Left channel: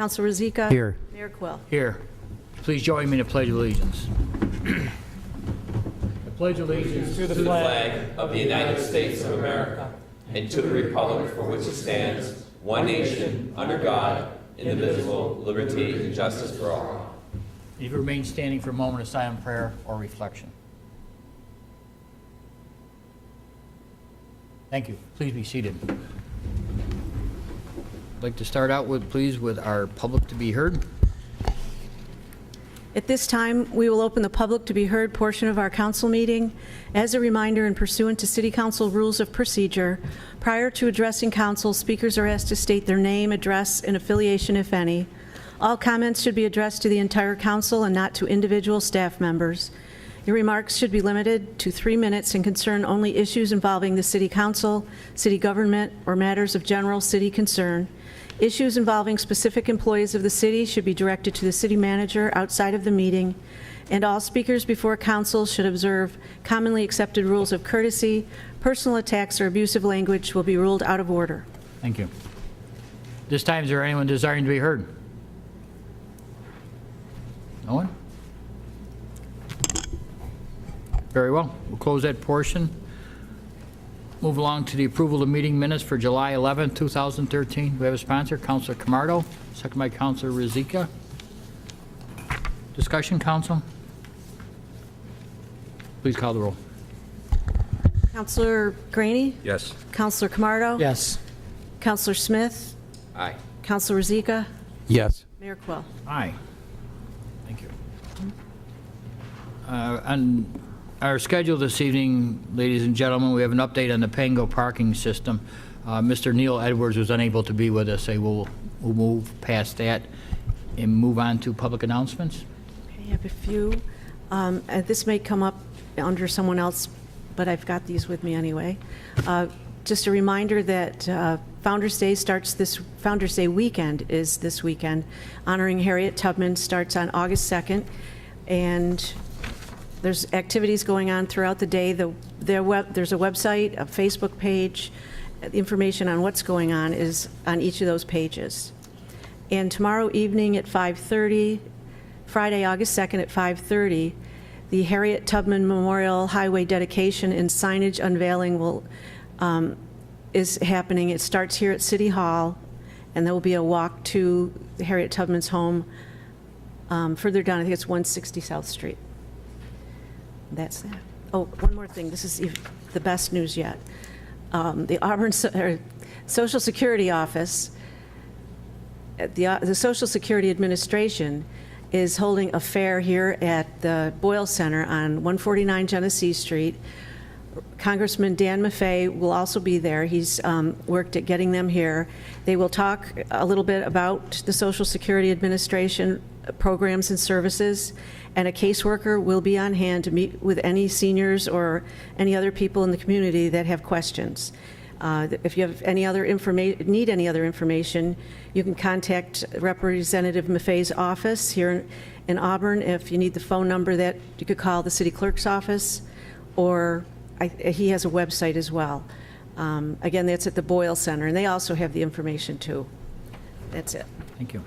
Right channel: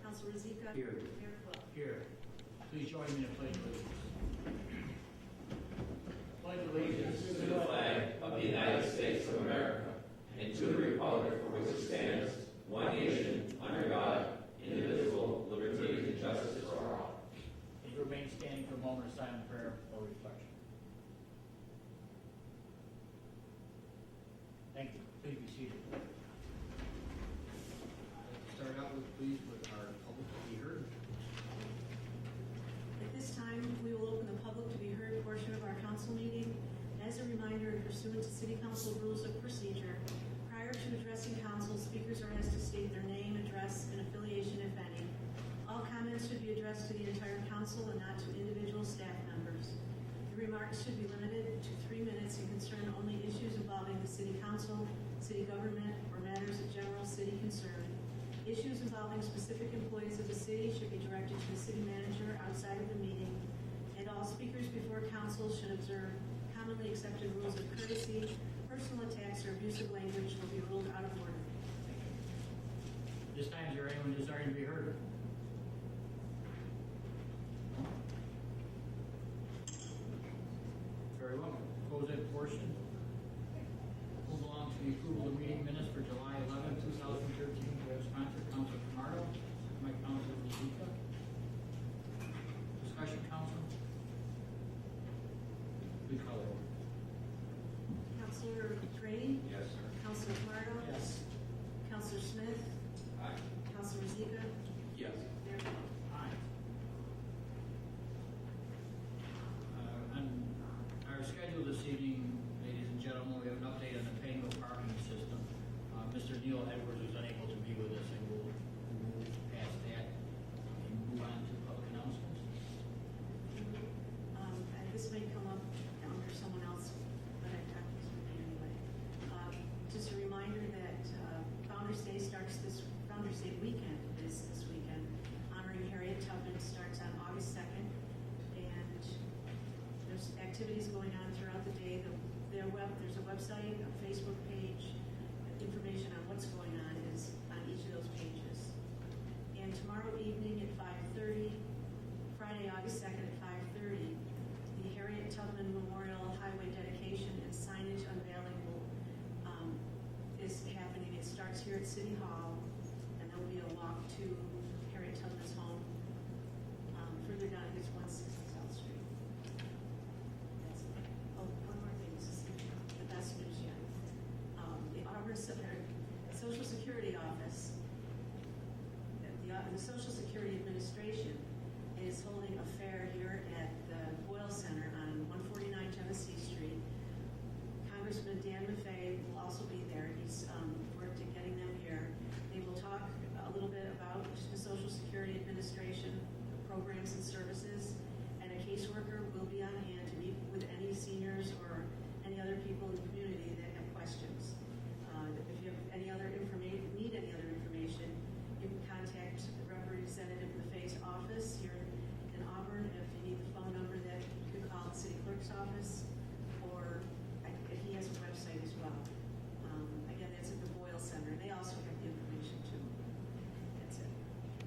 Councilor Rozika? Here. Mayor Quill? Here. Please join me in the Pledge of Allegiance. I pledge allegiance to the flag of the United States of America and to the republic for which it stands, one nation, under God, indivisible, liberty and justice for all. If you remain standing for a moment of silent prayer or reflection. Thank you. Please be seated. I'd like to start out with, please, with our public to be heard. At this time, we will open the public to be heard portion of our council meeting. As a reminder and pursuant to City Council rules of procedure, prior to addressing council, speakers are asked to state their name, address, and affiliation, if any. All comments should be addressed to the entire council and not to individual staff members. Your remarks should be limited to 3 minutes and concern only issues involving the City Council, city government, or matters of general city concern. Issues involving specific employees of the city should be directed to the city manager outside of the meeting, and all speakers before council should observe commonly accepted rules of courtesy. Personal attacks or abusive language will be ruled out of order. Thank you. This time, is there anyone desiring to be heard? No one? Very well. We'll close that portion. Move along to the approval of meeting minutes for July 11, 2013. We have a sponsor, Councilor Camardo, second by Councilor Rozika. Discussion, council? Please call the roll. Councilor Graney? Yes. Councilor Camardo? Yes. Councilor Smith? Aye. Councilor Rozika? Yes. Mayor Quill? Aye. Thank you. On our schedule this evening, ladies and gentlemen, we have an update on the Pango parking system. Mr. Neil Edwards was unable to be with us, so we'll move past that and move on to public announcements. I have a few. And this may come up under someone else, but I've got these with me anyway. Just a reminder that Founder's Day Founder's Day weekend is this weekend. Honoring Harriet Tubman starts on August 2nd, and there's activities going on throughout the day. There's a website, a Facebook page. The information on what's going on is on each of those pages. And tomorrow evening at 5:30, Friday, August 2nd at 5:30, the Harriet Tubman Memorial Highway dedication and signage unveiling is happening. It starts here at City Hall, and there will be a walk to Harriet Tubman's home further down. I think it's 160 South Street. That's that. Oh, one more thing. This is the best news yet. The Auburn Social Security Office, the Social Security Administration is holding a fair here at the Boyle Center on 149 Genesee Street. Congressman Dan Maffei will also be there. He's worked at getting them here. They will talk a little bit about the Social Security Administration programs and services, and a caseworker will be on hand to meet with any seniors or any other people in the community that have questions. If you have any other need any other information, you can contact Representative Maffei's office here in Auburn. If you need the phone number, that you could call the city clerk's office, or he has a website as well. Again, that's at the Boyle Center, and they also have the information too. That's it. Thank you.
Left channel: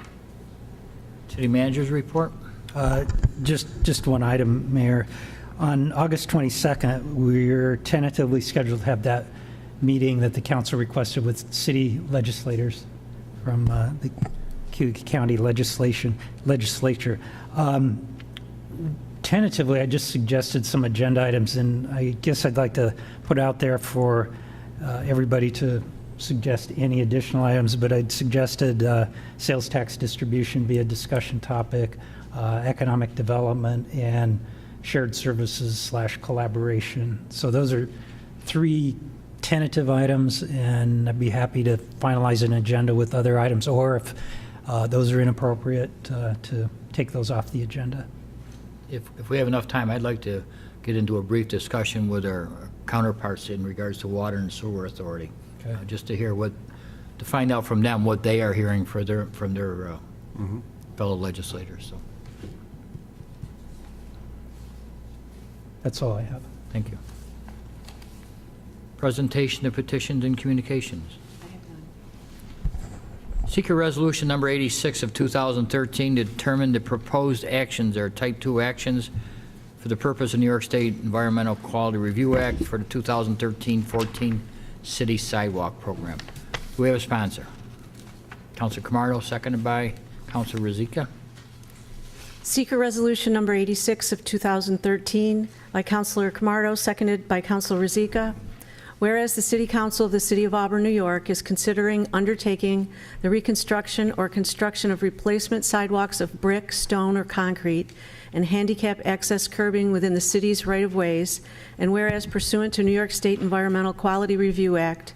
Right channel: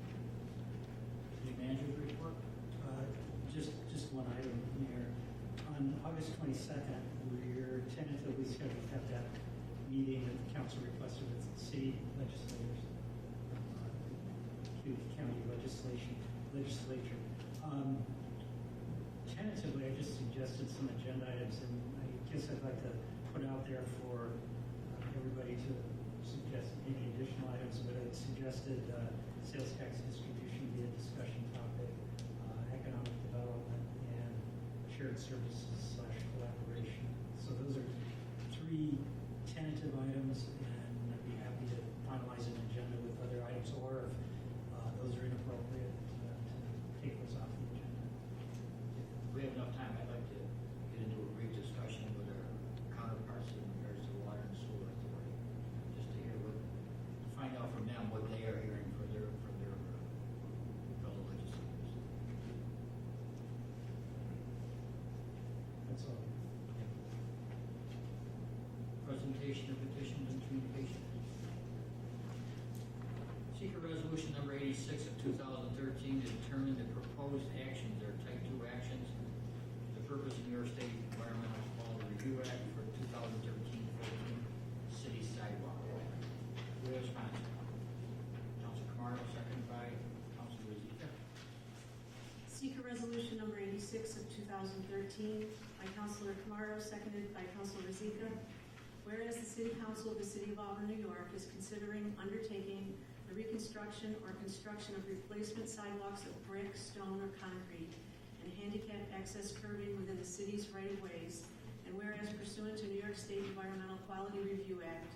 City Manager's report. Just one item, Mayor. On August 22nd, we're tentatively scheduled to have that meeting that the council requested with city legislators from the County legislature. Tentatively, I just suggested some agenda items, and I guess I'd like to put out there for everybody to suggest any additional items, but I'd suggested sales tax distribution be a discussion topic, economic development, and shared services / collaboration. So those are 3 tentative items, and I'd be happy to finalize an agenda with other items, or if those are inappropriate, to take those off the agenda. If we have enough time, I'd like to get into a brief discussion with our counterparts in regards to Water and Sewer Authority. Okay. Just to find out from them what they are hearing from their fellow legislators. So, That's all I have. thank you. Presentation of petitions and communications. Seeker Resolution Number 86 of 2013 to determine the proposed actions are Type 2 actions for the purpose of New York State Environmental Quality Review Act for the 2013-14 City Sidewalk Program. Do we have a sponsor? Councilor Camardo, seconded by Councilor Rozika. Seeker Resolution Number 86 of 2013 by Councilor Camardo, seconded by Councilor Rozika. Whereas the City Council of the City of Auburn, New York is considering undertaking the reconstruction or construction of replacement sidewalks of brick, stone, or concrete and handicap access curbing within the city's right-of-ways, and whereas pursuant to New York State Environmental Quality Review Act,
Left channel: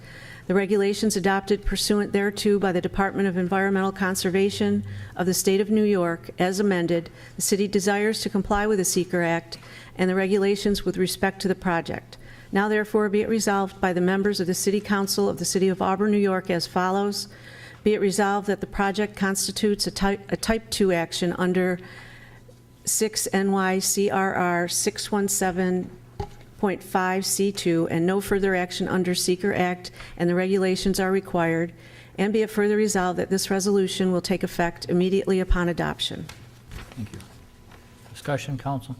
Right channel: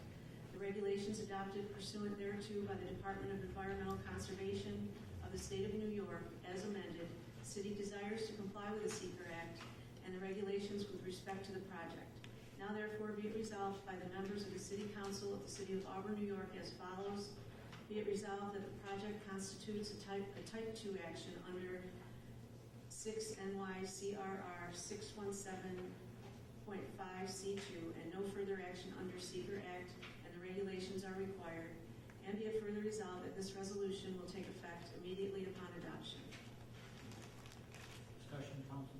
the regulations adopted pursuant thereto by the Department of Environmental Conservation of the State of New York, as amended, the city desires to comply with the Seeker Act and the regulations with respect to the project. Now therefore be it resolved by the members of the City Council of the City of Auburn, New York as follows. Be it resolved that the project constitutes a type 2 action under 6 NYCRR 617.5C2 and no further action under Seeker Act and the regulations are required. And be it further resolved that this resolution will take effect immediately upon adoption. Thank you. Discussion, council?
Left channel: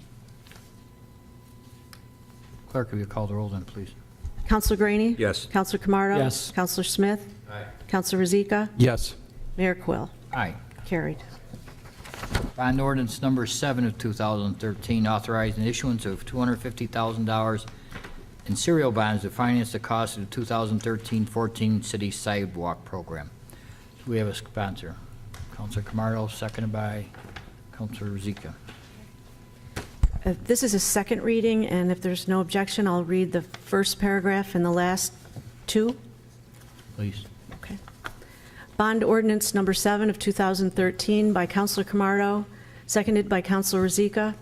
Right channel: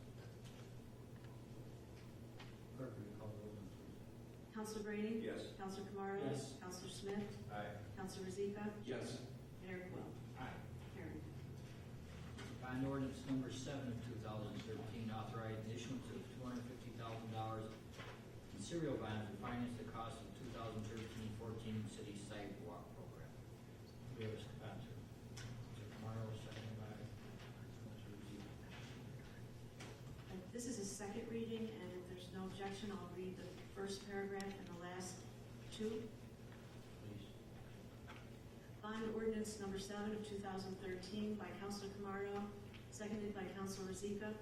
Clerk, will you call the roll then, please? Councilor Graney? Yes. Councilor Camardo? Yes. Councilor Smith? Councilor Rozika? Yes. Mayor Quill. Aye. Carried. Bond ordinance number 7 of 2013, authorizing the issuance of $250,000 in serial bonds to finance the cost of the 2013-14 city sidewalk program. Do we have a sponsor? Councilor Camardo, seconded by Councilor Rozika. This is a second reading, and if there's no objection, I'll read the first paragraph and the last two. Please. Okay. Bond ordinance number 7 of 2013 by Councilor Camardo, seconded by Councilor Rozika.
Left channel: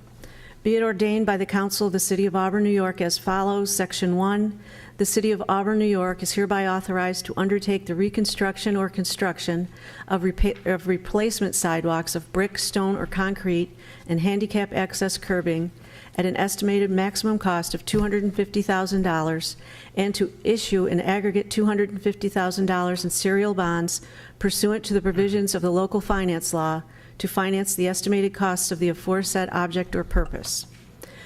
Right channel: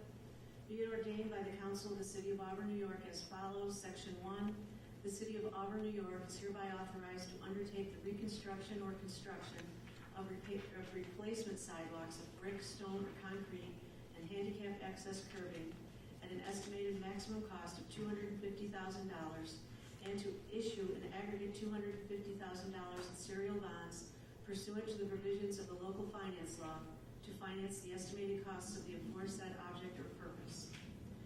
Be it ordained by the Council of the City of Auburn, New York as follows. Section 1, the City of Auburn, New York is hereby authorized to undertake the reconstruction or construction of replacement sidewalks of brick, stone, or concrete and handicap access curbing at an estimated maximum cost of $250,000 and to issue an aggregate $250,000 in serial bonds pursuant to the provisions of the local finance law to finance the estimated costs of the aforesaid object or purpose.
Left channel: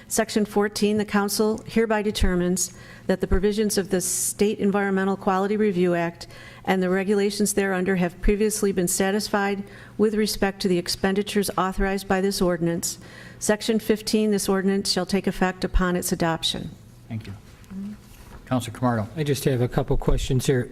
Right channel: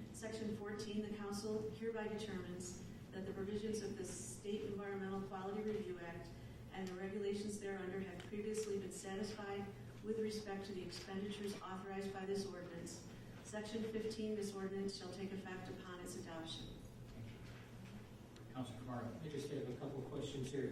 Section 14, the council hereby determines that the provisions of the State Environmental Quality Review Act and the regulations thereunder have previously been satisfied with respect to the expenditures authorized by this ordinance. Section 15, this ordinance shall take effect upon its adoption. Thank you. Councilor Camardo. I just have a couple questions here.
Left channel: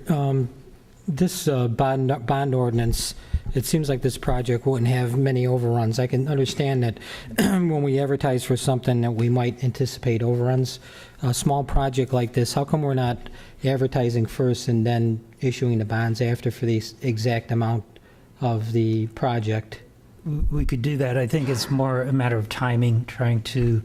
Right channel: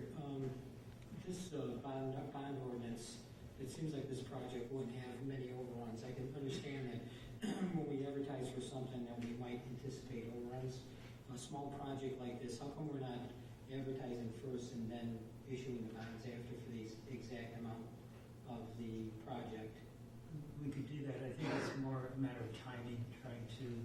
This bond ordinance, it seems like this project wouldn't have many overruns. I can understand that when we advertise for something that we might anticipate overruns. A small project like this, how come we're not advertising first and then issuing the bonds after for the exact amount of the project? We could do that. I think it's more a matter of timing, trying to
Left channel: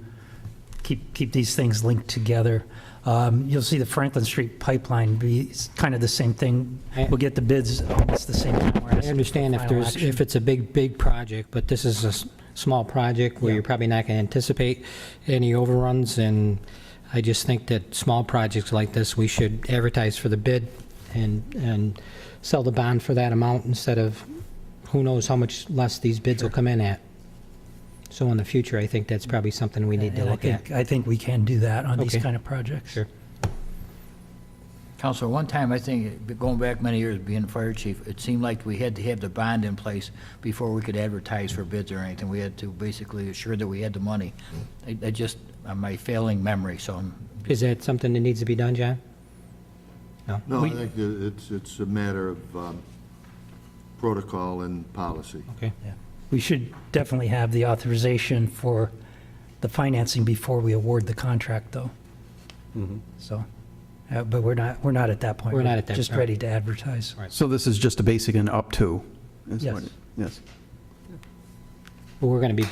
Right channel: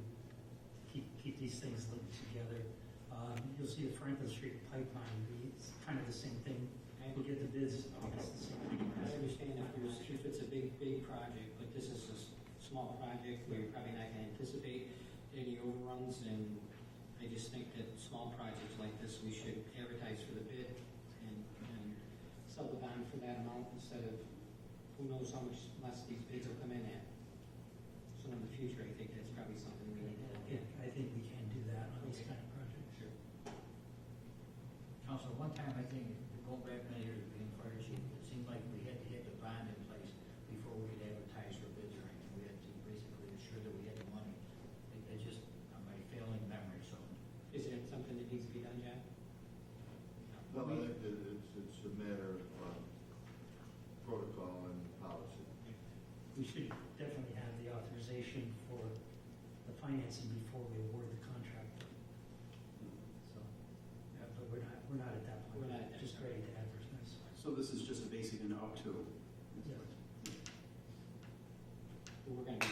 keep these things linked together. You'll see the Franklin Street pipeline be kind of the same thing. We'll get the bids almost the same time. I understand if it's a big project, but this is a small project where you're probably not going to anticipate any overruns, and I just think that small projects like this, we should advertise for the bid and sell the bond for that amount instead of who knows how much less these bids will come in at. So in the future, I think that's probably something we need to look at. I think we can do that on these Okay. kind of projects. Sure. Councilor, one time, I think, going back many years being fire chief, it seemed like we had to have the bond in place before we could advertise for bids or anything. We had to basically assure that we had the money. I just, my failing memory, so I'm... Is that something that needs to be done, John? No, I think it's a matter of protocol and policy. Okay. Yeah. We should definitely have the authorization for the financing before we award the contract, though. So, but we're not at that point. We're not at that Just point. ready to advertise. So this is just a basic and up to? is Yes. what- Yes. Well, we're going to be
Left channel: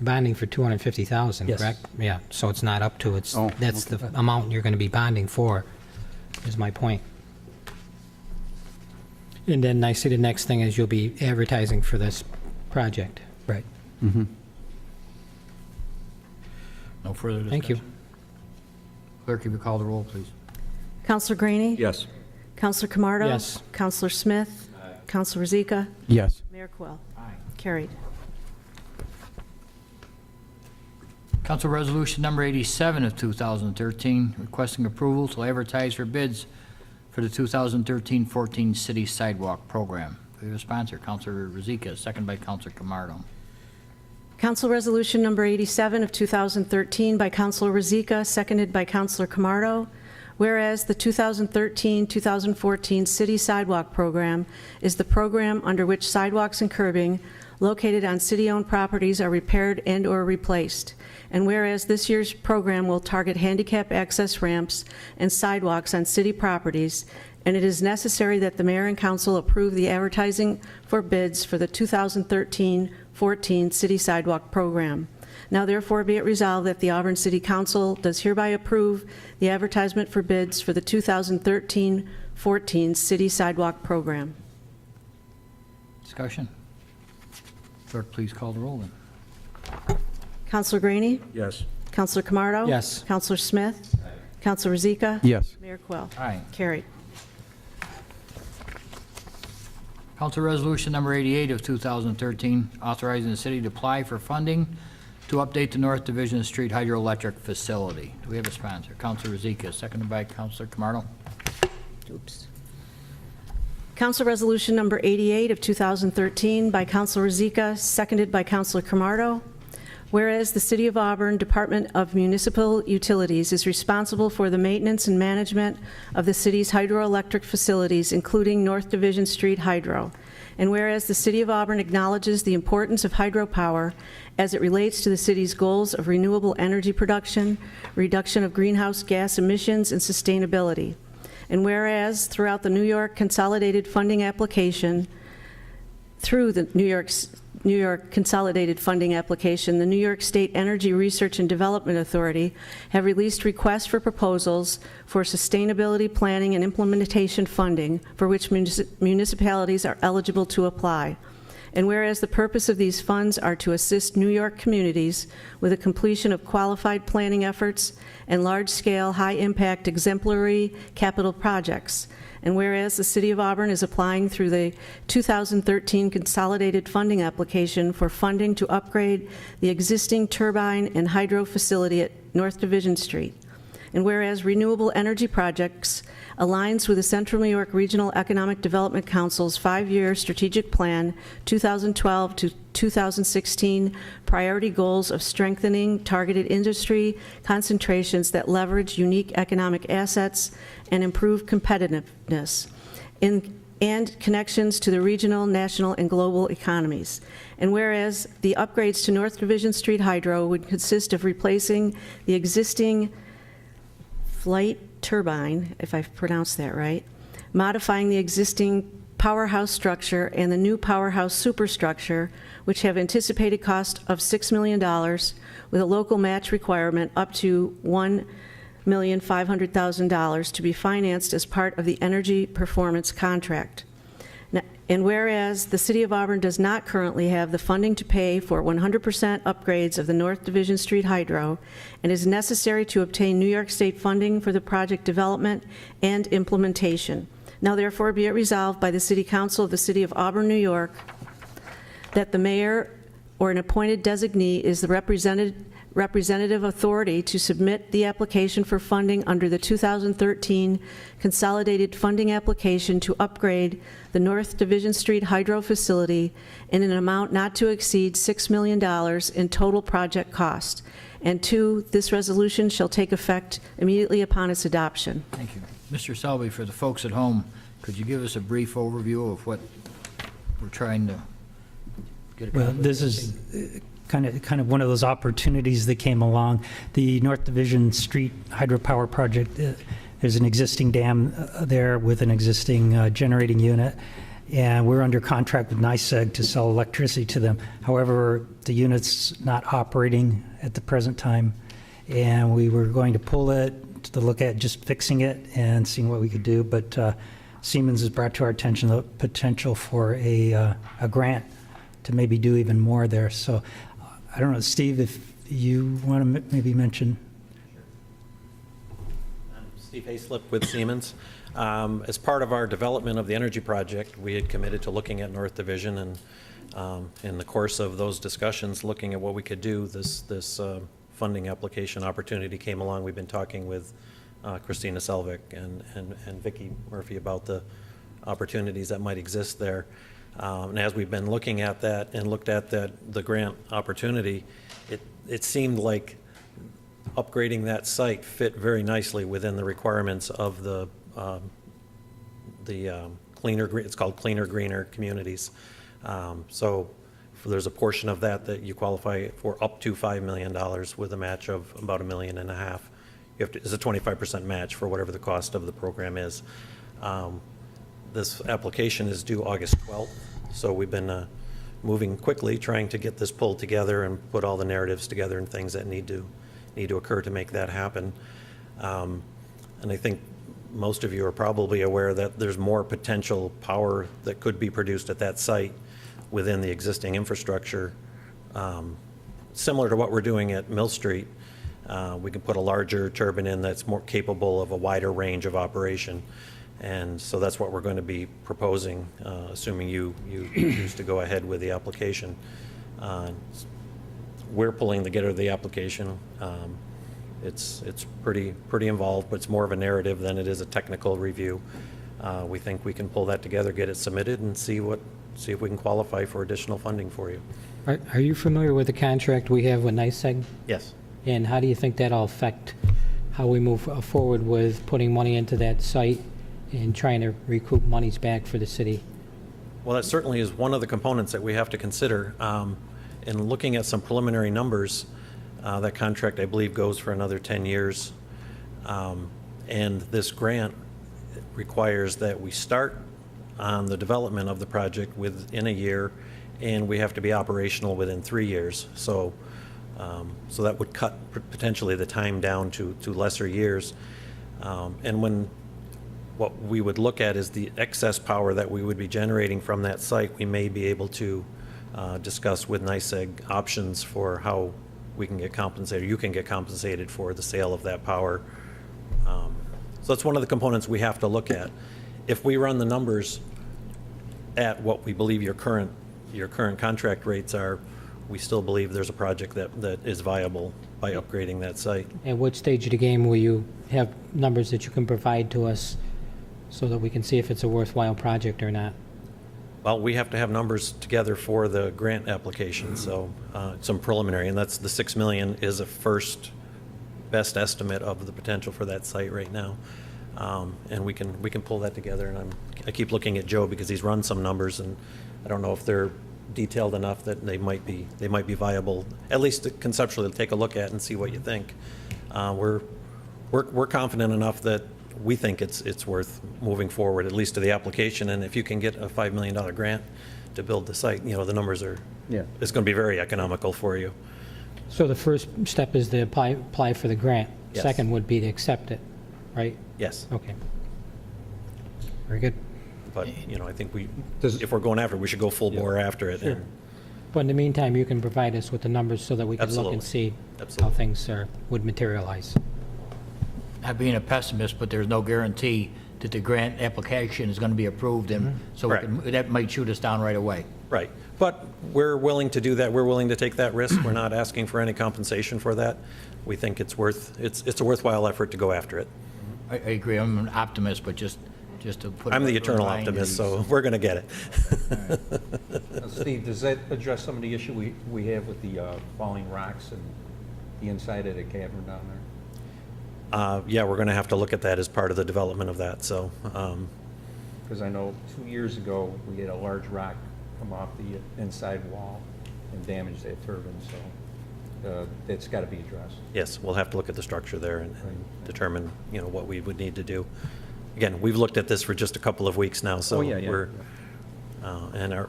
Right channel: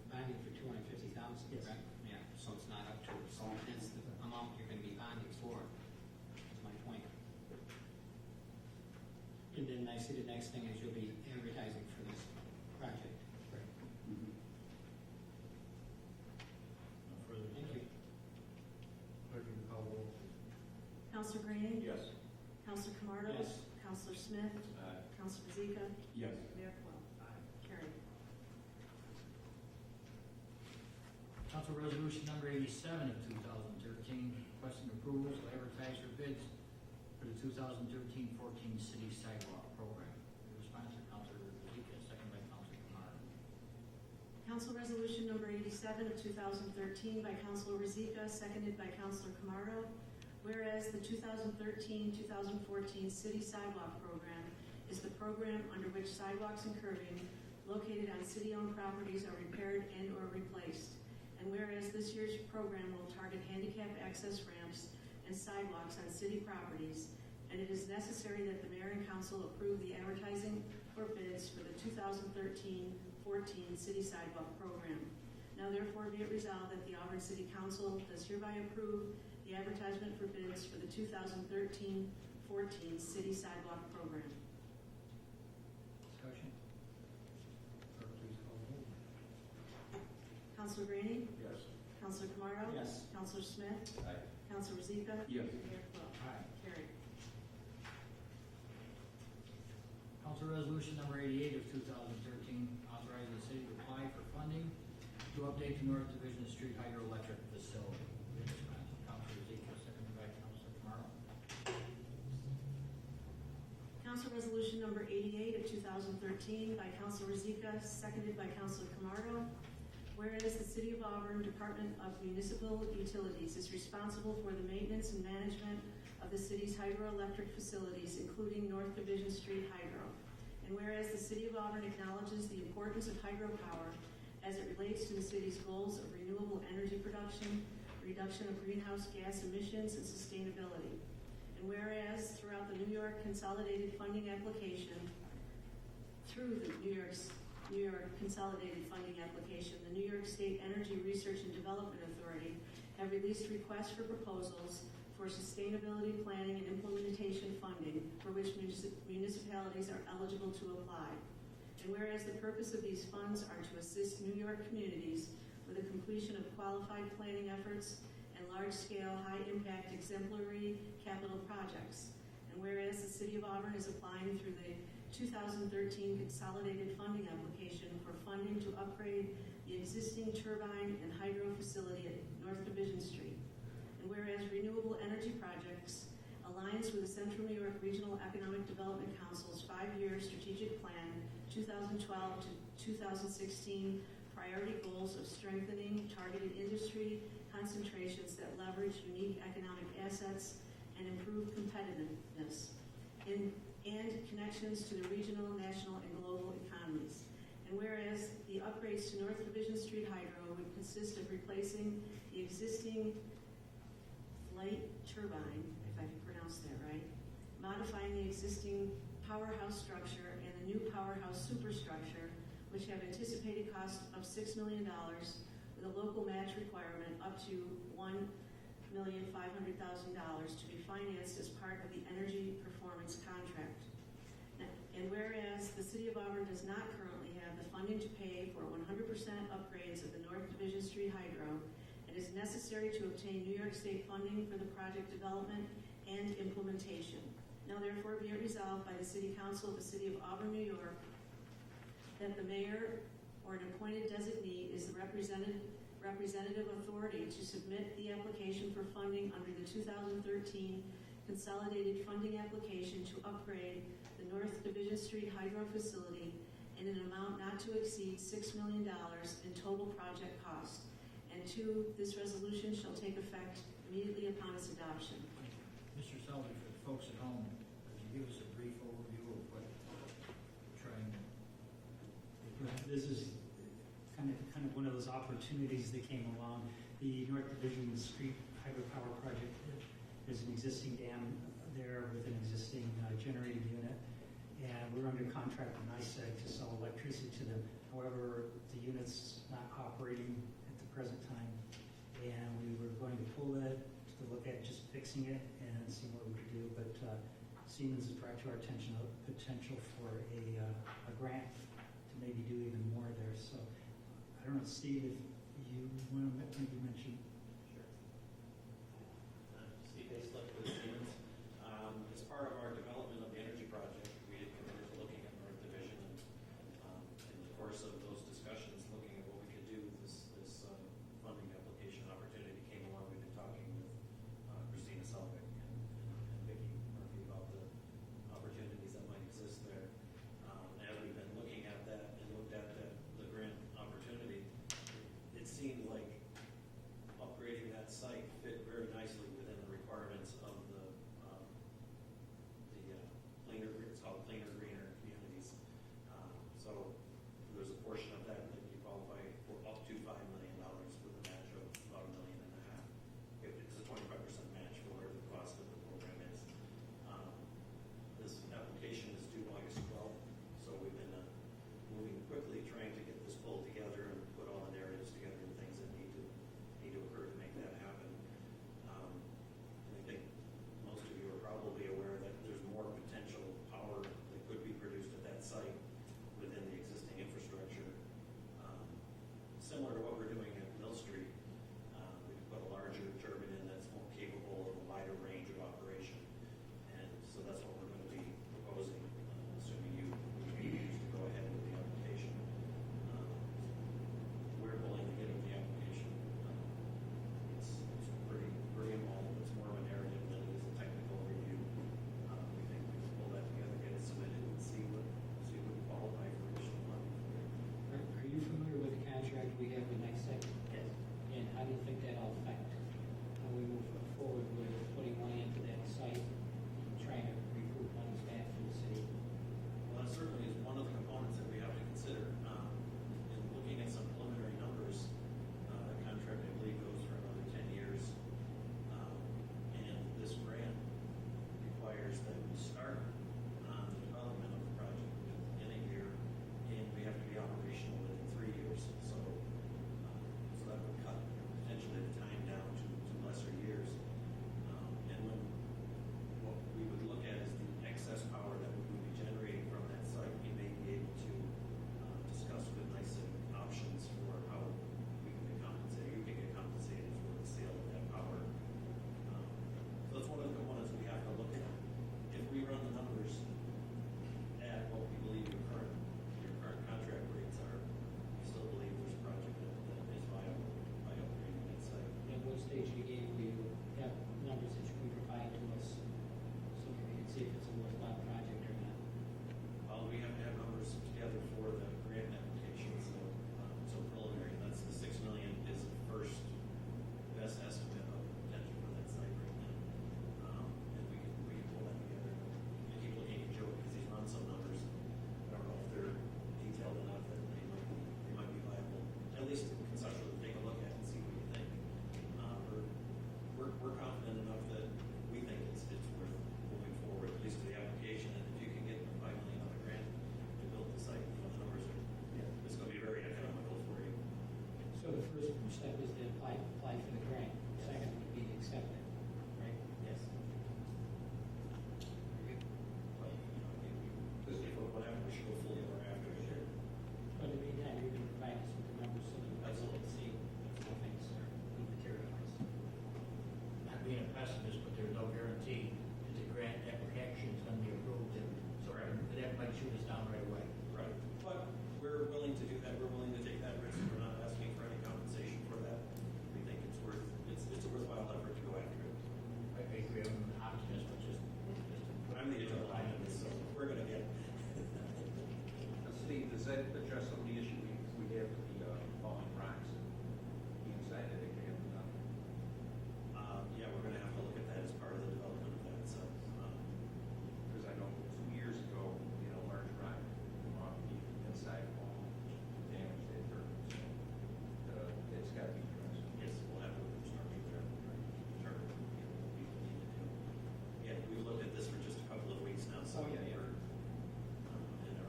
bonding for $250,000, Yes. correct? Yeah, so it's not up to, Oh, that's the amount you're going to be bonding for, is my point. And then I see the next thing is you'll be advertising for this project. Right. Mm-hmm. No further discussion. Thank you. Clerk, if you call the roll, please. Councilor Graney? Yes. Councilor Camardo? Yes. Councilor Smith? Counselor Rozika? Yes. Mayor Quill? Aye. Carried. Council Resolution Number 87 of 2013, requesting approval to advertise for bids for the 2013-14 City Sidewalk Program. We have a sponsor, Councilor Rozika, second by Councilor Camardo. Council Resolution Number 87 of 2013 by Councilor Rozika, seconded by Councilor Camardo. Whereas the 2013-2014 City Sidewalk Program is the program under which sidewalks and curbing located on city-owned properties are repaired and/or replaced. And whereas this year's program will target handicap access ramps and sidewalks on city properties, and it is necessary that the mayor and council approve the advertising for bids for the 2013-14 City Sidewalk Program. Now therefore be it resolved that the Auburn City Council does hereby approve the advertisement for bids for the 2013-14 City Sidewalk Program. Discussion? Clerk, please call the roll then. Councilor Graney? Yes. Councilor Camardo? Yes. Councilor Smith? Councilor Rozika? Yes. Mayor Quill? Aye. Carried. Council Resolution Number 88 of 2013, authorizing the city to apply for funding to update the North Division Street hydroelectric facility. Do we have a sponsor? Councilor Rozika, seconded by Councilor Camardo. Oops. Council Resolution Number 88 of 2013 by Councilor Rozika, seconded by Councilor Camardo. Whereas the City of Auburn Department of Municipal Utilities is responsible for the maintenance and management of the city's hydroelectric facilities, including North Division Street Hydro. And whereas the City of Auburn acknowledges the importance of hydropower as it relates to the city's goals of renewable energy production, reduction of greenhouse gas emissions, and sustainability. And whereas throughout the New York Consolidated Funding Application, the New York Consolidated Funding Application, the New York State Energy Research and Development Authority have released requests for proposals for sustainability planning and implementation funding for which municipalities are eligible to apply. And whereas the purpose of these funds are to assist New York communities with the completion of qualified planning efforts and large-scale, high-impact, exemplary capital projects. And whereas the City of Auburn is applying through the 2013 Consolidated Funding Application for funding to upgrade the existing turbine and hydro facility at North Division Street. And whereas renewable energy projects aligns with the Central New York Regional Economic Development Council's 5-year strategic plan, 2012 to 2016 priority goals of strengthening targeted industry concentrations that leverage unique economic assets and improve competitiveness and connections to the regional, national, and global economies. And whereas the upgrades to North Division Street Hydro would consist of replacing the existing flight turbine, if I've pronounced that right, modifying the existing powerhouse structure and the new powerhouse superstructure, which have anticipated cost of $6 million with a local match requirement up to $1,500,000 to be financed as part of the energy performance contract. And whereas the City of Auburn does not currently have the funding to pay for 100% upgrades of the North Division Street Hydro and is necessary to obtain New York State funding for the project development and implementation. Now therefore be it resolved by the City Council of the City of Auburn, New York, that the mayor or an appointed designee is the representative authority to submit the application for funding under the 2013 Consolidated Funding Application to upgrade the North Division Street Hydro Facility in an amount not to exceed $6 million in total project cost. And 2, this resolution shall take effect immediately upon its adoption. Thank you. Mr. Selby, for the folks at home, could you give us a brief overview of what we're trying to get accomplished? Well, this is kind of one of those opportunities that came along. The North Division Street Hydropower Project, there's an existing dam there with an existing generating unit, and we're under contract with NYSEG to sell electricity to them. However, the unit's not operating at the present time, and we were going to pull it to look at just fixing it and seeing what we could do, but Siemens has brought to our attention the potential for a grant to maybe do even more there. So I don't know, Steve, if you want to maybe mention. Steve Hayslip with Siemens. As part of our development of the energy project, we had committed to looking at North Division, and in the course of those discussions, looking at what we could do, this funding application opportunity came along. We've been talking with Christina Selvik and Vicki Murphy about the opportunities that might exist there. And as we've been looking at that and looked at the grant opportunity, it seemed like upgrading that site fit very nicely within the requirements of the it's called Cleaner, Greener Communities. So there's a portion of that you qualify for up to $5 million with a match of about $1.5 million. It's a 25% match for whatever the cost of the program is. This application is due August 12th, so we've been moving quickly, trying to get this pulled together and put all the narratives together and things that need to occur to make that happen. And I think most of you are probably aware that there's more potential power that could be produced at that site within the existing infrastructure. Similar to what we're doing at Mill Street, we can put a larger turbine in that's more capable of a wider range of operation. And so that's what we're going to be proposing, assuming you choose to go ahead with the application. We're pulling together the application. It's pretty involved, but it's more of a narrative than it is a technical review. We think we can pull that together, get it submitted, and see if we can qualify for additional funding for you. Are you familiar with the contract we have with NYSEG? Yes. And how do you think that'll affect how we move forward with putting money into that site and trying to recoup monies back for the city? Well, that certainly is one of the components that we have to consider. In looking at some preliminary numbers, that contract, I believe, goes for another 10 years. And this grant requires that we start on the development of the project within a year, and we have to be operational within 3 years. So that would cut potentially the time down to lesser years. And what we would look at is the excess power that we would be generating from that site. We may be able to discuss with NYSEG options for how we can get compensated, you can get compensated for the sale of that power. So that's one of the components we have to look at. If we run the numbers at what we believe your current contract rates are, we still believe there's a project that is viable by upgrading that site. At what stage of the game will you have numbers that you can provide to us so that we can see if it's a worthwhile project or not? Well, we have to have numbers together for the grant application, so some preliminary, and that's the $6 million is a first best estimate of the potential for that site right now. And we can pull that together, and I keep looking at Joe because he's run some numbers, and I don't know if they're detailed enough that they might be viable, at least conceptually, to take a look at and see what you think. We're confident enough that we think it's worth moving forward, at least to the application. And if you can get a $5 million grant to build the site, the numbers are, it's going to be very economical for you. So the first step is to apply for the grant. Yes. Second would be to accept it, right? Yes, Okay. Very good. but, I think if we're going after it, we should go full bore after it. Sure. And But in the meantime, you can provide us with the numbers so that we can look and Absolutely. see how Absolutely. things would materialize. Not being a pessimist, but there's no guarantee that the grant application is going to be approved, and so Correct. that might shoot us down right away. Right, but we're willing to do that. We're willing to take that risk. We're not asking for any compensation for that. We think it's a worthwhile effort to go after it. I agree, I'm an optimist, but just to put... I'm the a eternal line to optimist, these- so we're going to get it. Steve, does that address some of the issue we have with the falling rocks and the inside of the cavern down there? Yeah, we're going to have to look at that as part of the development of that, so, Because I know 2 years ago, we had a large rock come off the inside wall and damage that turbine, so that's got to be addressed. yes, we'll have to look at the structure there and determine, what we would need to do. Again, we've looked at this for just a couple of weeks now, so we're, and are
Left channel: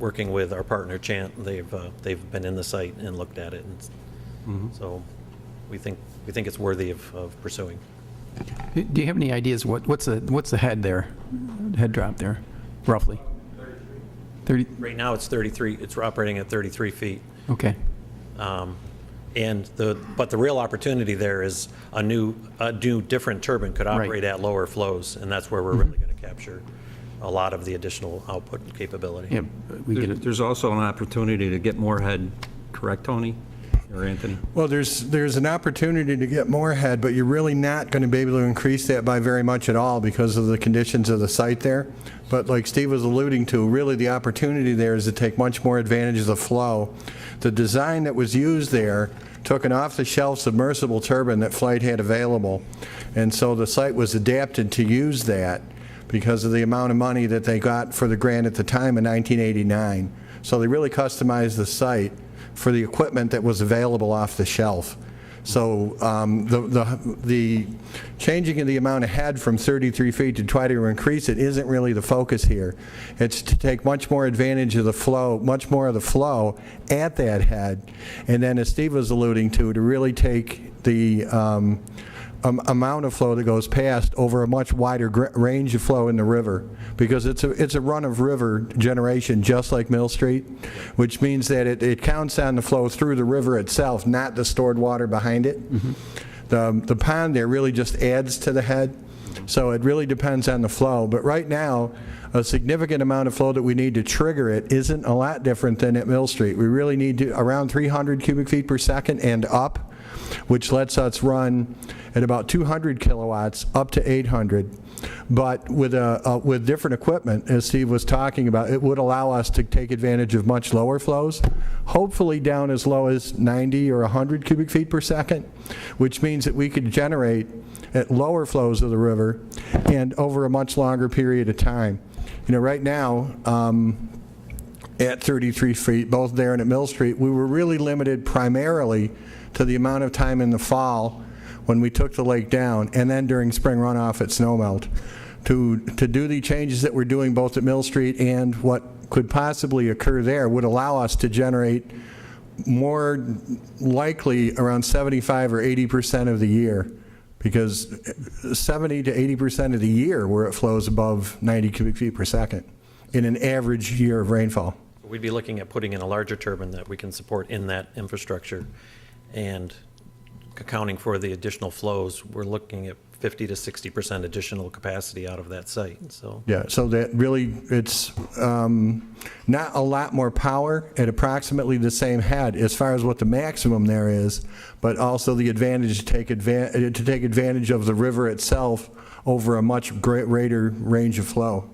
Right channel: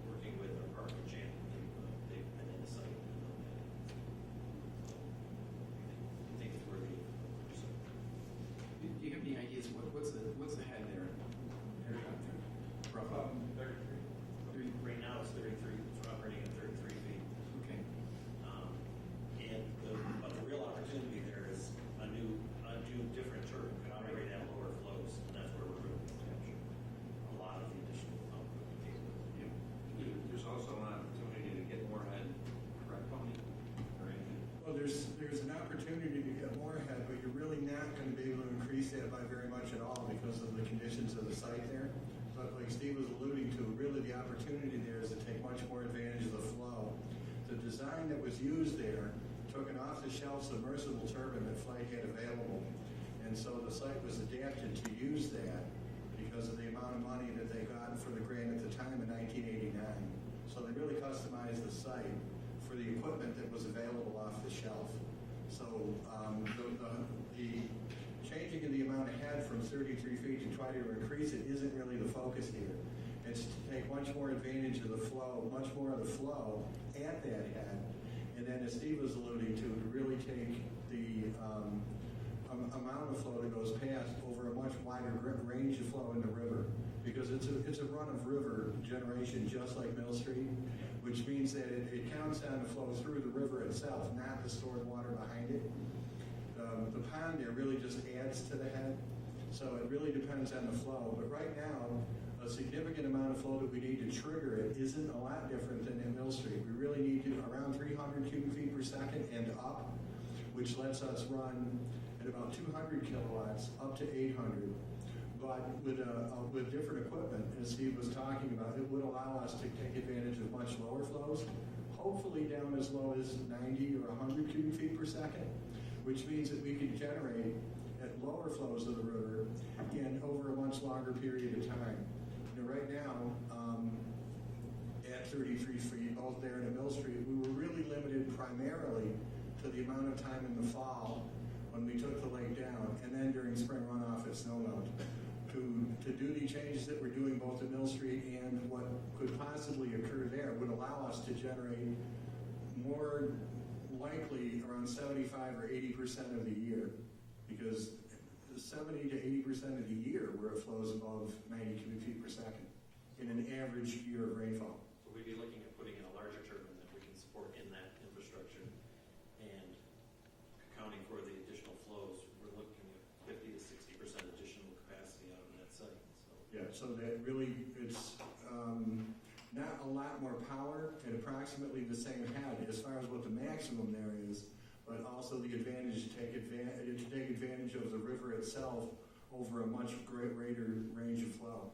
working with our partner Chant. They've been in the site and looked at it, and so we think it's worthy of pursuing. Do you have any ideas what's the head there, head drop there, roughly? 30, Right now, it's 33, it's operating at 33 feet. okay. But the real opportunity there is a new different turbine could operate at lower flows, and that's where we're really going to capture a lot of the additional output capability. Yeah, we get it. There's also an opportunity to get more head, correct, Tony or Anthony? Well, there's an opportunity to get more head, but you're really not going to be able to increase that by very much at all because of the conditions of the site there. But like Steve was alluding to, really the opportunity there is to take much more advantage of the flow. The design that was used there took an off-the-shelf submersible turbine that Flight had available, and so the site was adapted to use that because of the amount of money that they got for the grant at the time in 1989. So they really customized the site for the equipment that was available off the shelf. So the changing of the amount of head from 33 feet to try to increase it isn't really the focus here. It's to take much more advantage of the flow, much more of the flow at that head, and then as Steve was alluding to really take the amount of flow that goes past over a much wider range of flow in the river, because it's a run-of-river generation just like Mill Street, which means that it counts on the flow through the river itself, not the stored water behind it. The pond there really just adds to the head, so it really depends on the flow. But right now, a significant amount of flow that we need to trigger it isn't a lot different than at Mill Street. We really need to around 300 cubic feet per second and up, which lets us run at about 200 kilowatts up to 800. But with different equipment, as Steve was talking about, it would allow us to take advantage of much lower flows, hopefully down as low as 90 or 100 cubic feet per second, which means that we could generate at lower flows of the river and over a much longer period of time. You know, right now, at 33 feet, both there and at Mill Street, we were really limited primarily to the amount of time in the fall when we took the lake down, and then during spring runoff at snowmelt. To do the changes that we're doing both at Mill Street and what could possibly occur there would allow us to generate more likely around 75 or 80% of the year, because 70 to 80% of the year where it flows above 90 cubic feet per second in an average year of rainfall. We'd be looking at putting in a larger turbine that we can support in that infrastructure, and accounting for the additional flows, we're looking at 50 to 60% additional capacity out of that site. So yeah, so that really, it's not a lot more power at approximately the same head as far as what the maximum there is, but also the advantage to take advantage of the river itself over a much greater range of flow.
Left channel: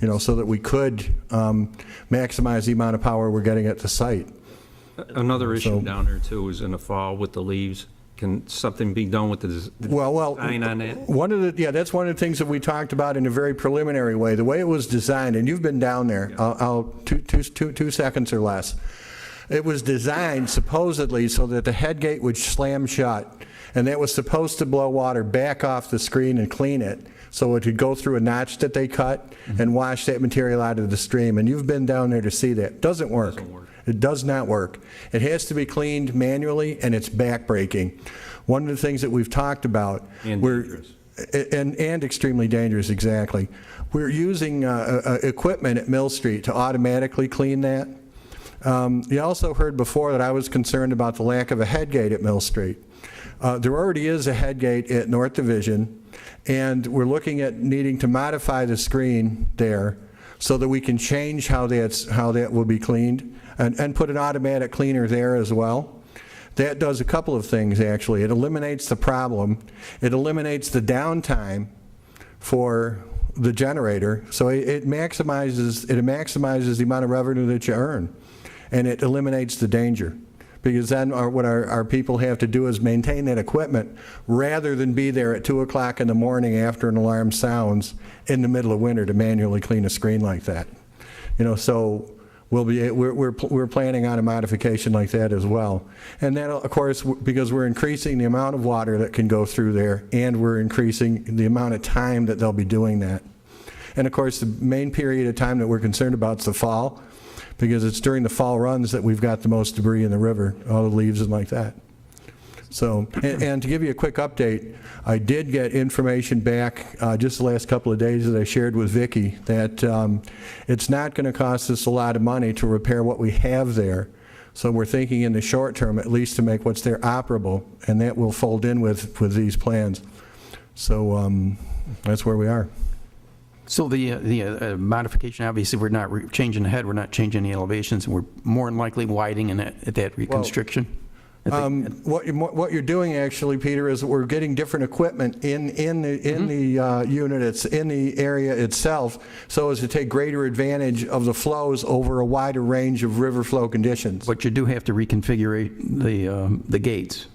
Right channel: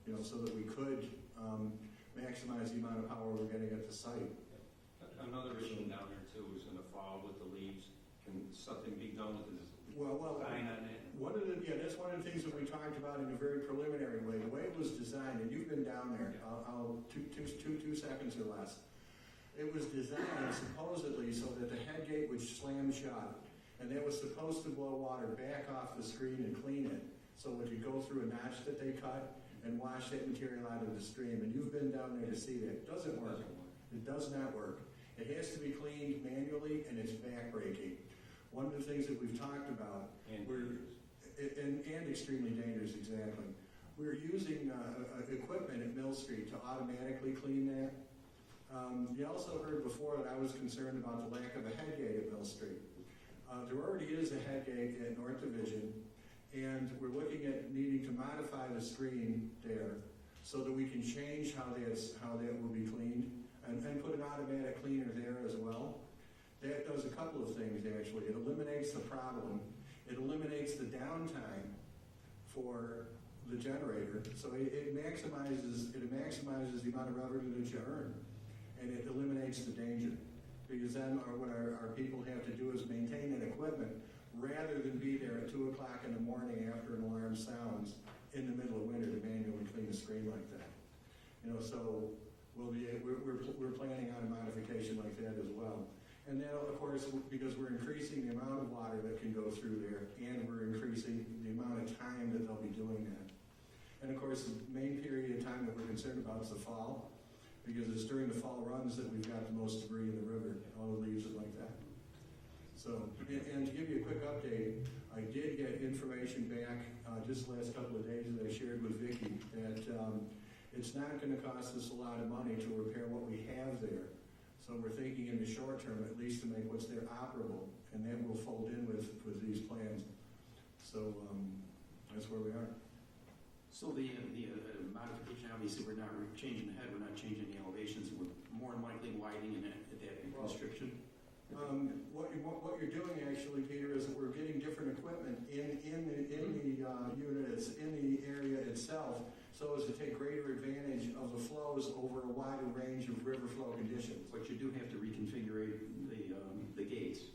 You know, so that we could maximize the amount of power we're getting at the site. Another issue down there too is in the fall with the leaves. Can something be done with the design on that? That's one of the things that we talked about in a very preliminary way. The way it was designed, and you've been down there, I'll 2 seconds or less. It was designed supposedly so that the head gate would slam shut, and that was supposed to blow water back off the screen and clean it, so it could go through a notch that they cut and wash that material out of the stream. And you've been down there to see that. Doesn't work. It does not work. It has to be cleaned manually, and it's backbreaking. One of the things that we've talked about, And dangerous. And extremely dangerous, exactly. We're using equipment at Mill Street to automatically clean that. You also heard before that I was concerned about the lack of a head gate at Mill Street. There already is a head gate at North Division, and we're looking at needing to modify the screen there so that we can change how that will be cleaned, and put an automatic cleaner there as well. That does a couple of things, actually. It eliminates the problem. It eliminates the downtime for the generator, so it maximizes the amount of revenue that you earn, and it eliminates the danger. Because then what our people have to do is maintain that equipment rather than be there at 2 o'clock in the morning after an alarm sounds in the middle of winter to manually clean a screen like that. You know, so we're planning on a modification like that as well. And then, of course, because we're increasing the amount of water that can go through there, and we're increasing the amount of time that they'll be doing that. And of course, the main period of time that we're concerned about is the fall, because it's during the fall runs that we've got the most debris in the river, all the leaves and like that. So, and to give you a quick update, I did get information back just the last couple of days that I shared with Vicki that it's not going to cost us a lot of money to repair what we have there. So we're thinking in the short term, at least to make what's there operable, and that will fold in with these plans. So that's where we are. So the modification, obviously, we're not changing the head, we're not changing the elevations, and we're more than likely widening at that reconstruction? What you're doing actually, Peter, is we're getting different equipment in the unit, it's in the area itself, so as to take greater advantage of the flows over a wider range of river flow conditions. But you do have to reconfigure the gates.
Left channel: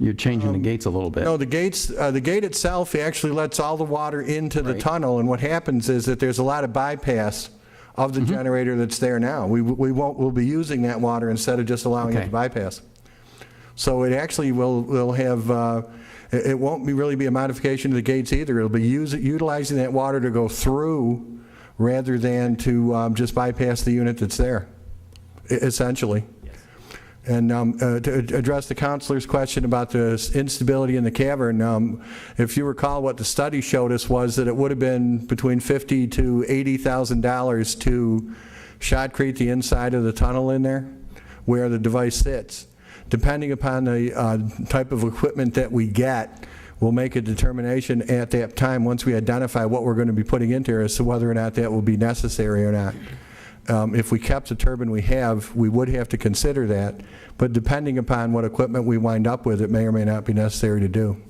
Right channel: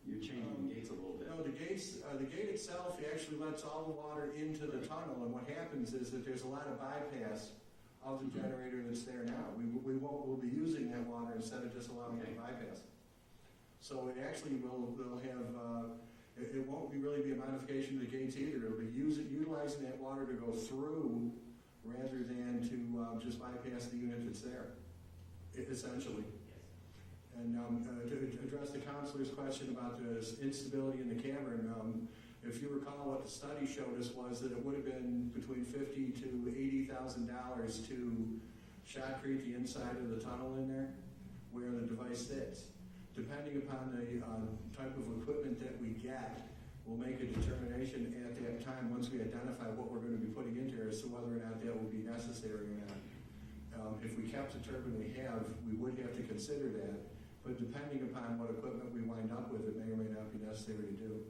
You're changing the gates a little bit. No, the gate itself actually lets all the water into the tunnel, and what happens is that there's a lot of bypass of the generator that's there now. We'll be using that water instead of just allowing it to bypass. So it actually will have, it won't really be a modification of the gates either. It'll be utilizing that water to go through rather than to just bypass the unit that's there, essentially. And to address the counselor's question about the instability in the cavern, if you recall, what the study showed us was that it would have been between $50,000 to $80,000 to shotcrete the inside of the tunnel in there where the device sits. Depending upon the type of equipment that we get, we'll make a determination at that time once we identify what we're going to be putting into there as to whether or not that will be necessary or not. If we kept the turbine we have, we would have to consider that, but depending upon what equipment we wind up with, it may or may not be necessary to do.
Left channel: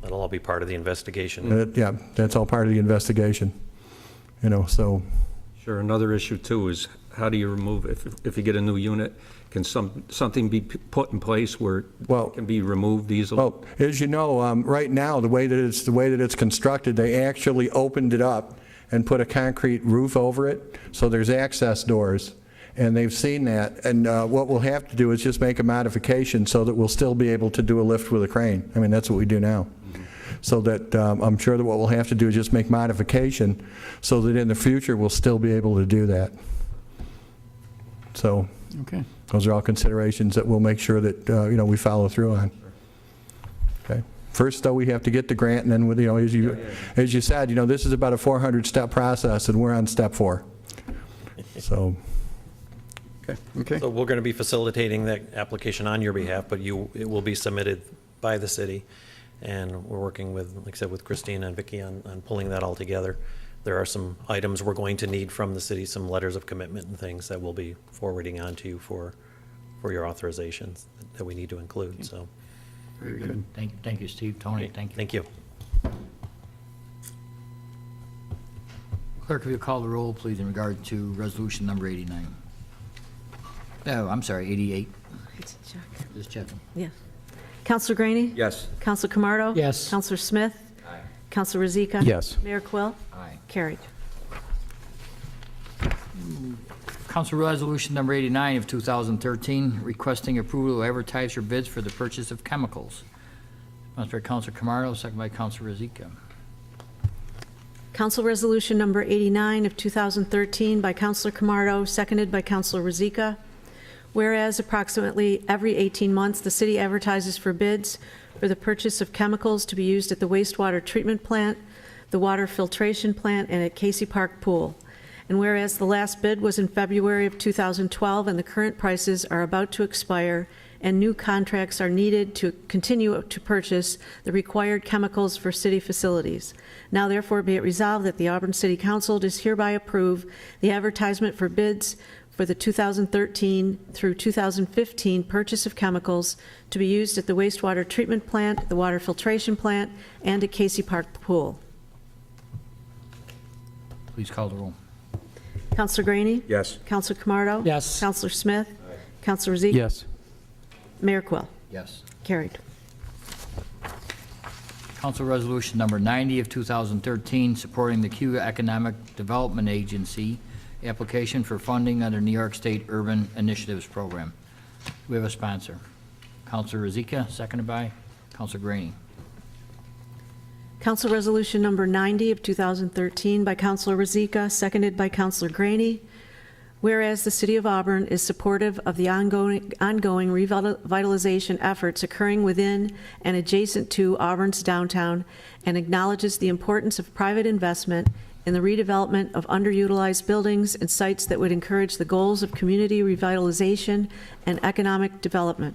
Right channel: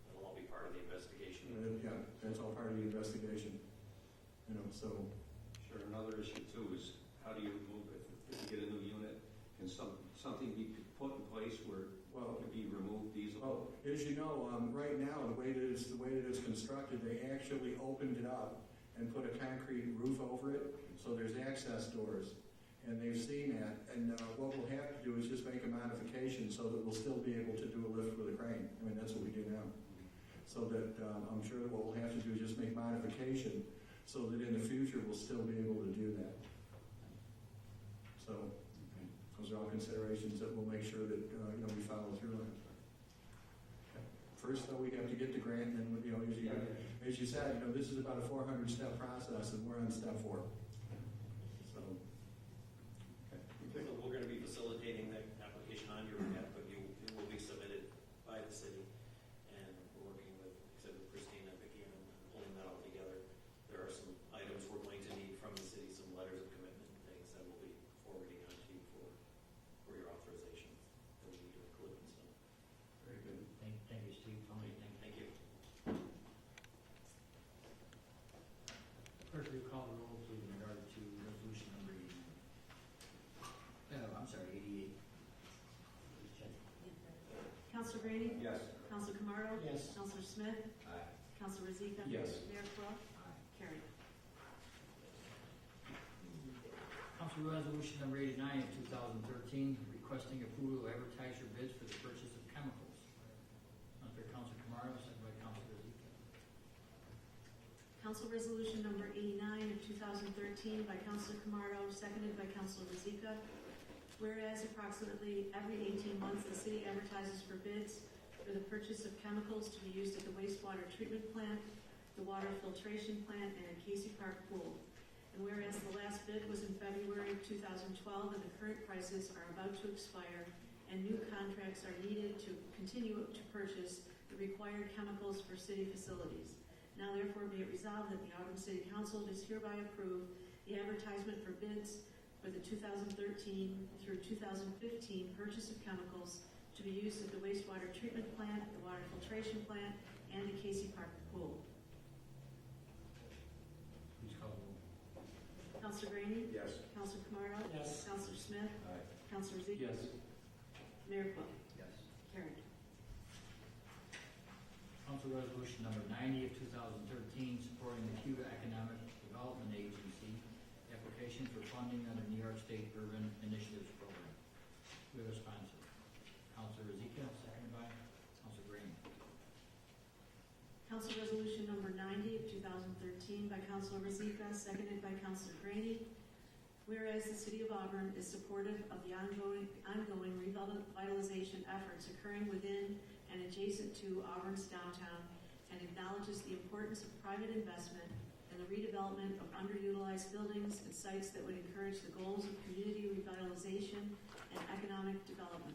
That'll all be part of the investigation. Yeah, that's all part of the investigation, you know, so. Sure, another issue too is how do you remove, if you get a new unit, can something be put in place where it can be removed easily? Well, as you know, right now, the way that it's constructed, they actually opened it up and put a concrete roof over it, so there's access doors, and they've seen that. And what we'll have to do is just make a modification so that we'll still be able to do a lift with a crane. I mean, that's what we do now. So that I'm sure that what we'll have to do is just make modification so that in the future we'll still be able to do that. So. Okay. Those are all considerations that we'll make sure that, you know, we follow through on. Okay. First, though, we have to get the grant, and then, with, you know, as you said, you know, this is about a 400-step process, and we're on step 4. So. Okay. So we're going to be facilitating that application on your behalf, but it will be submitted by the city, and we're working with, like I said, with Christina and Vicki on pulling that all together. There are some items we're going to need from the city, some letters of commitment and things that we'll be forwarding on to you for your authorizations that we need to include, so. Very good. Thank you, Steve. Tony, thank you. Thank you. Clerk, if you call the roll, please, in regard to resolution number 89. Oh, I'm sorry, 88. Just checking. Yes. Counselor Graney? Yes. Counselor Camardo? Yes. Counselor Smith? Aye. Counselor Rozika? Yes. Mayor Quill? Aye. Carried. Council Resolution number 89 of 2013, requesting approval to advertise for bids for the purchase of chemicals. Sponsored by Councilor Camardo, second by Councilor Rozika. Council Resolution number 89 of 2013 by Counselor Camardo, seconded by Counselor Rozika. Whereas approximately every 18 months, the city advertises for bids for the purchase of chemicals to be used at the wastewater treatment plant, the water filtration plant, and at Casey Park Pool. And whereas the last bid was in February of 2012 and the current prices are about to expire and new contracts are needed to continue to purchase the required chemicals for city facilities. Now therefore be it resolved that the Auburn City Council does hereby approve the advertisement for bids for the 2013 through 2015 purchase of chemicals to be used at the wastewater treatment plant, the water filtration plant, and at Casey Park Pool. Please call the roll. Counselor Graney? Yes. Counselor Camardo? Yes. Counselor Smith? Counselor Rozika? Yes. Mayor Quill? Yes. Carried. Council Resolution number 90 of 2013, supporting the Cuba Economic Development Agency application for funding under New York State Urban Initiatives Program. We have a sponsor. Councilor Rozika, seconded by Councilor Graney. Council Resolution number 90 of 2013 by Councilor Rozika, seconded by Councilor Graney. Whereas the City of Auburn is supportive of the ongoing revitalization efforts occurring within and adjacent to Auburn's downtown and acknowledges the importance of private investment in the redevelopment of underutilized buildings and sites that would encourage the goals of community revitalization and economic development.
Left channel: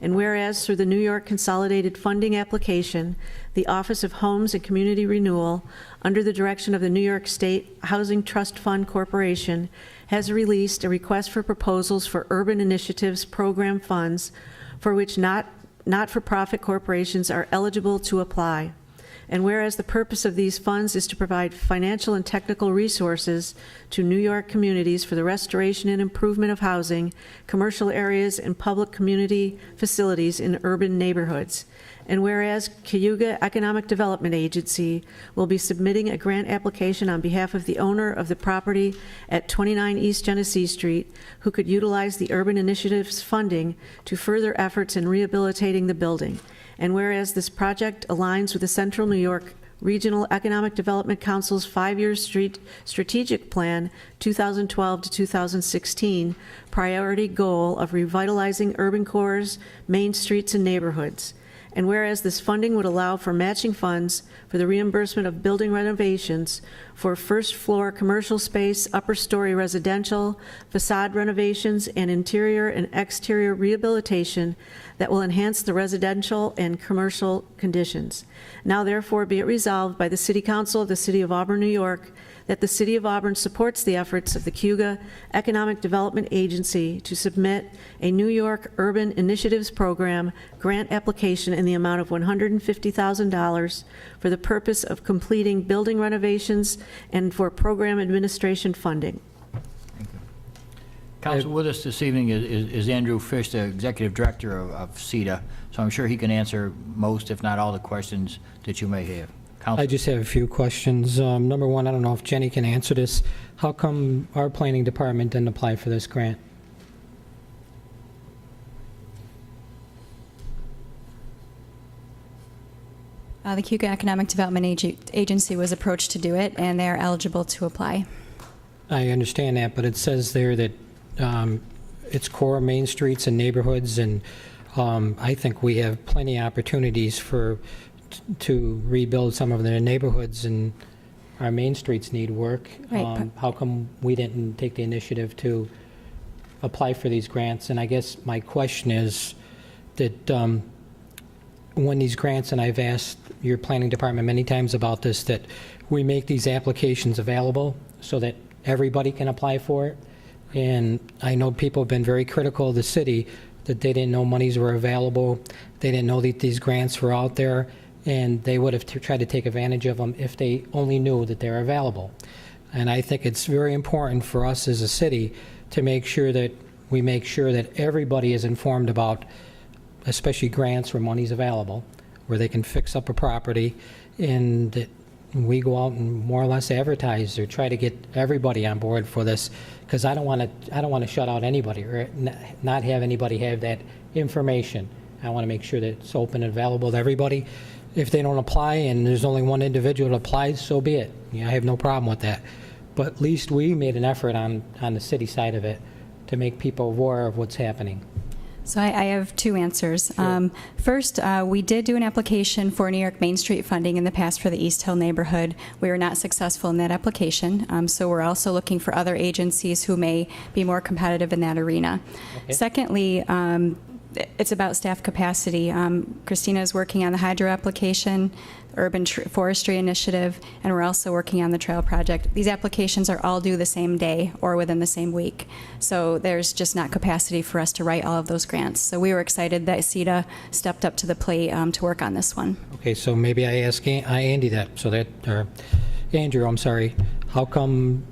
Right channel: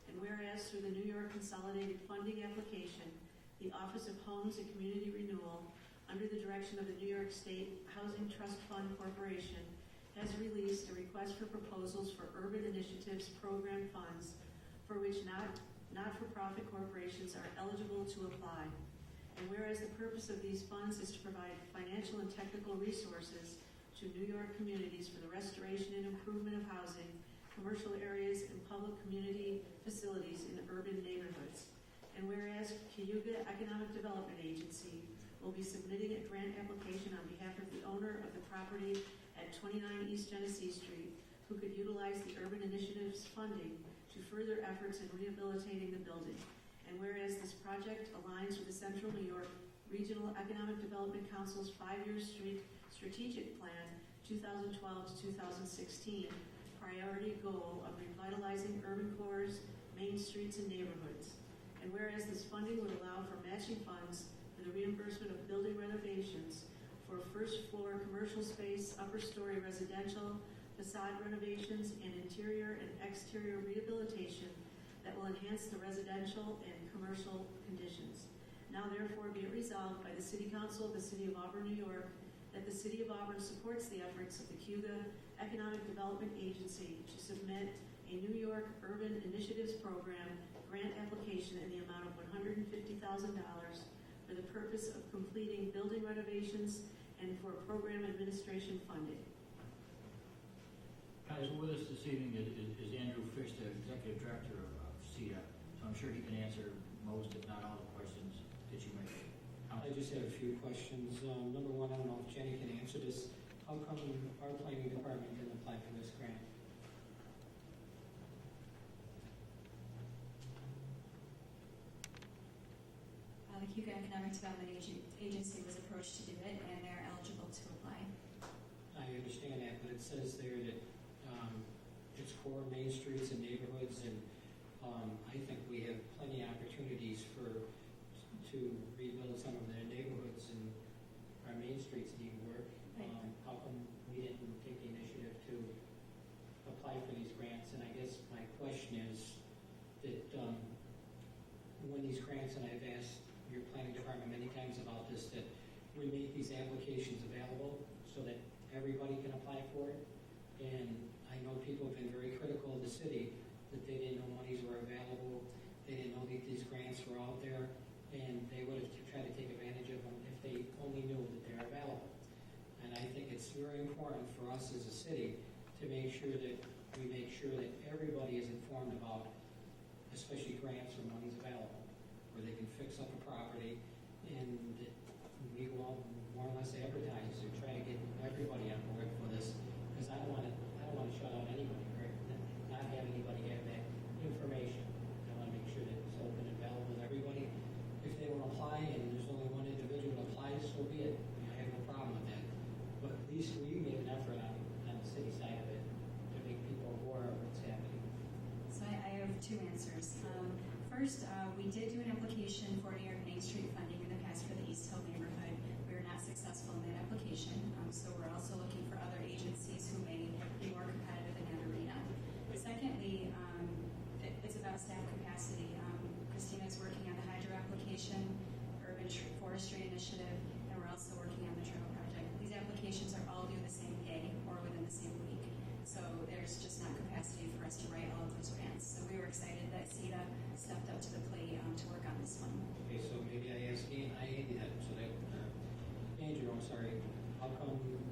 And whereas through the New York Consolidated Funding application, the Office of Homes and Community Renewal, under the direction of the New York State Housing Trust Fund Corporation, has released a request for proposals for urban initiatives program funds for which not-for-profit corporations are eligible to apply. And whereas the purpose of these funds is to provide financial and technical resources to New York communities for the restoration and improvement of housing, commercial areas, and public community facilities in urban neighborhoods. And whereas Cayuga Economic Development Agency will be submitting a grant application on behalf of the owner of the property at 29 East Genesee Street, who could utilize the Urban Initiatives funding to further efforts in rehabilitating the building. And whereas this project aligns with the Central New York Regional Economic Development Council's 5-year strategic plan, 2012 to 2016, priority goal of revitalizing urban cores, main streets, and neighborhoods. And whereas this funding would allow for matching funds for the reimbursement of building renovations for first-floor commercial space, upper-story residential, facade renovations, and interior and exterior rehabilitation that will enhance the residential and commercial conditions. Now therefore be it resolved by the City Council of the City of Auburn, New York, that the City of Auburn supports the efforts of the Cayuga Economic Development Agency to submit a New York Urban Initiatives Program grant application in the amount of $150,000 for the purpose of completing building renovations and for program administration funding. Council, with us this evening is Andrew Fish, the Executive Director of CEDA, so I'm sure he can answer most, if not all, the questions that you may have. Council. I just have a few questions. Number one, I don't know if Jenny can answer this. How come our planning department didn't apply for this grant? The Cayuga Economic Development Agency was approached to do it, and they are eligible to apply. I understand that, but it says there that it's core main streets and neighborhoods, and I think we have plenty of opportunities to rebuild some of the neighborhoods, and our main streets need work. Right. How come we didn't take the initiative to apply for these grants? And I guess my question is that when these grants, and I've asked your planning department many times about this, that we make these applications available so that everybody can apply for it. And I know people have been very critical of the city, that they didn't know monies were available, they didn't know that these grants were out there, and they would have tried to take advantage of them if they only knew that they're available. And I think it's very important for us as a city to make sure that we make sure that everybody is informed about, especially grants where money's available, where they can fix up a property, and that we go out and more or less advertise or try to get everybody on board for this, because I don't want to shut out anybody or not have anybody have that information. I want to make sure that it's open and available to everybody. If they don't apply and there's only one individual that applies, so be it. I have no problem with that. But at least we made an effort on the city side of it to make people aware of what's happening. So I have two answers. Sure. First, we did do an application for New York Main Street funding in the past for the East Hill neighborhood. We were not successful in that application, so we're also looking for other agencies who may be more competitive in that arena. Okay. Secondly, it's about staff capacity. Christina is working on the hydro application, urban forestry initiative, and we're also working on the trail project. These applications are all due the same day or within the same week. So there's just not capacity for us to write all of those grants. So we were excited that CEDA stepped up to the plate to work on this one. Okay, so maybe I ask Andy that, so that, or Andrew, I'm sorry, how come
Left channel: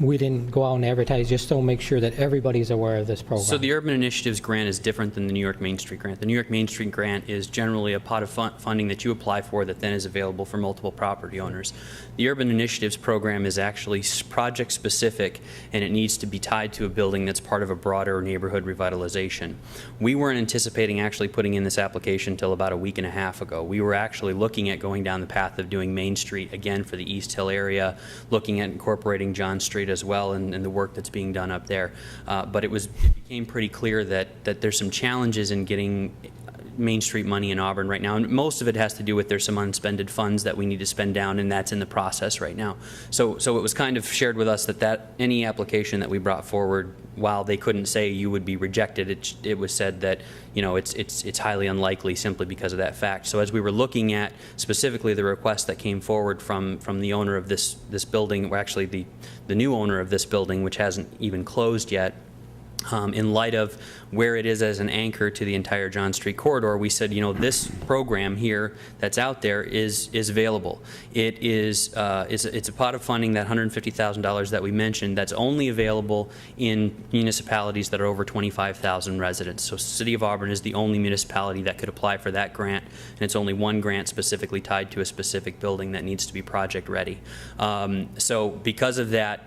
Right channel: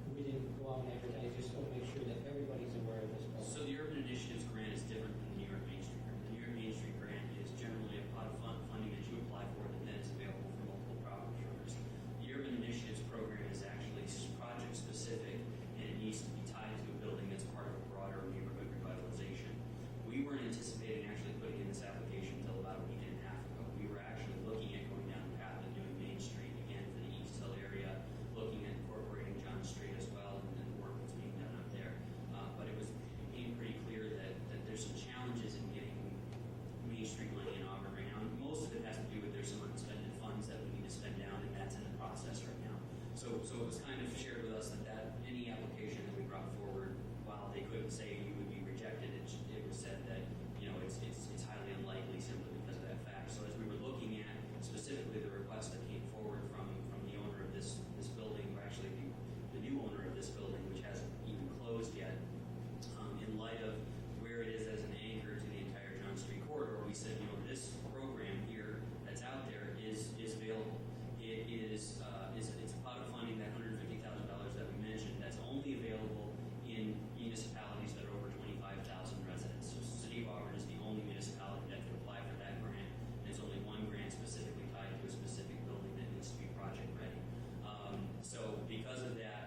we didn't go out and advertise just to make sure that everybody's aware of this program? So the Urban Initiatives Grant is different than the New York Main Street Grant. The New York Main Street Grant is generally a pot of funding that you apply for that then is available for multiple property owners. The Urban Initiatives Program is actually project-specific, and it needs to be tied to a building that's part of a broader neighborhood revitalization. We weren't anticipating actually putting in this application until about a week and a half ago. We were actually looking at going down the path of doing Main Street again for the East Hill area, looking at incorporating John Street as well, and the work that's being done up there. But it became pretty clear that there's some challenges in getting Main Street money in Auburn right now, and most of it has to do with there's some unspended funds that we need to spend down, and that's in the process right now. So it was kind of shared with us that any application that we brought forward, while they couldn't say you would be rejected, it was said that, you know, it's highly unlikely simply because of that fact. So as we were looking at specifically the request that came forward from the owner of this building, or actually the new owner of this building, which hasn't even closed yet, in light of where it is as an anchor to the entire John Street corridor, we said, you know, this program here that's out there is available. It's a pot of funding, that $150,000 that we mentioned, that's only available in municipalities that are over 25,000 residents. So City of Auburn is the only municipality that could apply for that grant, and it's only one grant specifically tied to a specific building that needs to be project ready. So because of that,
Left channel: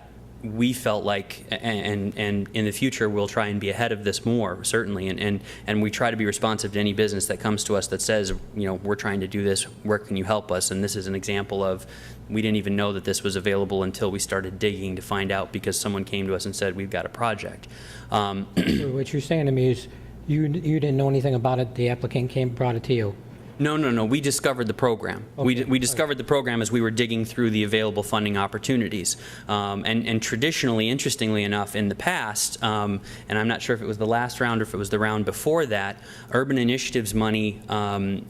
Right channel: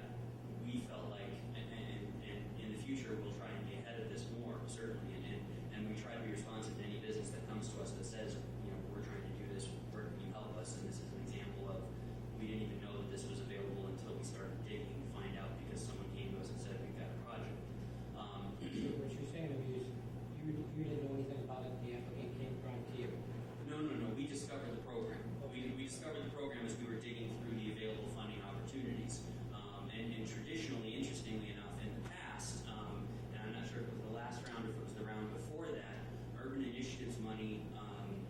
we felt like, and in the future, we'll try and be ahead of this more, certainly, and we try to be responsive to any business that comes to us that says, you know, we're trying to do this, where can you help us? And this is an example of, we didn't even know that this was available until we started digging to find out, because someone came to us and said, we've got a project. What you're saying to me is, you didn't know anything about it, the applicant brought it to you? No, we discovered the program. Okay. We discovered the program as we were digging through the available funding opportunities. And traditionally, interestingly enough, in the past, and I'm not sure if it was the last round or if it was the round before that, urban initiatives money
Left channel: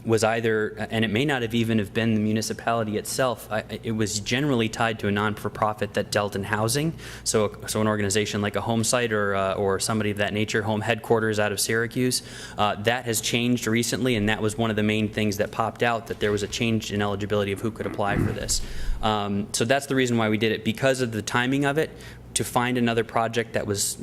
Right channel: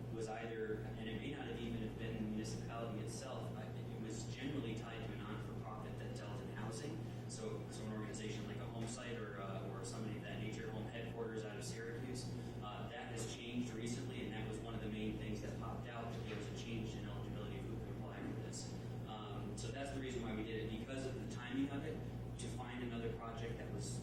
was either, and it may not have even have been the municipality itself, it was generally tied to a non-for-profit that dealt in housing. So an organization like a home site or somebody of that nature, home headquarters out of Syracuse. That has changed recently, and that was one of the main things that popped out, that there was a change in eligibility of who could apply for this. So that's the reason why we did it, because of the timing of it, to find another project that was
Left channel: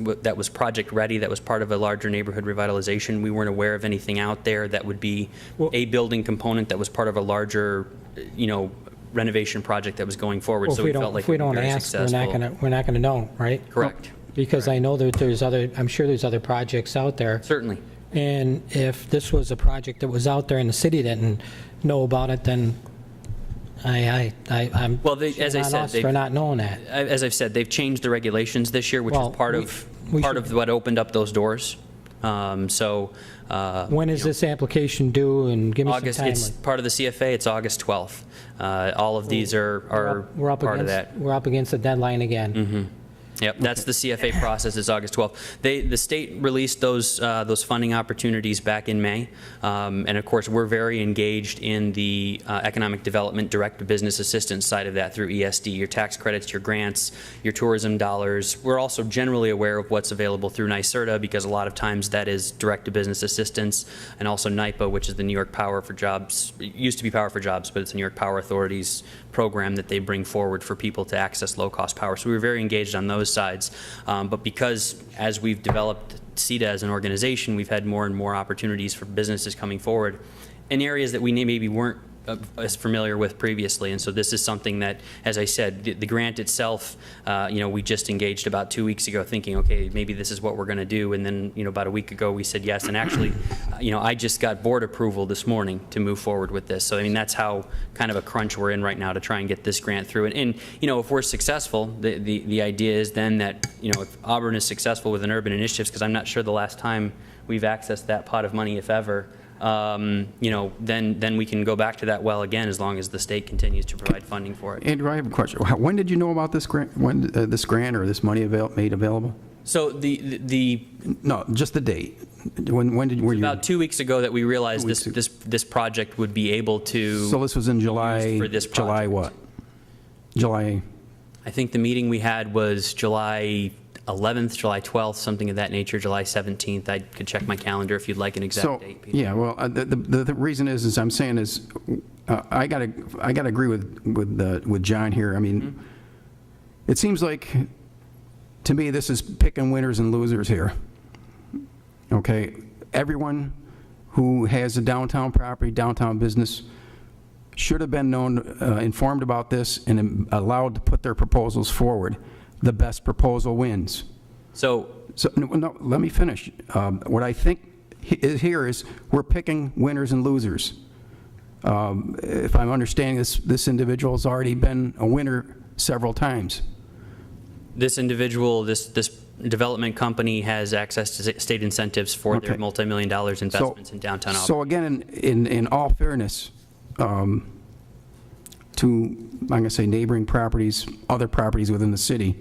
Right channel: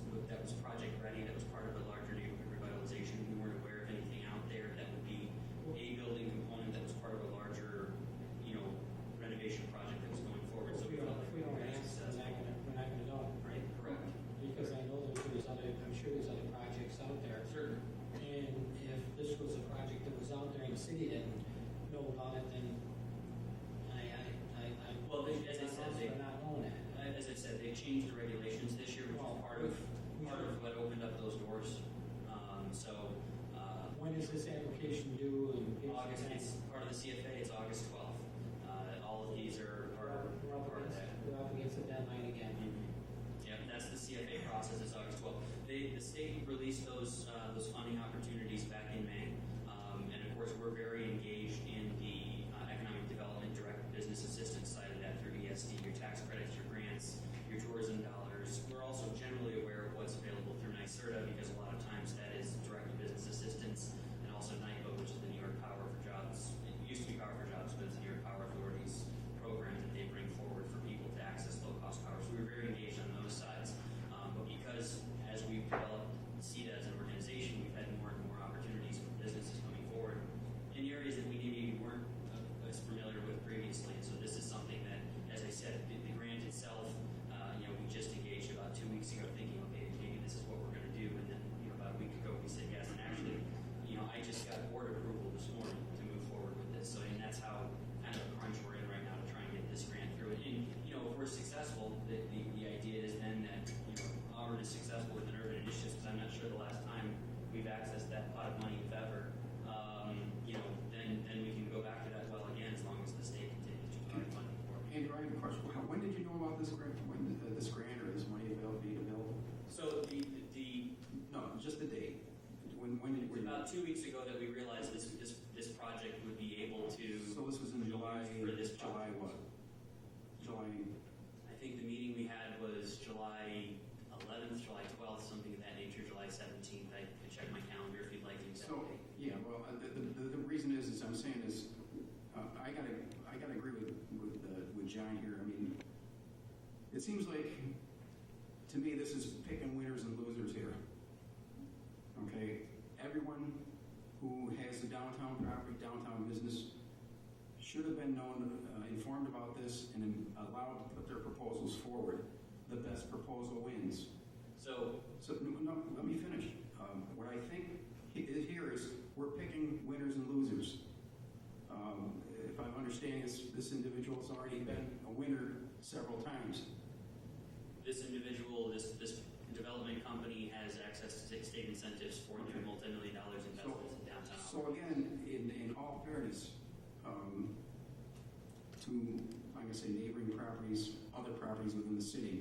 project ready, that was part of a larger neighborhood revitalization. We weren't aware of anything out there that would be a building component that was part of a larger, you know, renovation project that was going forward. Well, so we felt like if we we'd be don't very ask, successful. we're not gonna know, right? Correct. Because I know that there's other, I'm sure there's other projects out there. Certainly. And if this was a project that was out there and the city didn't know about it, then I'm Well, as I on said, us for not knowing that. as I've said, they've changed the regulations this year, which Well, is part we of should- what opened up those doors. When is this application due, and give me some August, timeline? it's part of the CFA, it's August 12th. All of these are We're up part of against- that. We're up against the deadline again. Yep, that's the CFA process, is August 12th. The state released those funding opportunities back in May. And of course, we're very engaged in the economic development direct business assistance side of that through ESD, your tax credits, your grants, your tourism dollars. We're also generally aware of what's available through NYSERDA, because a lot of times that is direct to business assistance, and also NYPA, which is the New York Power for Jobs. It used to be Power for Jobs, but it's the New York Power Authority's program that they bring forward for people to access low-cost power. So we were very engaged on those sides. But because as we've developed CETA as an organization, we've had more and more opportunities for businesses coming forward in areas that we maybe weren't as familiar with previously. And so this is something that, as I said, the grant itself, you know, we just engaged about 2 weeks ago thinking, okay, maybe this is what we're going to do. And then, you know, about a week ago we said yes. And actually, you know, I just got board approval this morning to move forward with this. So, I mean, that's how kind of a crunch we're in right now to try and get this grant through. And you know, if we're successful, the idea is then that, you know, if Auburn is successful with an urban initiatives, because I'm not sure the last time we've accessed that pot of money, if ever, you know, then we can go back to that well again, as long as the state continues to provide funding for it. Andrew, I have a question. When did you know about this grant, when this grant or this money made available? So No, just the date. When were you? about 2 weeks ago that we realized this project would be able to. So this was in July, for this July project. what? July, I think the meeting we had was July 11th, July 12th, something of that nature, July 17th. I could check my calendar if you'd like an exact so, date, Peter. yeah, well, the reason is I'm saying is, I gotta agree with John here. I mean, it seems like, to me, this is picking winners and losers here. Okay, everyone who has a downtown property, downtown business, should have been informed about this and allowed to put their proposals forward. The best proposal wins. So No, let me finish. What I think here is we're picking winners and losers. If I'm understanding this individual's already been a winner several times. this individual, this development company has access to state incentives for their Okay. multi-million dollars investments in downtown Auburn. So again, in all fairness, to, I'm going to say neighboring properties, other properties within the city,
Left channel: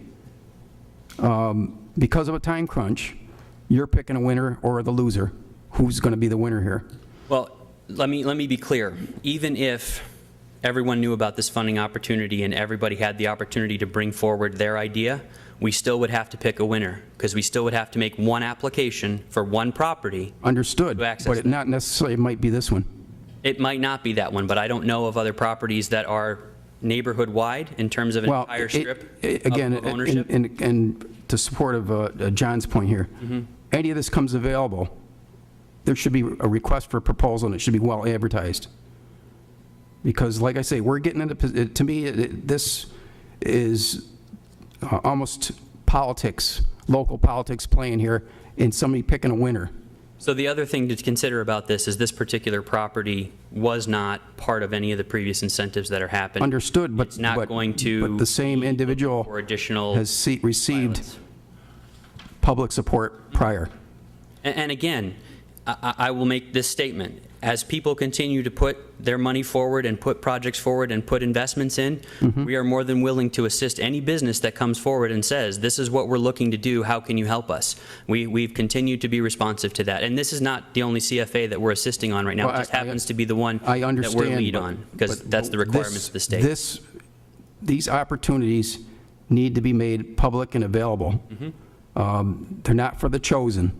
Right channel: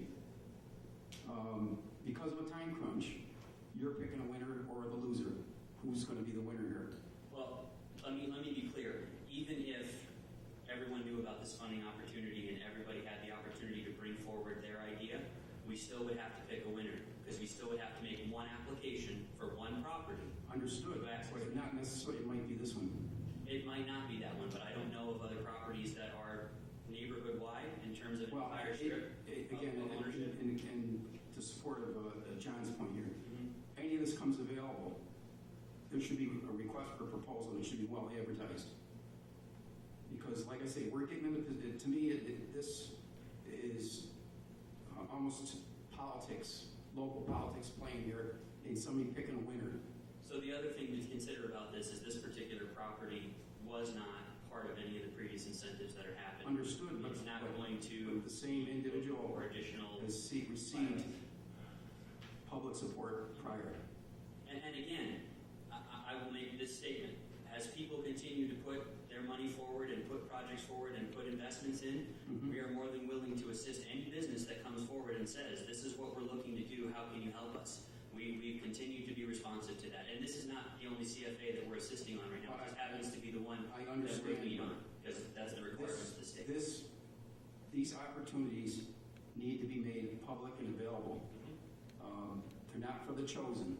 because of a time crunch, you're picking a winner or the loser. Who's going to be the winner here? Well, let me be clear. Even if everyone knew about this funding opportunity and everybody had the opportunity to bring forward their idea, we still would have to pick a winner, because we still would have to make one application for one property. Understood, To access but it not necessarily might be this one. It might not be that one, but I don't know of other properties that are neighborhood-wide in terms of an Well, entire strip again, of ownership. and to support of John's point here, any of this comes available, there should be a request for a proposal, and it should be well advertised. Because, like I say, we're getting into, to me, this is almost politics, local politics playing here, and somebody picking a winner. So the other thing to consider about this is this particular property was not part of any of the previous incentives that are happening. Understood, but It's not going to but the same individual or additional has received violence. public support prior. And again, I will make this statement. As people continue to put their money forward and put projects forward and put investments in, we are more than willing to assist any business that comes forward and says, this is what we're looking to do, how can you help us? We've continued to be responsive to that. And this is not the only CFA that we're assisting on right now. Well, It just happens to be the one I that understand. we're lead but- on, because but that's the requirements of the state. These opportunities need to be made public and available. They're not for the chosen.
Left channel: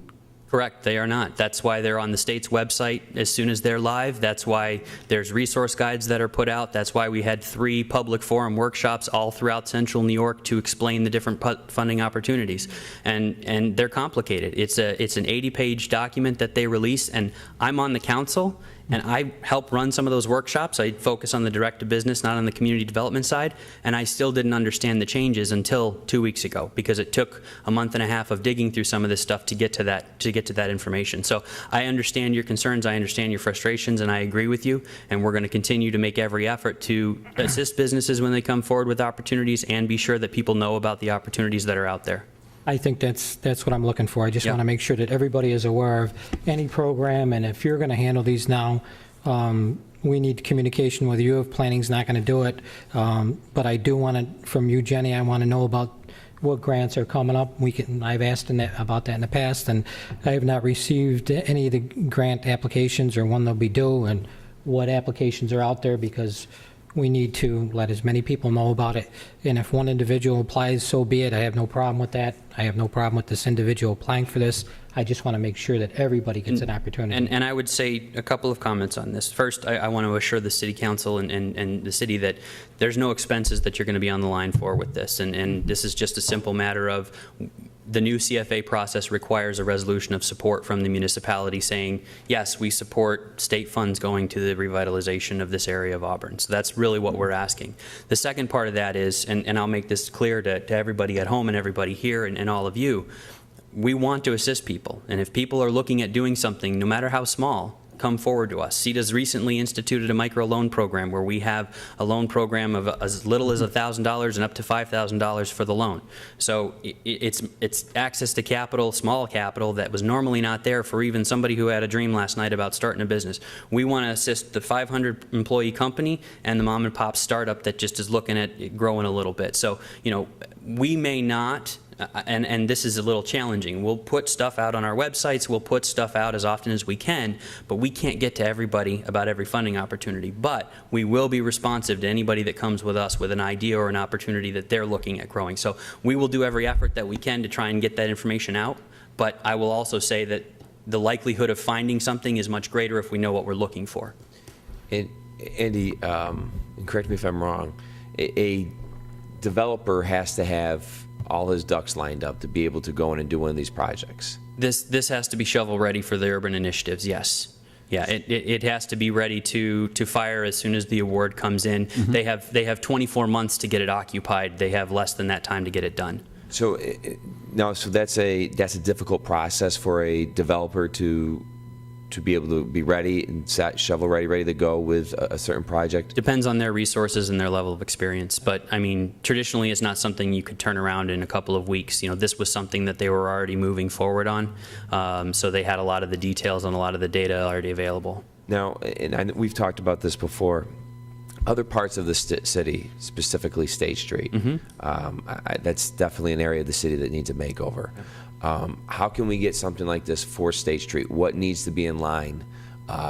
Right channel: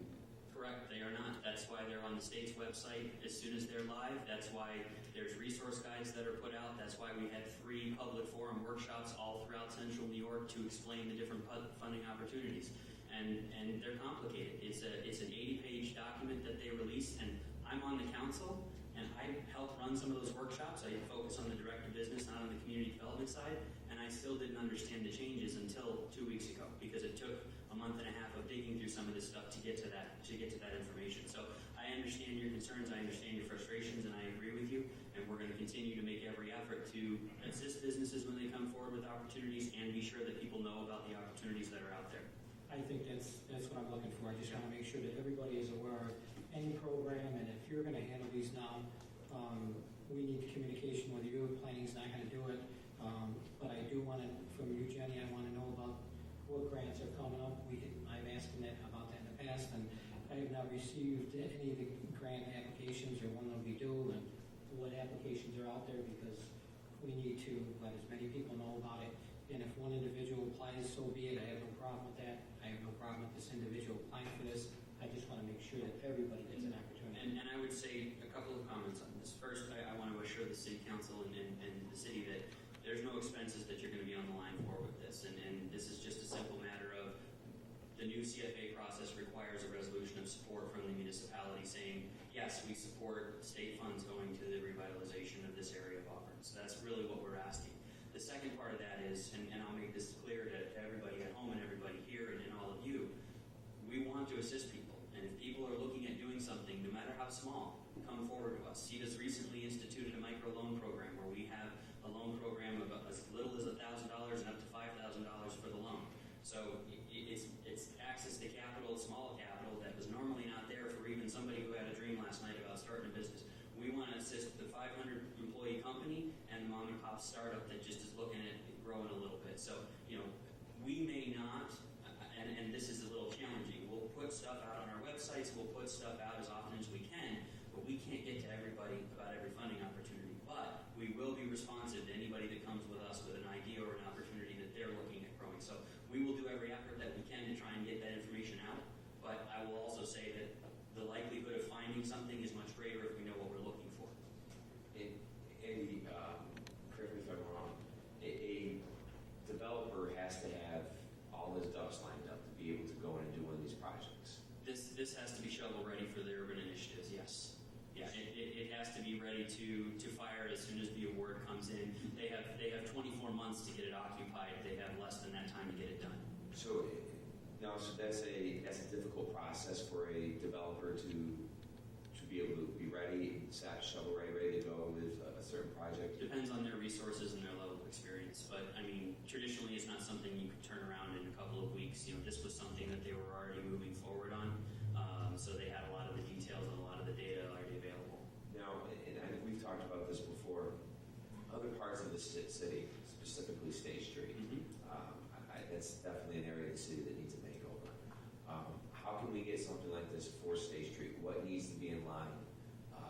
Correct, they are not. That's why they're on the state's website as soon as they're live. That's why there's resource guides that are put out. That's why we had 3 public forum workshops all throughout central New York to explain the different funding opportunities. And they're complicated. It's an 80-page document that they release, and I'm on the council, and I help run some of those workshops. I focus on the direct-to-business, not on the community development side, and I still didn't understand the changes until 2 weeks ago, because it took a month and a half of digging through some of this stuff to get to that information. So I understand your concerns, I understand your frustrations, and I agree with you, and we're going to continue to make every effort to assist businesses when they come forward with opportunities and be sure that people know about the opportunities that are out there. I think that's what I'm looking for. I just Yeah. want to make sure that everybody is aware of any program, and if you're going to handle these now, we need communication with you if planning's not going to do it. But I do want to, from you, Jenny, I want to know about what grants are coming up. I've asked about that in the past, and I have not received any of the grant applications or when they'll be due and what applications are out there, because we need to let as many people know about it. And if one individual applies, so be it. I have no problem with that. I have no problem with this individual applying for this. I just want to make sure that everybody gets an opportunity. And I would say a couple of comments on this. First, I want to assure the city council and the city that there's no expenses that you're going to be on the line for with this. And this is just a simple matter of the new CFA process requires a resolution of support from the municipality saying, yes, we support state funds going to the revitalization of this area of Auburn. So that's really what we're asking. The second part of that is, and I'll make this clear to everybody at home and everybody here and all of you, we want to assist people. And if people are looking at doing something, no matter how small, come forward to us. CEDA's recently instituted a microloan program where we have a loan program of as little as $1,000 and up to $5,000 for the loan. So it's access to capital, small capital, that was normally not there for even somebody who had a dream last night about starting a business. We want to assist the 500-employee company and the mom and pop startup that just is looking at growing a little bit. So, you know, we may not, and this is a little challenging. We'll put stuff out on our websites, we'll put stuff out as often as we can, but we can't get to everybody about every funding opportunity. But we will be responsive to anybody that comes with us with an idea or an opportunity that they're looking at growing. So we will do every effort that we can to try and get that information out, but I will also say that the likelihood of finding something is much greater if we know what we're looking for. And Andy, correct me if I'm wrong, a developer has to have all his ducks lined up to be able to go in and do one of these projects. This has to be shovel ready for the urban initiatives, yes. Yeah, it has to be ready to fire as soon as the award comes in. They have 24 months to get it occupied. They have less than that time to get it done. So now, so that's a difficult process for a developer to to be able to be ready and set, shovel-ready, ready to go with a certain project? Depends on their resources and their level of experience. But, I mean, traditionally, it's not something you could turn around in a couple of weeks. You know, this was something that they were already moving forward on. So they had a lot of the details and a lot of the data already available. Now, and we've talked about this before, other parts of the city, specifically State Street, that's definitely an area of the city that needs a makeover. How can we get something like this for State Street? What needs to be in line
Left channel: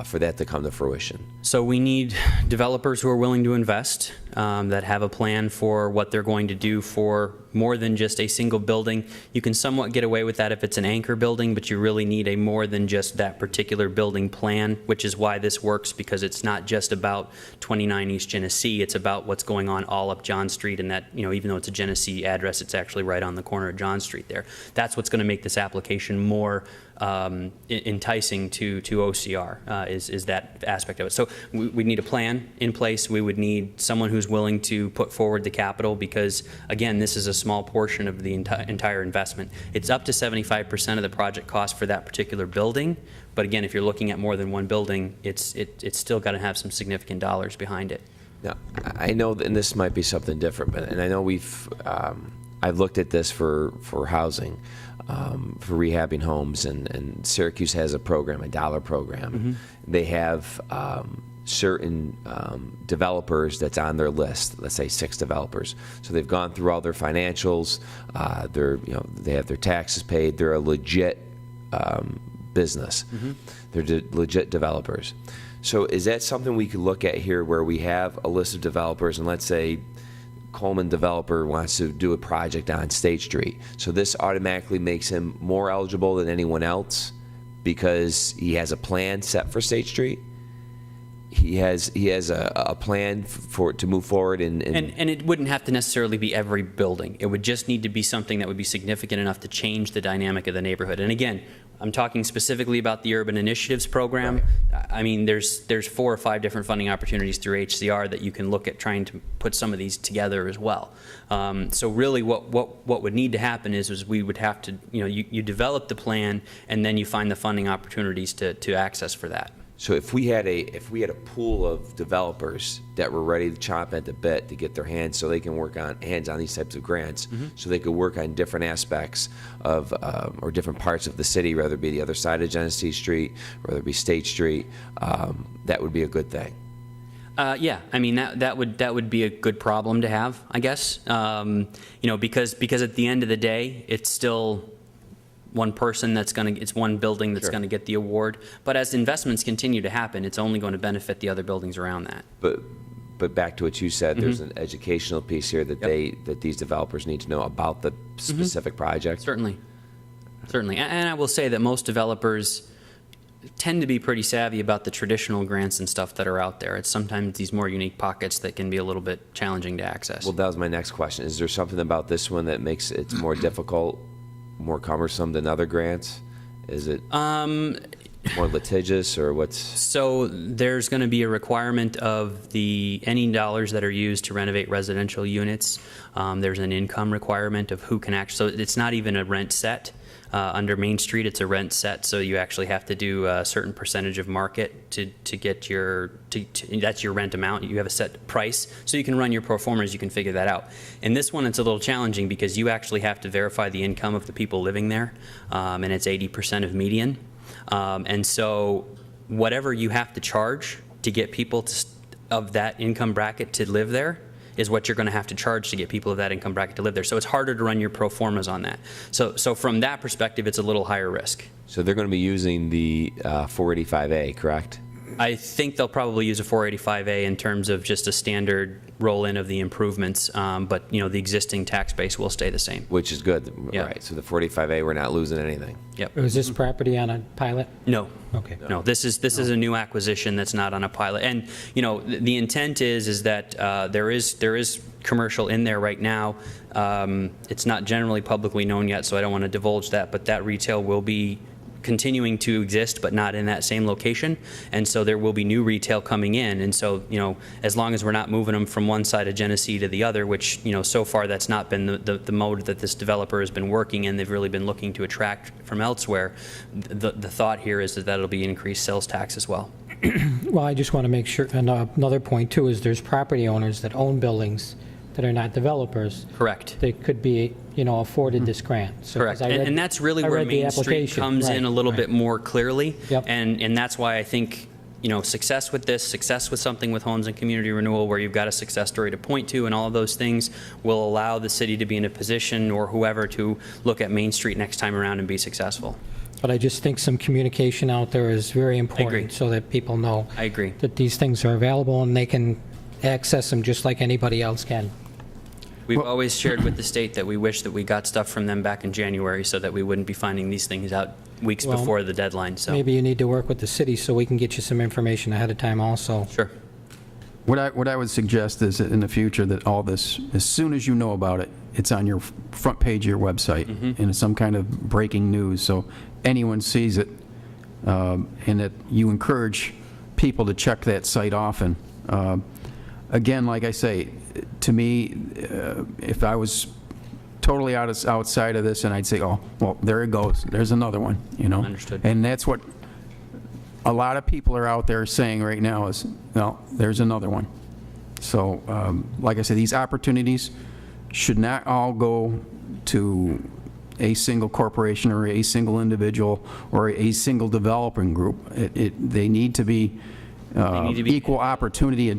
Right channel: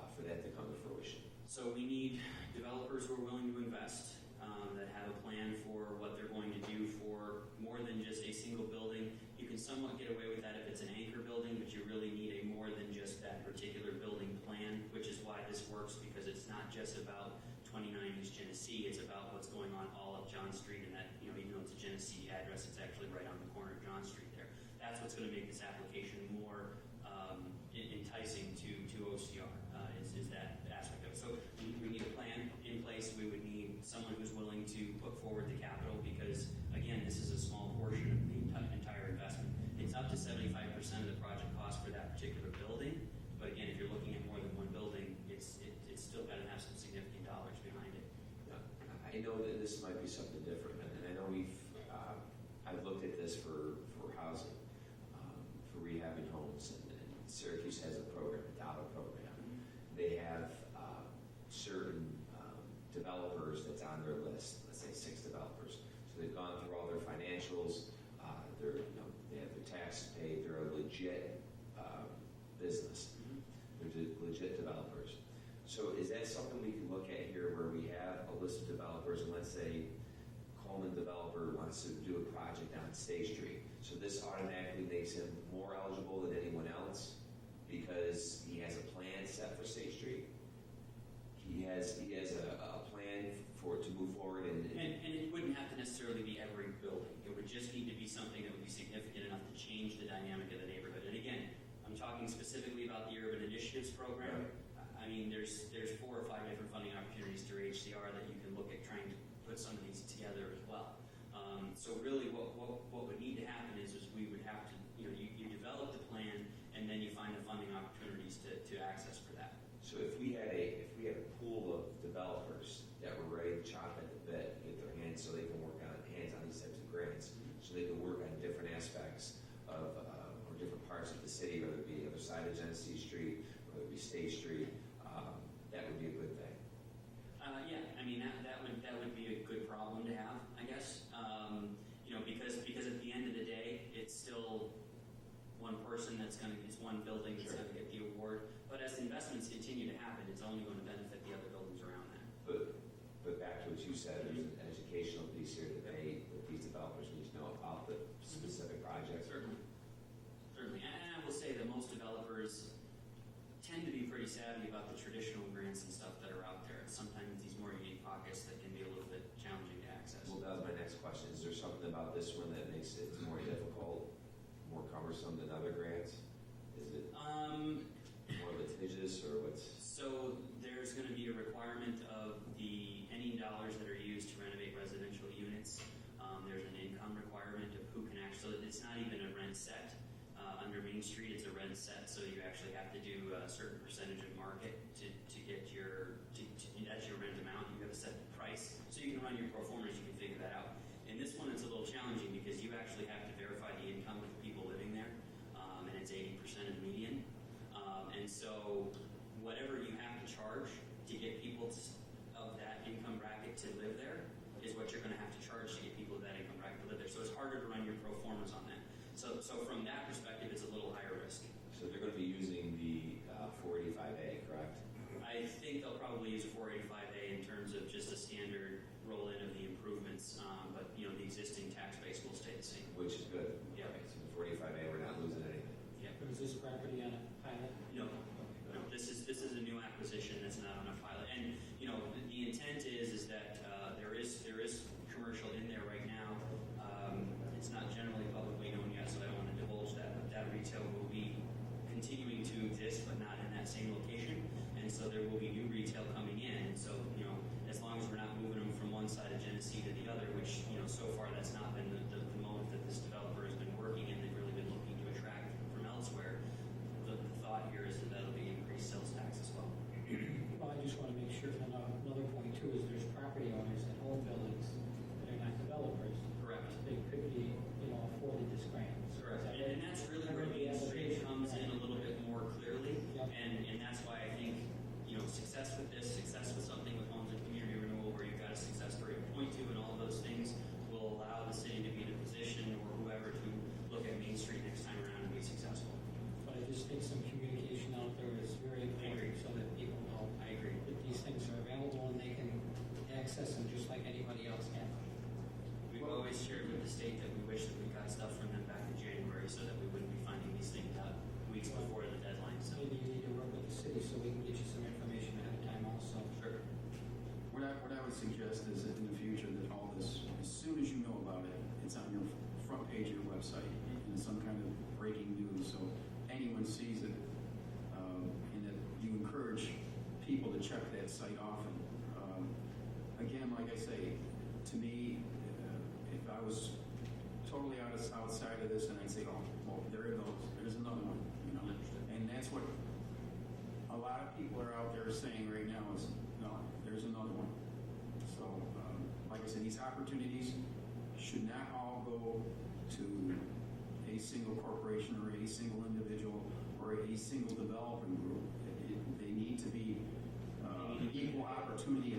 for that to come to fruition? So we need developers who are willing to invest, that have a plan for what they're going to do for more than just a single building. You can somewhat get away with that if it's an anchor building, but you really need a more than just that particular building plan, which is why this works, because it's not just about 29 East Genesee, it's about what's going on all up John Street, and that, you know, even though it's a Genesee address, it's actually right on the corner of John Street there. That's what's going to make this application more enticing to OCR, is that aspect of it. So we need a plan in place. We would need someone who's willing to put forward the capital, because, again, this is a small portion of the entire investment. It's up to 75% of the project cost for that particular building, but again, if you're looking at more than one building, it's still got to have some significant dollars behind it. Now, I know, and this might be something different, but, and I know I've looked at this for housing, for rehabbing homes, and Syracuse has a program, a dollar program. They have certain developers that's on their list, let's say 6 developers. So they've gone through all their financials, they have their taxes paid, they're a legit business. They're legit developers. So is that something we could look at here, where we have a list of developers, and let's say Coleman developer wants to do a project on State Street. So this automatically makes him more eligible than anyone else because he has a plan set for State Street? He has a plan to move forward and it wouldn't have to necessarily be every building. It would just need to be something that would be significant enough to change the dynamic of the neighborhood. And again, I'm talking specifically about the Urban Initiatives Program. Right. I mean, there's 4 or 5 different funding opportunities through HCR that you can look at trying to put some of these together as well. So really what would need to happen is we would have to, you develop the plan, and then you find the funding opportunities to access for that. So if we had a pool of developers that were ready to chomp at the bit to get their hands, so they can work on these types of grants, so they could work on different aspects of or different parts of the city, whether it be the other side of Genesee Street, whether it be State Street, that would be a good thing. Yeah, I mean that would be a good problem to have, I guess. Because at the end of the day, it's still one person it's one building that's going to get the award. But as investments continue to happen, it's only going to benefit the other buildings around that. But back to what you said, there's an educational piece here that that these developers need to know about the specific project. Certainly. And I will say that most developers tend to be pretty savvy about the traditional grants and stuff that are out there. It's sometimes these more unique pockets that can be a little bit challenging to access. Well, that was my next question. Is there something about this one that makes it more difficult, more cumbersome than other grants? Is it more litigious, or what's? So there's going to be a requirement of any dollars that are used to renovate residential units. There's an income requirement of who can actually, so it's not even a rent set. Under Main Street, it's a rent set, so you actually have to do a certain percentage of market to get that's your rent amount. You have a set price, so you can run your pro formas, you can figure that out. In this one, it's a little challenging because you actually have to verify the income of the people living there, and it's 80% of median. And so whatever you have to charge to get people of that income bracket to live there is what you're going to have to charge to get people of that income bracket to live there. So it's harder to run your pro formas on that. So from that perspective, it's a little higher risk. So they're going to be using the 485A, correct? I think they'll probably use a 485A in terms of just a standard roll-in of the improvements, but the existing tax base will stay the same. Which is good, Yep. right? So the 485A, we're not losing anything. Yep. Was this property on a pilot? No. Okay. No, this is a new acquisition that's not on a pilot. And the intent is that there is commercial in there right now. It's not generally publicly known yet, so I don't want to divulge that. But that retail will be continuing to exist, but not in that same location. And so there will be new retail coming in. And so, as long as we're not moving them from one side of Genesee to the other, which, so far that's not been the mode that this developer has been working in, they've really been looking to attract from elsewhere. The thought here is that it'll be increased sales tax as well. Well, I just want to make sure, and another point too is there's property owners that own buildings that are not developers. Correct. They could be, afforded this grant. So, 'cause Correct. I read- And that's really I where read the Main Street application. comes in Right, a little right. bit more clearly. Yep. And that's why I think, success with this, success with something with homes and community renewal where you've got a success story to point to and all of those things will allow the city to be in a position, or whoever, to look at Main Street next time around and be successful. But I just think some communication out there is very agree. important so that people know I agree. that these things are available and they can access them just like anybody else can. We've always shared with the state that we wish that we got stuff from them back in January so that we wouldn't be finding these things out weeks Well, before the deadline, so. Maybe you need to work with the city so we can get you some information ahead of time also. Sure. What I would suggest is that in the future that all this, as soon as you know about it, it's on your front page of your website, and it's some kind of breaking news, so anyone sees it, and that you encourage people to check that site often. Again, like I say, to me, if I was totally outside of this, and I'd say, oh, well, there it goes, there's another one, Understood. And that's what a lot of people are out there saying right now is, well, there's another one. So, like I said, these opportunities should not all go to a single corporation or a single individual or a single developing group. They need to be equal opportunity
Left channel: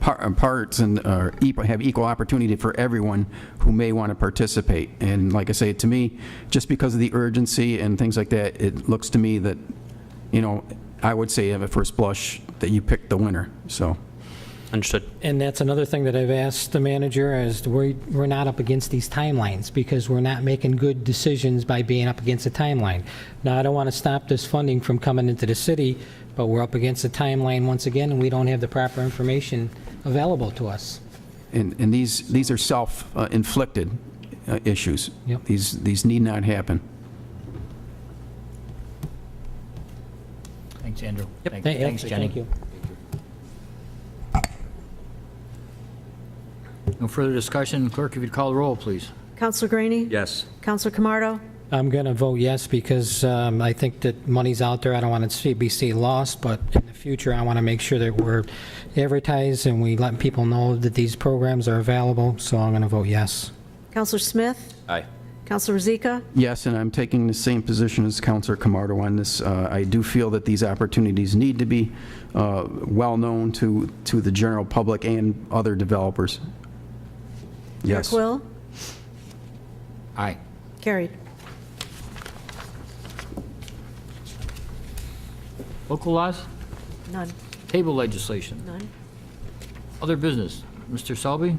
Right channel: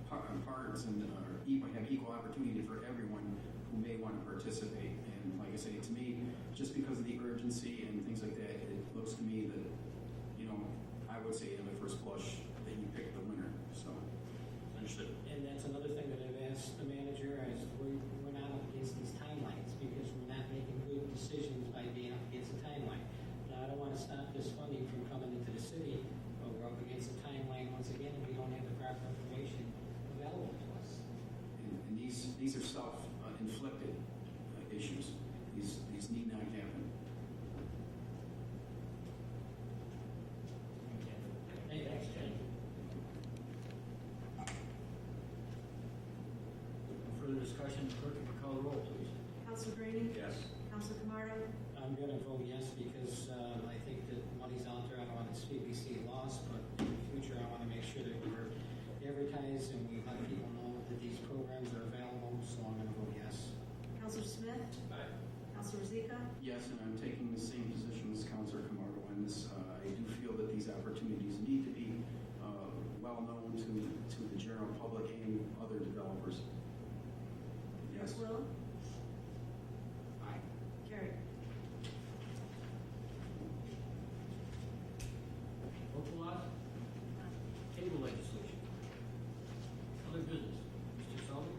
parts and have equal opportunity for everyone who may want to participate. And like I say, to me, just because of the urgency and things like that, it looks to me that, I would say at first blush that you picked the winner, so. Understood. And that's another thing that I've asked the manager is we're not up against these timelines because we're not making good decisions by being up against a timeline. Now, I don't want to stop this funding from coming into the city, but we're up against a timeline once again, and we don't have the proper information available to us. And these are self-inflicted issues. Yep. These need not happen. Thanks, Andrew. Yep. Thanks, Jenny. Thank you. No further discussion. Clerk, if you'd call the roll, please. Counselor Greenie? Yes. Counselor Camardo? I'm going to vote yes because I think that money's out there. I don't want it to be lost, but in the future, I want to make sure that we're advertised and we let people know that these programs are available, so I'm going to vote yes. Counselor Smith? Aye. Counselor Rozika? Yes, and I'm taking the same position as Councilor Camardo on this. I do feel that these opportunities need to be well-known to the general public and other developers. Yes. Eric Will? Aye. Carried. Local laws? None. Table legislation? None. Other business? Mr. Selby?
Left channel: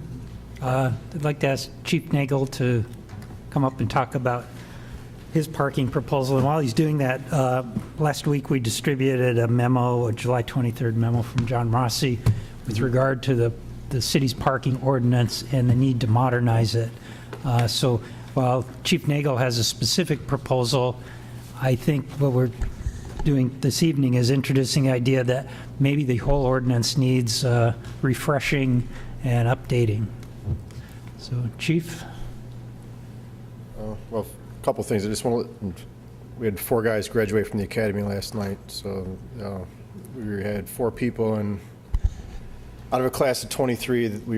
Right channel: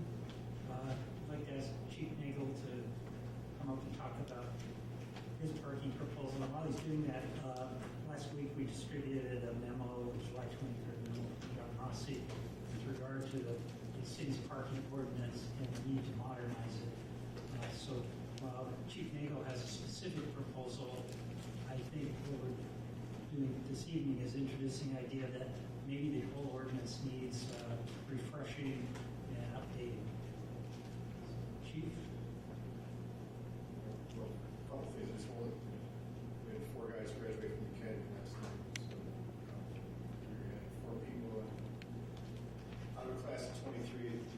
I'd like to ask Chief Nagel to come up and talk about his parking proposal. And while he's doing that, last week we distributed a memo, a July 23rd memo from John Rossi with regard to the city's parking ordinance and the need to modernize it. So while Chief Nagel has a specific proposal, I think what we're doing this evening is introducing the idea that maybe the whole ordinance needs refreshing and updating. So, Chief? Well, a couple things. I just want to, we had 4 guys graduate from the academy last night, so we had 4 people, and out of a class of 23, we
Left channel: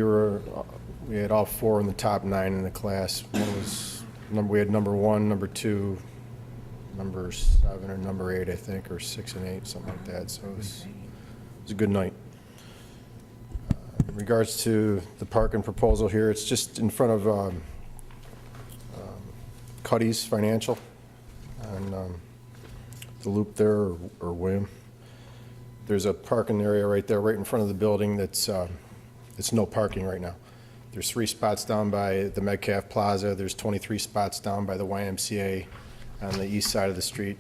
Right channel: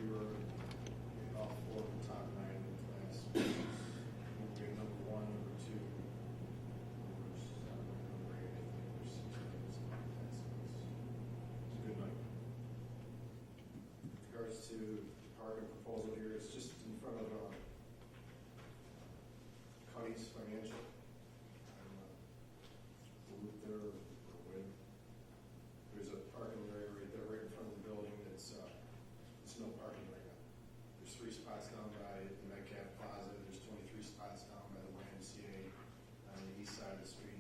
had all 4 in the top 9 in the class. We had number 1, number 2, number 7, or number 8, I think, or 6 and 8, something like that. So it was a good night. In regards to the parking proposal here, it's just in front of Cuddy's Financial on the loop there, or William. There's a parking area right there, right in front of the building that's it's no parking right now. There's 3 spots down by the Metcalf Plaza. There's 23 spots down by the YMCA on the east side of the street.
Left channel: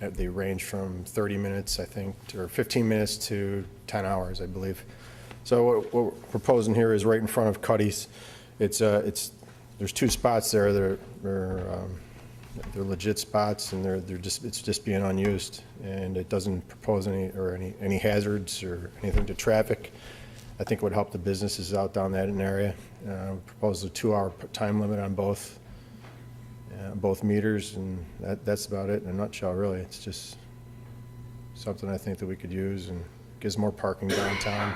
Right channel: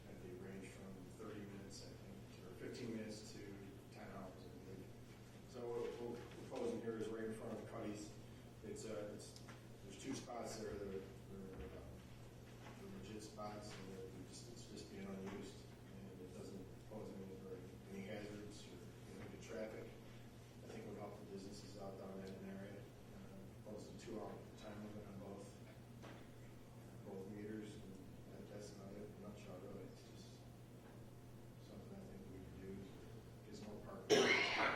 They range from 30 minutes, I think, or 15 minutes to 10 hours, I believe. So what we're proposing here is right in front of Cuddy's. It's there's 2 spots there that they're legit spots, and it's just being unused, and it doesn't propose any hazards or anything to traffic. I think it would help the businesses out down that area. Propose a 2-hour time limit on both meters, and that's about it in a nutshell, really. It's just something I think that we could use, and gives more parking downtown.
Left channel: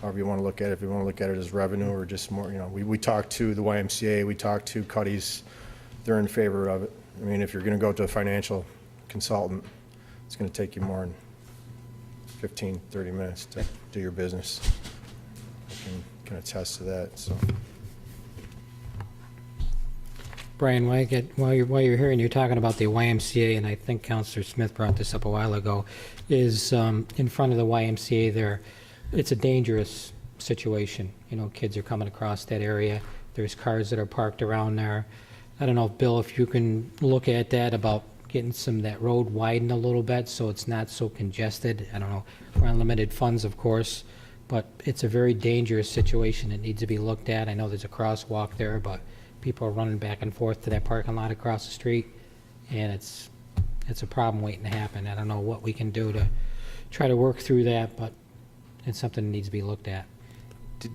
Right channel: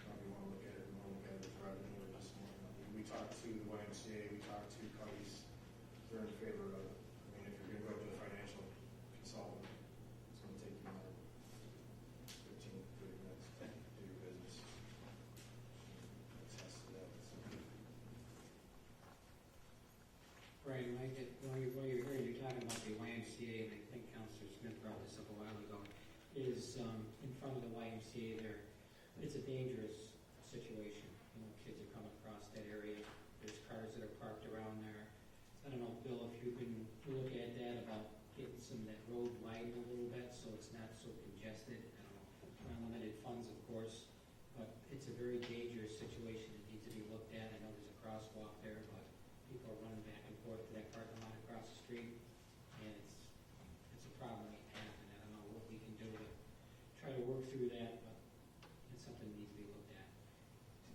However you want to look at it, if you want to look at it as revenue or just more, we talked to the YMCA, we talked to Cuddy's, they're in favor of it. I mean, if you're going to go to a financial consultant, it's going to take you more than 15, 30 minutes to do your business. I can attest to that, so. Brian, while you're here and you're talking about the YMCA, and I think Councilor Smith brought this up a while ago, is in front of the YMCA there, it's a dangerous situation. Kids are coming across that area. There's cars that are parked around there. I don't know, Bill, if you can look at that about getting that road widened a little bit so it's not so congested. I don't know, we're on limited funds, of course, but it's a very dangerous situation that needs to be looked at. I know there's a crosswalk there, but people are running back and forth to that parking lot across the street, and it's a problem waiting to happen. I don't know what we can do to try to work through that, but it's something that needs to be looked at.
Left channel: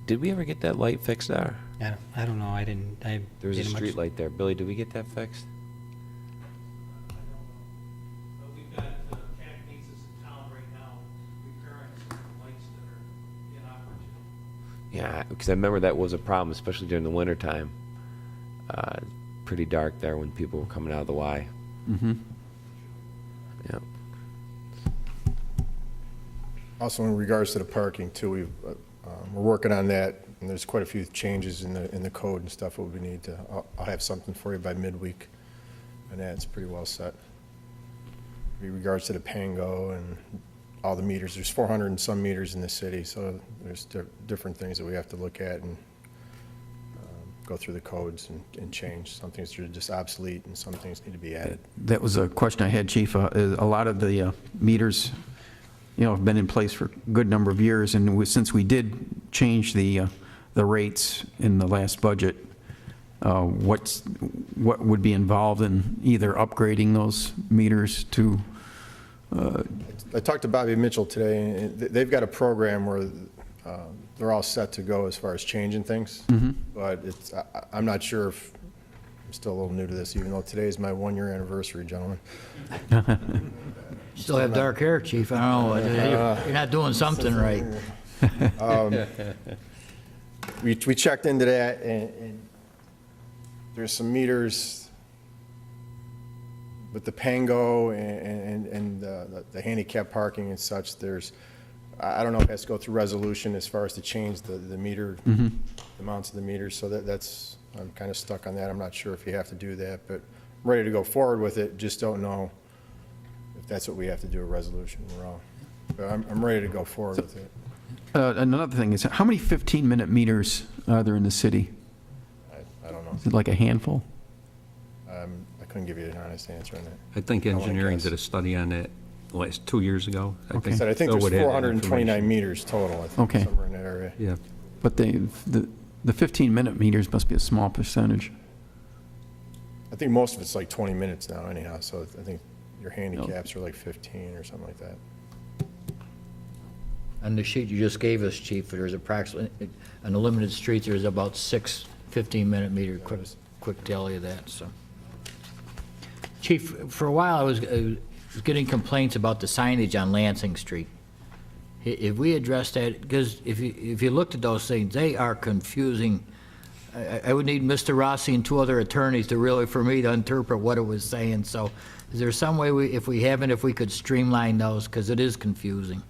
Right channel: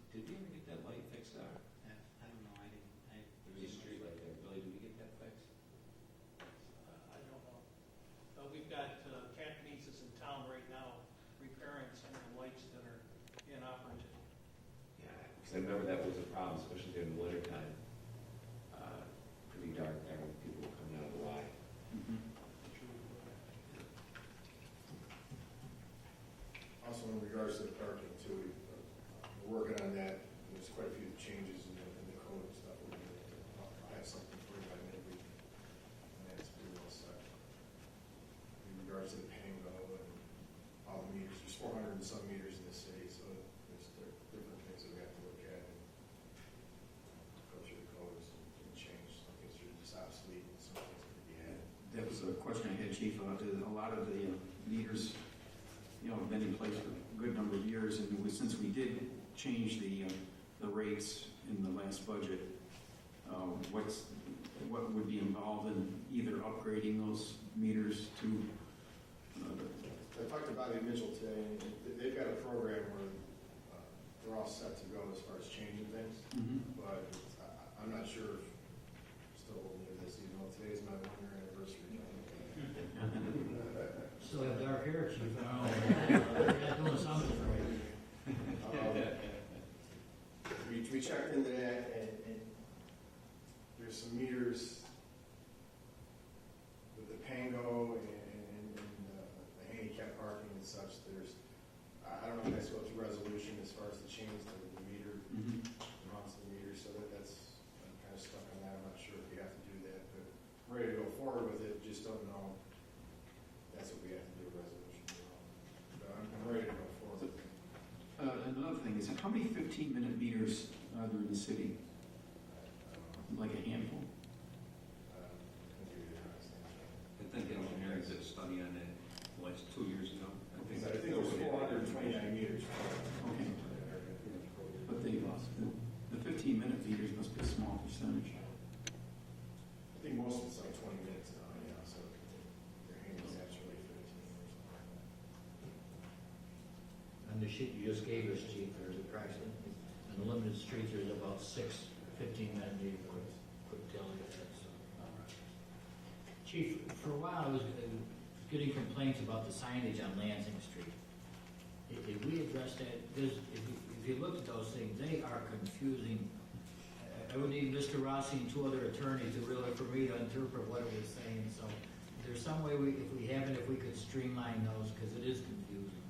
Did we ever get that light fixed there? I don't know, There was a street light there. Billy, did we get that fixed? We've got capacities in town right now repairing some lights that are inoperable. Yeah, because I remember that was a problem, especially during the wintertime. Pretty dark there when people were coming out of the Y. Mm-hmm. Yeah. Also, in regards to the parking too, we're working on that, and there's quite a few changes in the code and stuff that we need to. I'll have something for you by midweek, and that's pretty well set. In regards to the Pango and all the meters, there's 400 and some meters in the city, so there's different things that we have to look at and go through the codes and change. Some things are just obsolete, and some things need to be added. That was a question I had, Chief. A lot of the meters, have been in place for a good number of years, and since we did change the rates in the last budget, what would be involved in either upgrading those meters to? I talked to Bobby Mitchell today, and they've got a program where they're all set to go as far as changing things. Mm-hmm. But I'm not sure if, I'm still a little new to this, even though today is my 1-year anniversary, gentlemen. Still have dark hair, Chief. I don't know. You're not doing something right. We checked into that, and there's some meters with the Pango and the handicap parking and such. I don't know if it has to go through resolution as far as to change the meter, Mm-hmm. the amounts of the meters, so I'm kind of stuck on that. I'm not sure if you have to do that, but I'm ready to go forward with it, just don't know if that's what we have to do, a resolution. But I'm ready to go forward with it. Another thing is, how many 15-minute meters are there in the city? I don't know. Is it like a handful? I couldn't give you an honest answer on that. I think I wanna engineering guess. did a study on that last 2 years ago. I think there's 429 meters total, I think, Okay. somewhere in that area. Yeah. But the 15-minute meters must be a small percentage. I think most of it's like 20 minutes now anyhow, so I think your handicaps are like 15 or something like that. On the sheet you just gave us, Chief, there's approximately, on the limited streets, there's about 6 15-minute meter, quick tally of that, so. Chief, for a while I was getting complaints about the signage on Lansing Street. If we address that, because if you looked at those things, they are confusing. I would need Mr. Rossi and 2 other attorneys for me to interpret what it was saying, so is there some way if we could streamline those, because it is confusing?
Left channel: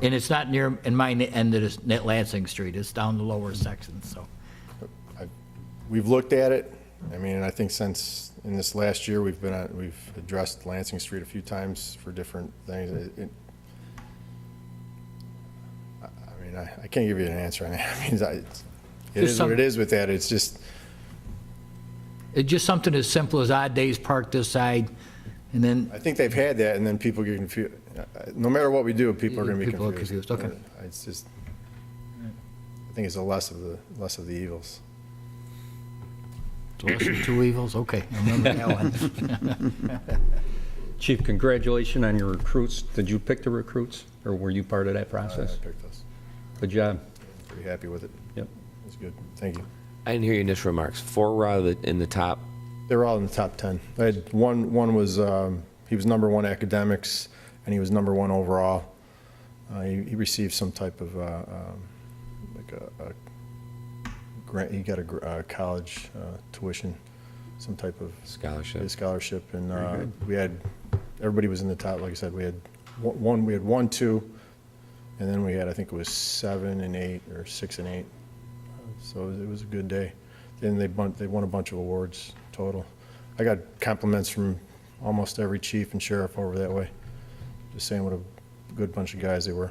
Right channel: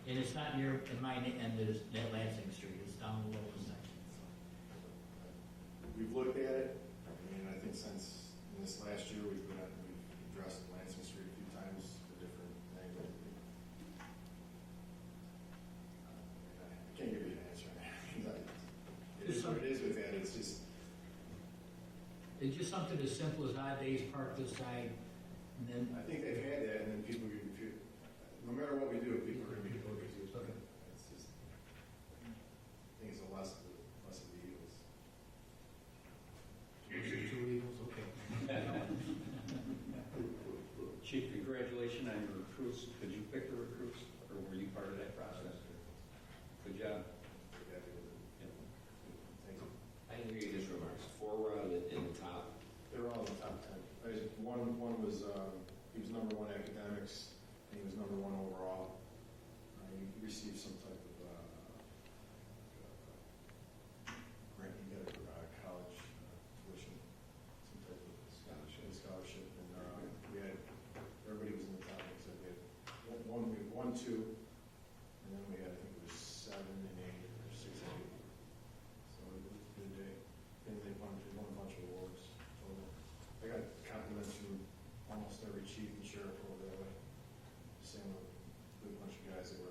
And it's not in my end of this Lansing Street, it's down the lower section, so. We've looked at it. I mean, I think since in this last year, we've addressed Lansing Street a few times for different things. I can't give you an answer on that. I mean, it is what it is with that. It's just something as simple as odd days parked this side, and then. I think they've had that, and then people get confused. No matter what we do, people are going to be confused. People are confused, okay. It's just, I think it's the less of the evils. So lesser of two evils, okay, I remember that one. Chief, congratulations on your recruits. Did you pick the recruits, or were you part of that I process? picked us. Good job. Pretty happy with it. Yep. It's good. Thank you. I didn't hear your initial remarks. 4 were out of in the top. They were all in the top 10. I had one was, he was number 1 academics, and he was number 1 overall. He received some type of, like a grant, he got a college tuition, some type of Scholarship. scholarship, and we had, everybody was in the top, like I said, we had one, 2, and then we had, I think it was 7 and 8, or 6 and 8. So it was a good day. And they won a bunch of awards total. I got compliments from almost every chief and sheriff over that way, just saying what a good bunch of guys they were.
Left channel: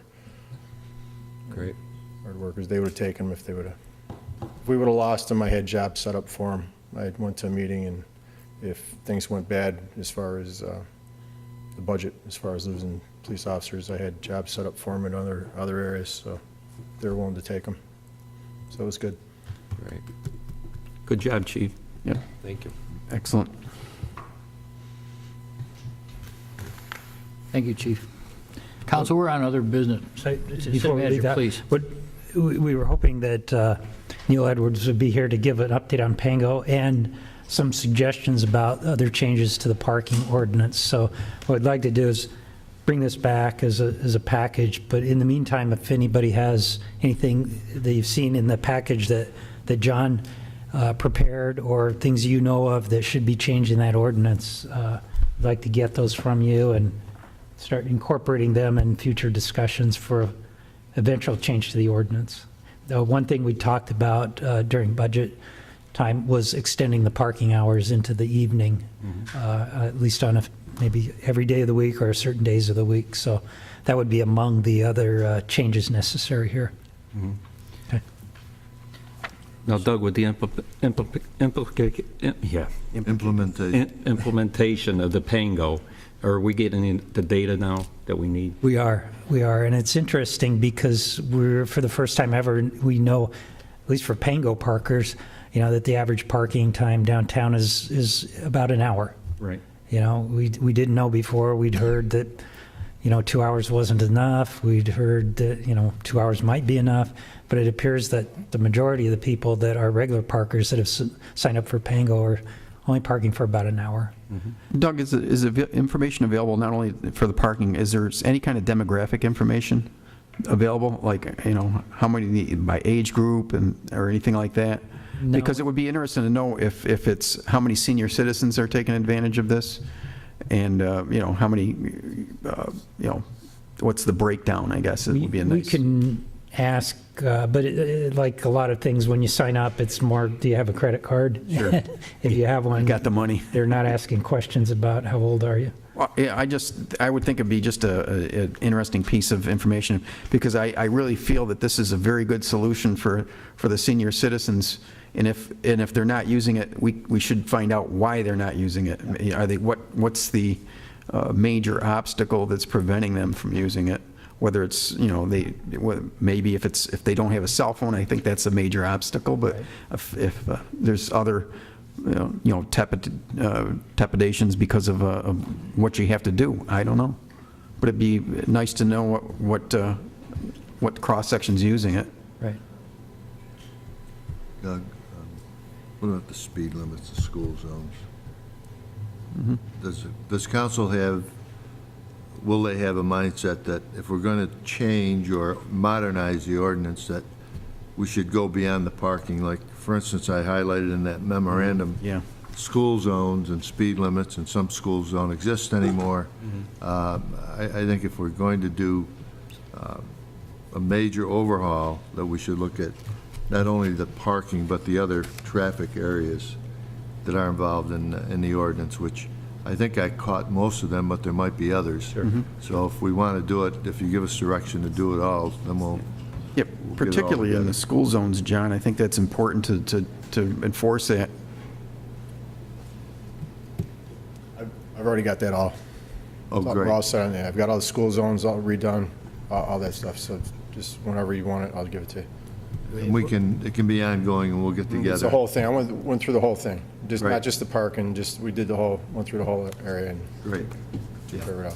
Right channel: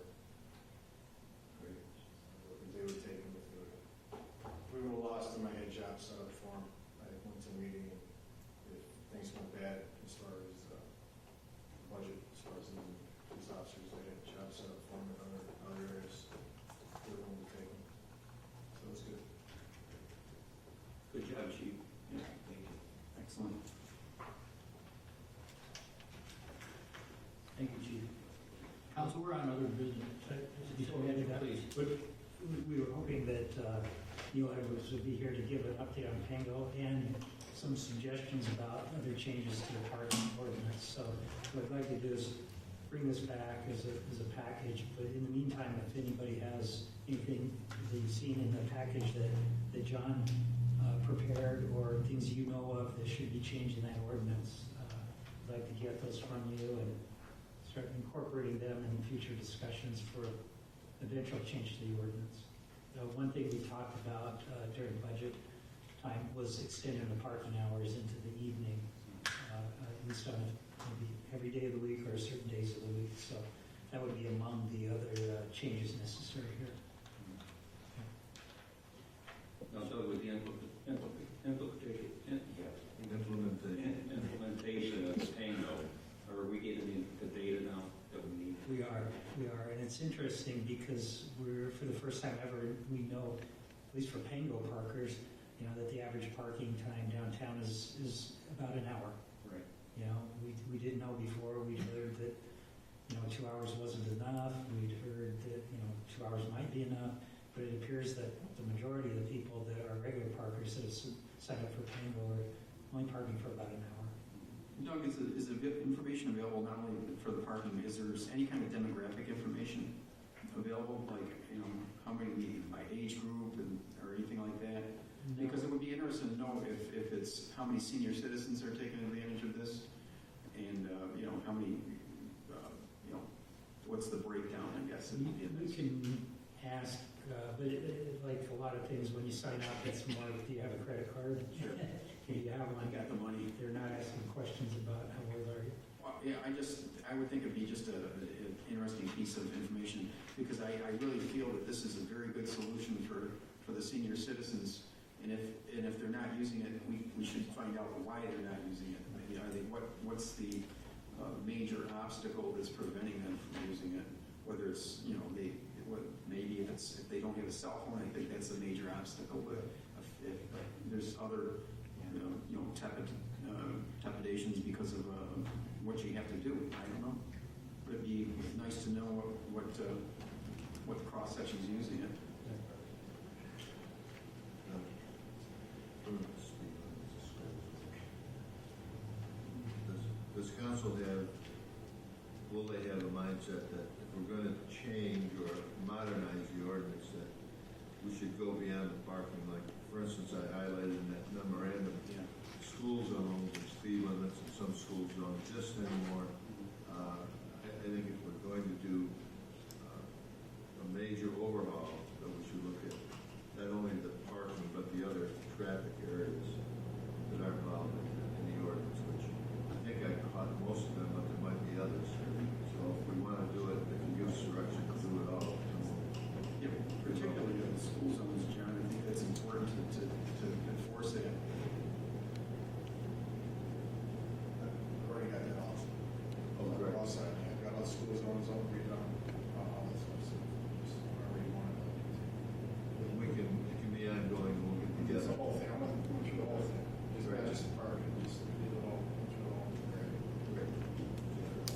Great. Hard workers. They would have taken them if we would have lost them. I had jobs set up for them. I went to a meeting, and if things went bad as far as the budget, as far as losing police officers, I had jobs set up for them in other areas, so they were willing to take them. So it was good. Great. Good job, Chief. Yep, Thank you. excellent. Thank you, Chief. Council, we're on other business. Before City we leave Manager, that, please. we were hoping that Neil Edwards would be here to give an update on Pango and some suggestions about other changes to the parking ordinance. So what I'd like to do is bring this back as a package, but in the meantime, if anybody has anything that you've seen in the package that John prepared, or things you know of that should be changed in that ordinance, I'd like to get those from you and start incorporating them in future discussions for eventual change to the ordinance. One thing we talked about during budget time was extending the parking hours into the evening, at least on maybe every day of the week or certain days of the week. So that would be among the other changes necessary here. Okay. Now, Doug, with the implementation of the Pango, are we getting the data now that we need? We are, and it's interesting because for the first time ever, we know, at least for Pango parkers, that the average parking time downtown is about an hour. Right. We didn't know before. We'd heard that, 2 hours wasn't enough. We'd heard that, 2 hours might be enough, but it appears that the majority of the people that are regular parkers that have signed up for Pango are only parking for about an hour. Doug, is information available not only for the parking, is there any kind of demographic information available? Like, how many by age group or anything like that? No. Because it would be interesting to know if it's how many senior citizens are taking advantage of this, and, how many, what's the breakdown, I guess, it would be a nice. We can ask, but like a lot of things, when you sign up, it's more, do you have a credit card? Sure. If you have one. Got the money. They're not asking questions about how old are you. Well, yeah, I would think it'd be just an interesting piece of information, because I really feel that this is a very good solution for the senior citizens. And if they're not using it, we should find out why they're not using it. Are they, what's the major obstacle that's preventing them from using it? Whether it's, maybe if they don't have a cell phone, I think that's a major obstacle. But if there's other, trepidations because of what you have to do, I don't know. But it'd be nice to know what cross section's using it. Right. Doug, what about the speed limits, the school zones? Does council will they have a mindset that if we're going to change or modernize the ordinance, that we should go beyond the parking? Like, for instance, I highlighted in that memorandum, Yeah. school zones and speed limits, and some schools don't exist anymore. I think if we're going to do a major overhaul, that we should look at not only the parking, but the other traffic areas that are involved in the ordinance, which I think I caught most of them, but there might be others. Sure. So if we want to do it, if you give us direction to do it all, then we'll. Yep, particularly in the school zones, John, I think that's important to enforce that. I've already got that all. Oh, We're great. all set on that. I've got all the school zones all redone, all that stuff. So just whenever you want it, I'll give it to you. And it can be ongoing, and we'll get It's the together. whole thing. I went through the whole thing, Right. not just the park, and we did went through the whole area and Great. figured it out.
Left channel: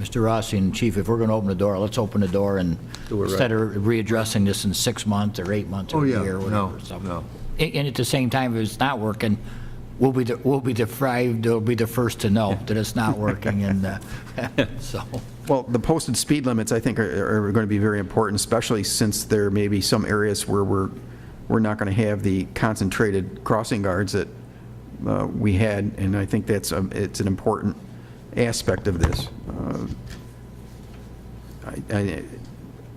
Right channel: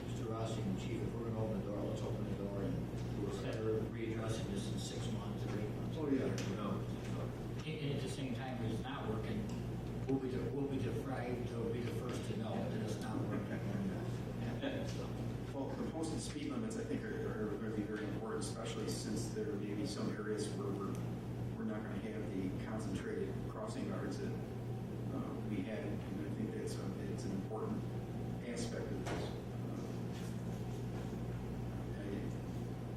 Mr. Rossi and Chief, if we're going to open the door, let's open the door and Do it right. instead of readdressing this in 6 months or 8 months Oh, or a yeah. year or whatever. No, so. no. And at the same time, if it's not working, we'll be the first to know that it's not working, and so. Well, the posted speed limits, I think, are going to be very important, especially since there may be some areas where we're not going to have the concentrated crossing guards that we had, and I think it's an important aspect of this.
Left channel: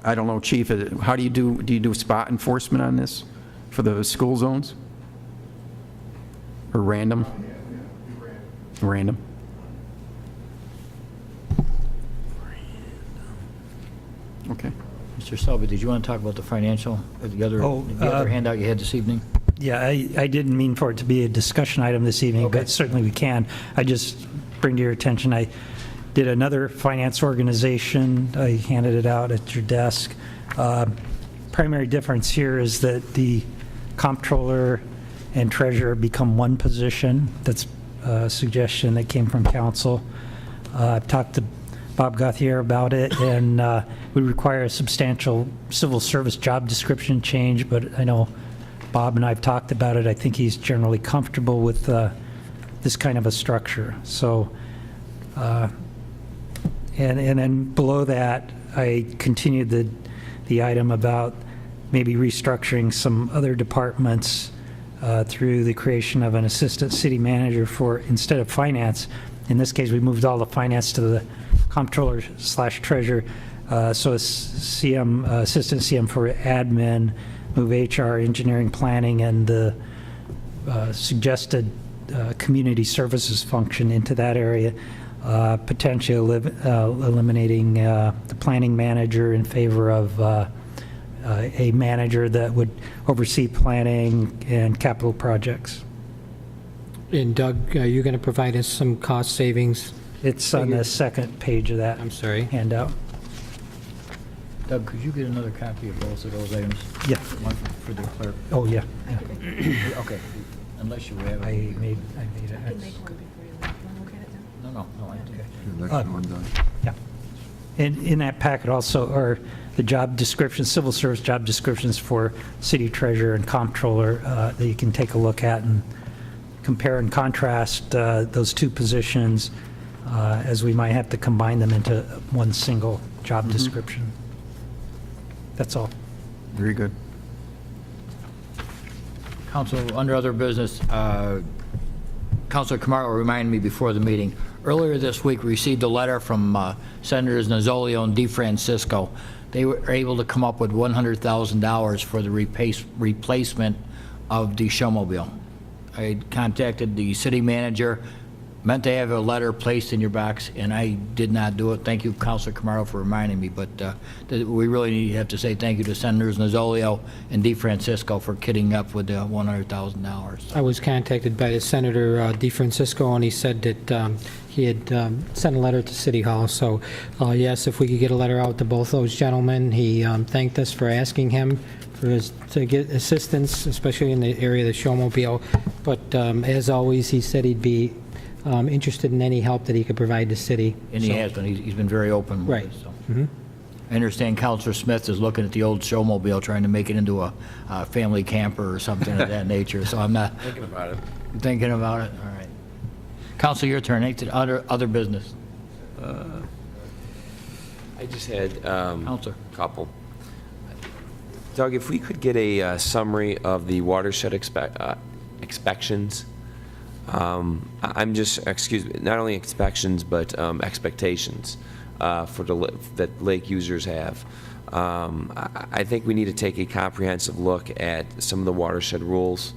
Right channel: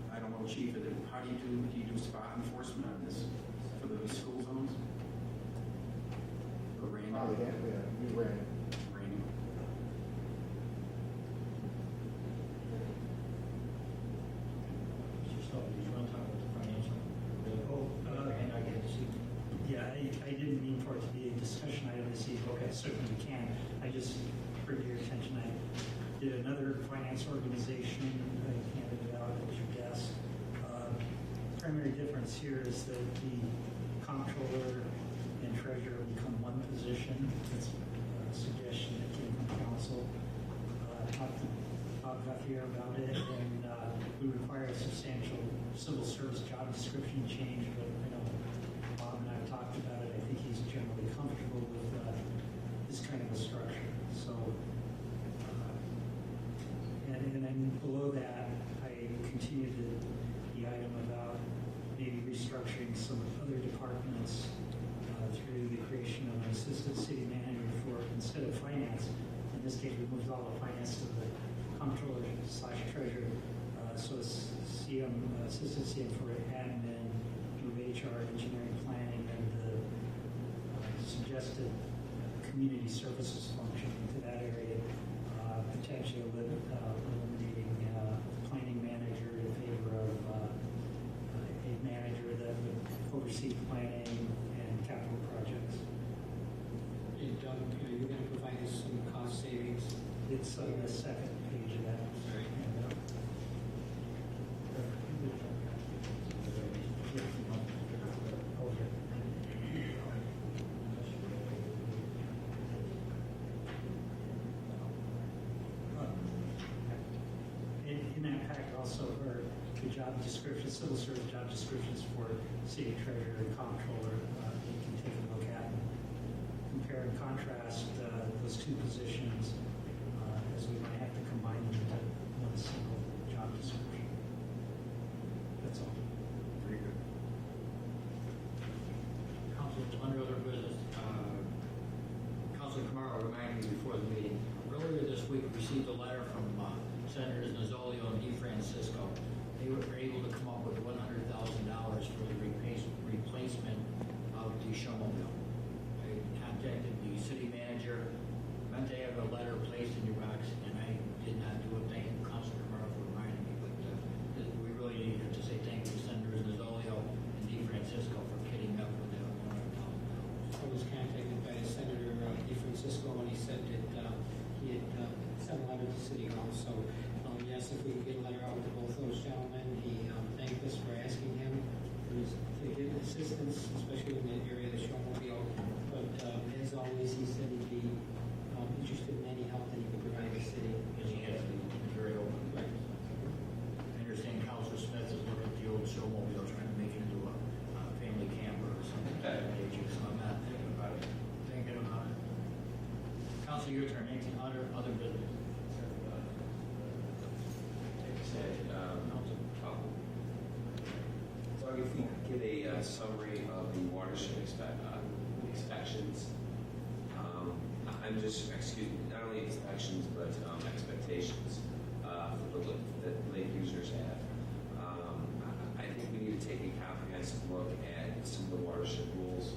I don't know, Chief, how do you do spot enforcement on this for the school zones? Or random? Random. Okay. Mr. Selby, did you want to talk about the financial, or the other handout you had this evening? Yeah, I didn't mean for it to be a discussion item this evening, Okay. but certainly we can. I just bring to your attention, I did another finance organization. I handed it out at your desk. Primary difference here is that the comptroller and treasurer become one position. That's a suggestion that came from council. I've talked to Bob Gauthier about it, and we require a substantial civil service job description change, but I know Bob and I have talked about it. I think he's generally comfortable with this kind of a structure. So, and then below that, I continued the item about maybe restructuring some other departments through the creation of an assistant city manager for, instead of finance. In this case, we moved all the finance to the comptroller/treasurer. So CM, assistant CM for admin, move HR, engineering, planning, and the suggested community services function into that area, potentially eliminating the planning manager in favor of a manager that would oversee planning and capital projects. And Doug, are you going to provide us some cost savings? It's on the second page of that I'm sorry. handout. Doug, could you get another copy of both of those items? Yeah. One for the clerk. Oh, yeah. Okay, unless you have. I made it. No, I think. Next one done. Yeah. And in that packet also are the job descriptions, civil service job descriptions for city treasurer and comptroller that you can take a look at and compare and contrast those two positions as we might have to combine them into one single job description. That's all. Very good. Council, under other business, Councilor Camargo reminded me before the meeting, earlier this week, we received a letter from Senators Nozzolio and DeFrancisco. They were able to come up with $100,000 for the replacement of the showmobile. I contacted the city manager, meant to have a letter placed in your box, and I did not do it. Thank you, Councilor Camargo, for reminding me, but we really have to say thank you to Senators Nozzolio and DeFrancisco for kitting up with the $100,000. I was contacted by the Senator DeFrancisco, and he said that he had sent a letter to City Hall. So, yes, if we could get a letter out to both those gentlemen. He thanked us for asking him to get assistance, especially in the area of the showmobile. But as always, he said he'd be interested in any help that he could provide the city. And he has been, he's been very open with Right. it, so. I understand Councilor Smith is looking at the old showmobile, trying to make it into a family camper or something of that nature, so I'm not. Thinking about it. Thinking about it, all right. Council, your turn, other business. I just had a Counselor. couple. Doug, if we could get a summary of the watershed inspections. I'm just, excuse me, not only inspections, but expectations that lake users have. I think we need to take a comprehensive look at some of the watershed rules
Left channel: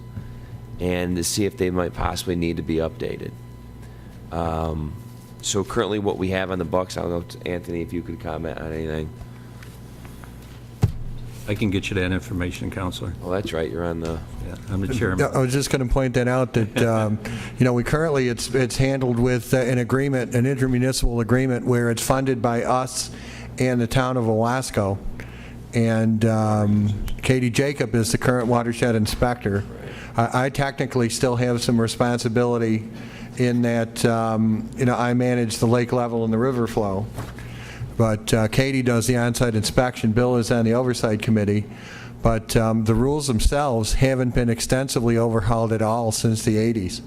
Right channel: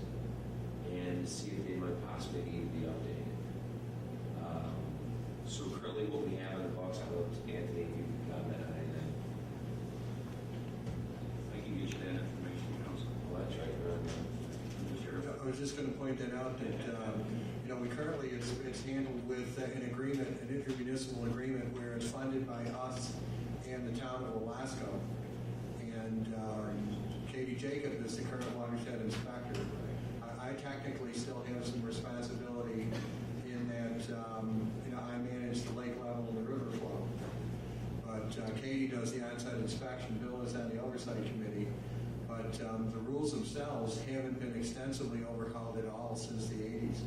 and to see if they might possibly need to be updated. So currently what we have on the books, I'll go to Anthony if you could comment on anything. I can get you that information, Counselor. Oh, that's right, you're on the... Yeah, I'm the chairman. I was just going to point that out, that, we currently, it's handled with an agreement, an intermunicipal agreement, where it's funded by us and the town of Owasco. and Katie Jacob is the current watershed inspector. I technically still have some responsibility in that, I manage the lake level and the river flow. But Katie does the on-site inspection. Bill is on the oversight committee. But the rules themselves haven't been extensively overhauled at all since the 80s.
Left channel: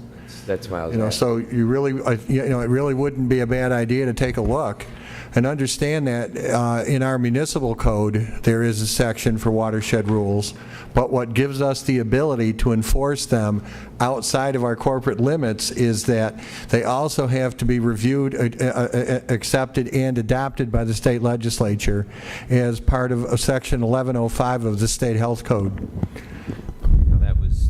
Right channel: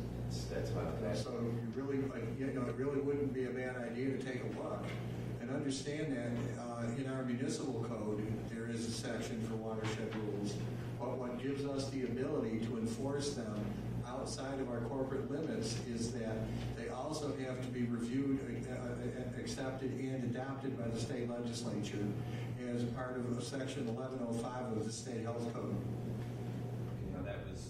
That's why I was asking. So you really, it really wouldn't be a bad idea to take a look and understand that in our municipal code, there is a section for watershed rules, but what gives us the ability to enforce them outside of our corporate limits is that they also have to be reviewed, accepted, and adopted by the state legislature as part of Section 1105 of the State Health Code. That was,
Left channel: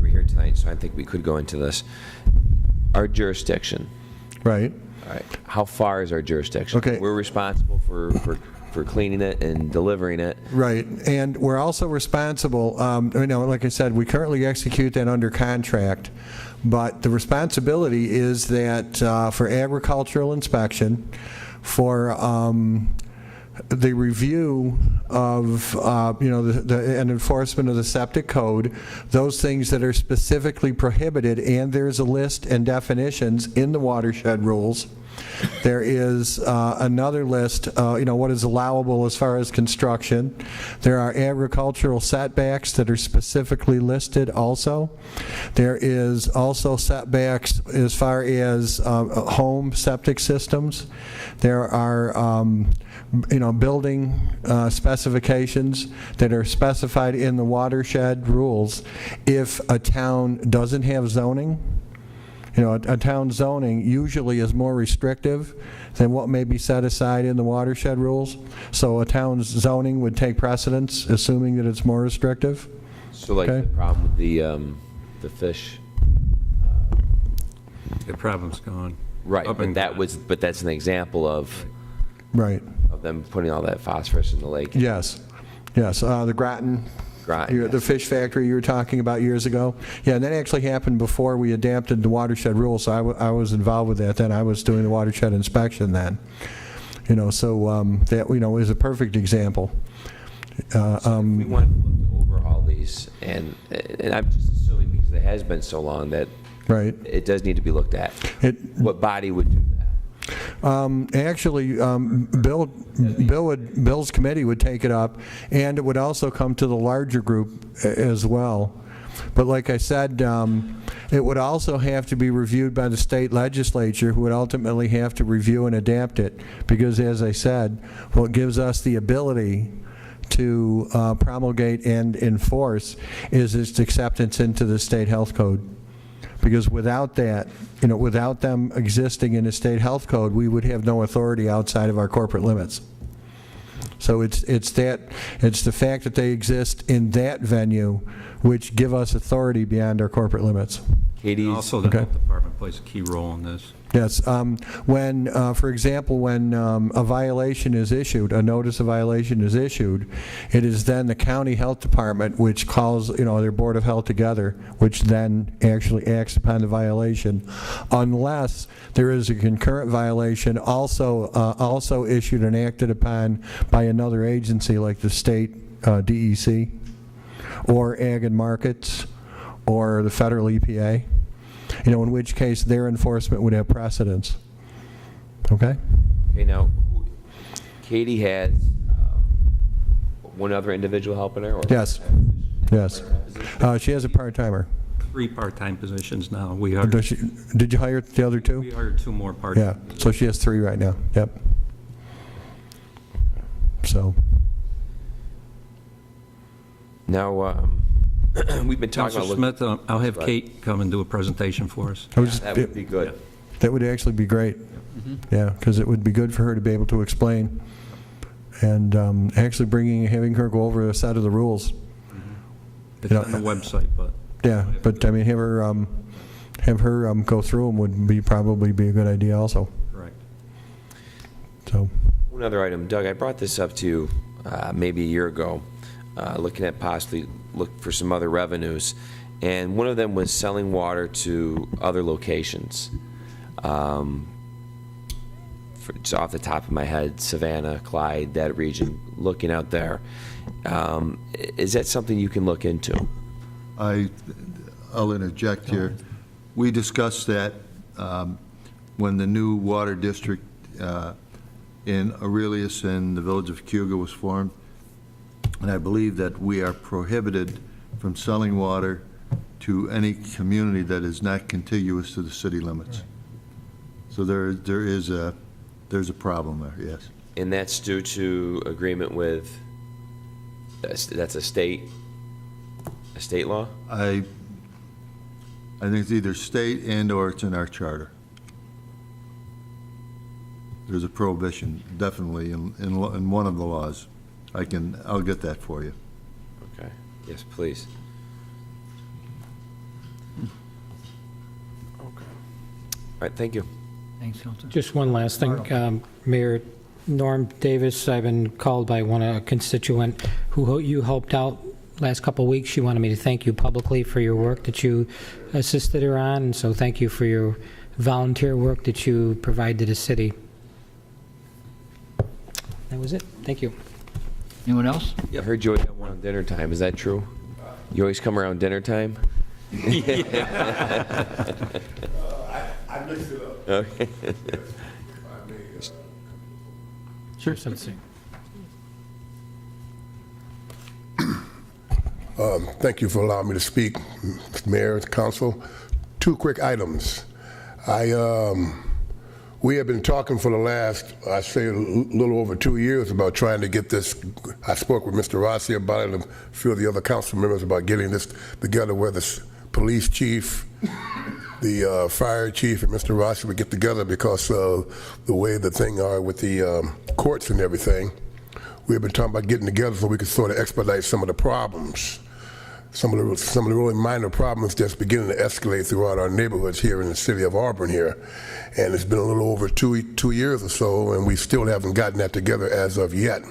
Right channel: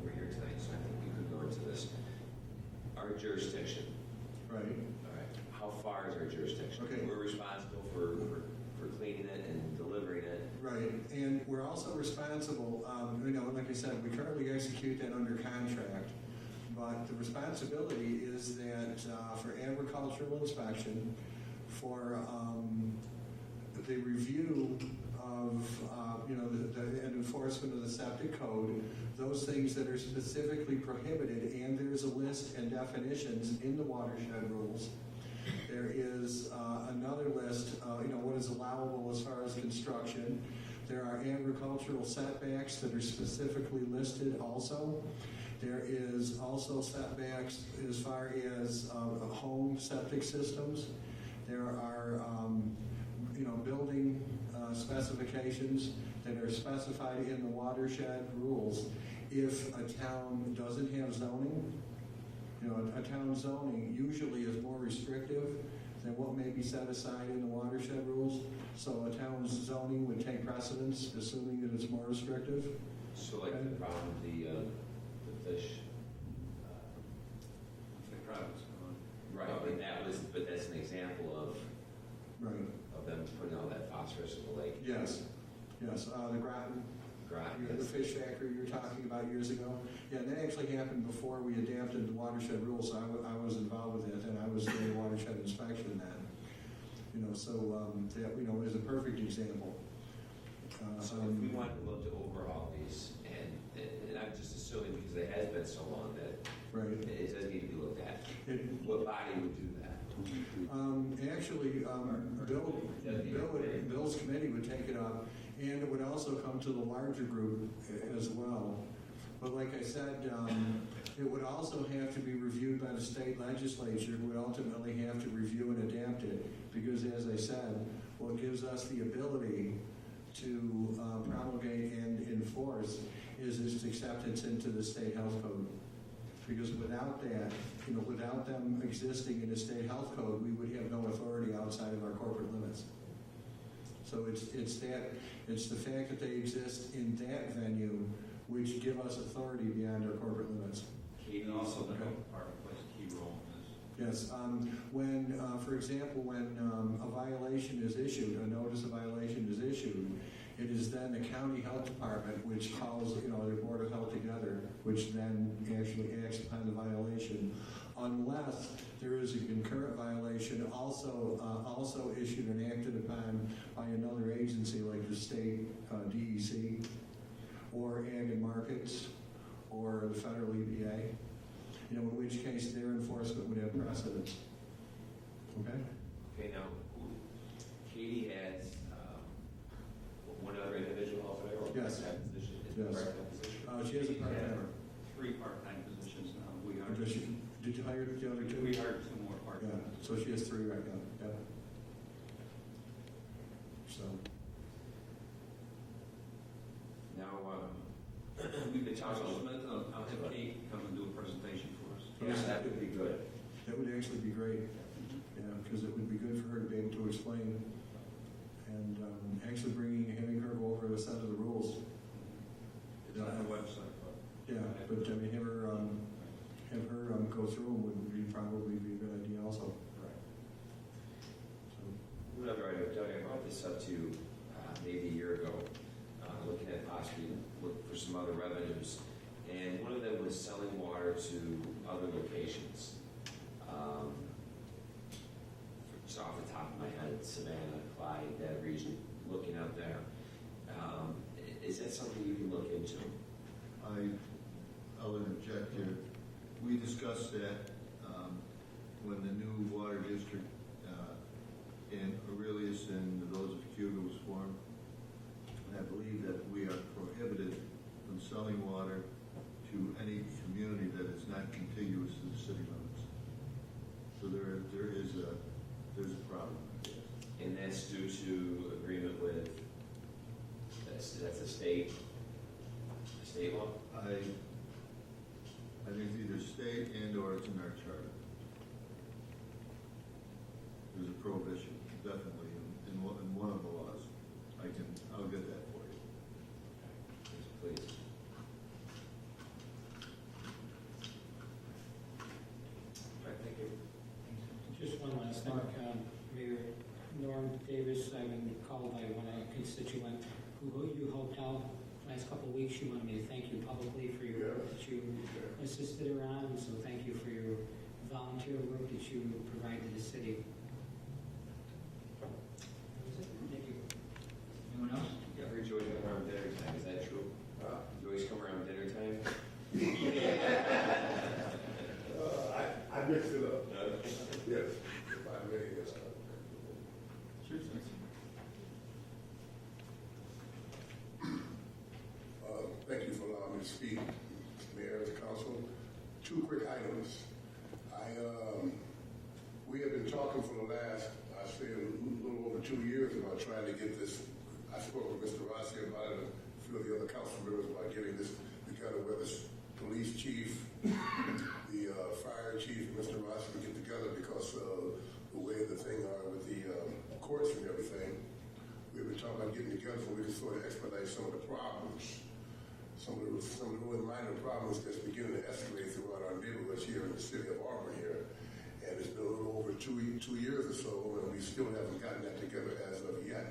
we're here tonight, so I think we could go into this. Our jurisdiction. Right. All right. How far is our jurisdiction? Okay. We're responsible for cleaning it and delivering it. Right, and we're also responsible, like I said, we currently execute that under contract, but the responsibility is that for agricultural inspection, for the review of, and enforcement of the septic code, those things that are specifically prohibited, and there's a list and definitions in the watershed rules. There is another list, what is allowable as far as construction. There are agricultural setbacks that are specifically listed also. There is also setbacks as far as home septic systems. There are building specifications that are specified in the watershed rules. If a town doesn't have zoning, a town zoning usually is more restrictive than what may be set aside in the watershed rules. So a town's zoning would take precedence, assuming that it's more restrictive. So like Okay. the problem with the fish. The problem's gone. Right, Up but and- but that's an example of Right. them putting all that phosphorus in the lake. Yes. Yes. The Groton, Groton, the fish factory you were talking about years ago. Yeah, and that actually happened before we adapted the watershed rules. So I was involved with that then. I was doing the watershed inspection then. So that is a perfect example. We want to overhaul these, and I'm just assuming because it has been so long that Right. it does need to be looked at. What body would do that? Actually, Bill's committee would take it up, and it would also come to the larger group as well. But like I said, it would also have to be reviewed by the state legislature, who would ultimately have to review and adapt it, because as I said, what gives us the ability to promulgate and enforce is its acceptance into the state health code. Because without that, without them existing in the state health code, we would have no authority outside of our corporate limits. So it's the fact that they exist in that venue which give us authority beyond our corporate limits. Katie's. Also, the Okay. health department plays a key role in this. Yes, for example, when a violation is issued, a notice of violation is issued, it is then the county health department which calls, their board of health together, which then actually acts upon the violation, unless there is a concurrent violation also issued and acted upon by another agency like the state DEC, or Ag and Markets, or the federal EPA. In which case their enforcement would have precedence. Okay? Okay, now, Katie had one other individual helping her? Or Yes. Yes. She has a part-timer. 3 part-time positions now. We Did you hire the other two? hired 2 more part-time. Yeah, so she has 3 right now. Yep. So, Now, we've been talking Counselor about. Smith, I'll have Right. Kate come and do a presentation for us. That would be good. that would actually be great. Yeah, because it would be good for her to be able to explain. And actually having her go over a set of the rules. It's on the website, but Yeah, but I mean, have her go through them would probably be a good idea also. correct. So, One other item, Doug, I brought this up to you maybe a year ago, looking at possibly look for some other revenues. And one of them was selling water to other locations. just off the top of my head, Savannah, Clyde, that region, looking out there. Is that something you can look into? I'll interject here. We discussed that when the new water district in Aurelius and the village of Cuga was formed. And I believe that we are prohibited from selling water to any community that is not contiguous to the city limits. So there's a problem there, yes. And that's due to agreement with, that's a state law? I think it's either state and/or it's in our charter. There's a prohibition, definitely, in one of the laws. I'll get that for you. Okay, yes, please. All right, thank you. Thanks, Counselor. Just one last thing. Mayor Norm Davis, I've been called by a constituent who you helped out last couple of weeks. She wanted me to thank you publicly for your work that you assisted her on, and so thank you for your volunteer work that you provide to the city. That was it. Thank you. Anyone else? I heard you always come around dinner time. Is that true? You always come around dinner time? I mixed it up. Okay. Sure. Something. Thank you for allowing me to speak, Mr. Mayor, Council. 2 quick items. We have been talking for the last, I say, a little over 2 years about trying to get this. I spoke with Mr. Rossi about it and a few of the other council members about getting this together, where the police chief, the fire chief, and Mr. Rossi would get together, because of the way the thing are with the courts and everything. We've been talking about getting together so we could sort of expedite some of the problems. Some of the really minor problems just beginning to escalate throughout our neighborhoods here in the city of Auburn here. And it's been a little over 2 years or so, and we still haven't gotten that together as of yet.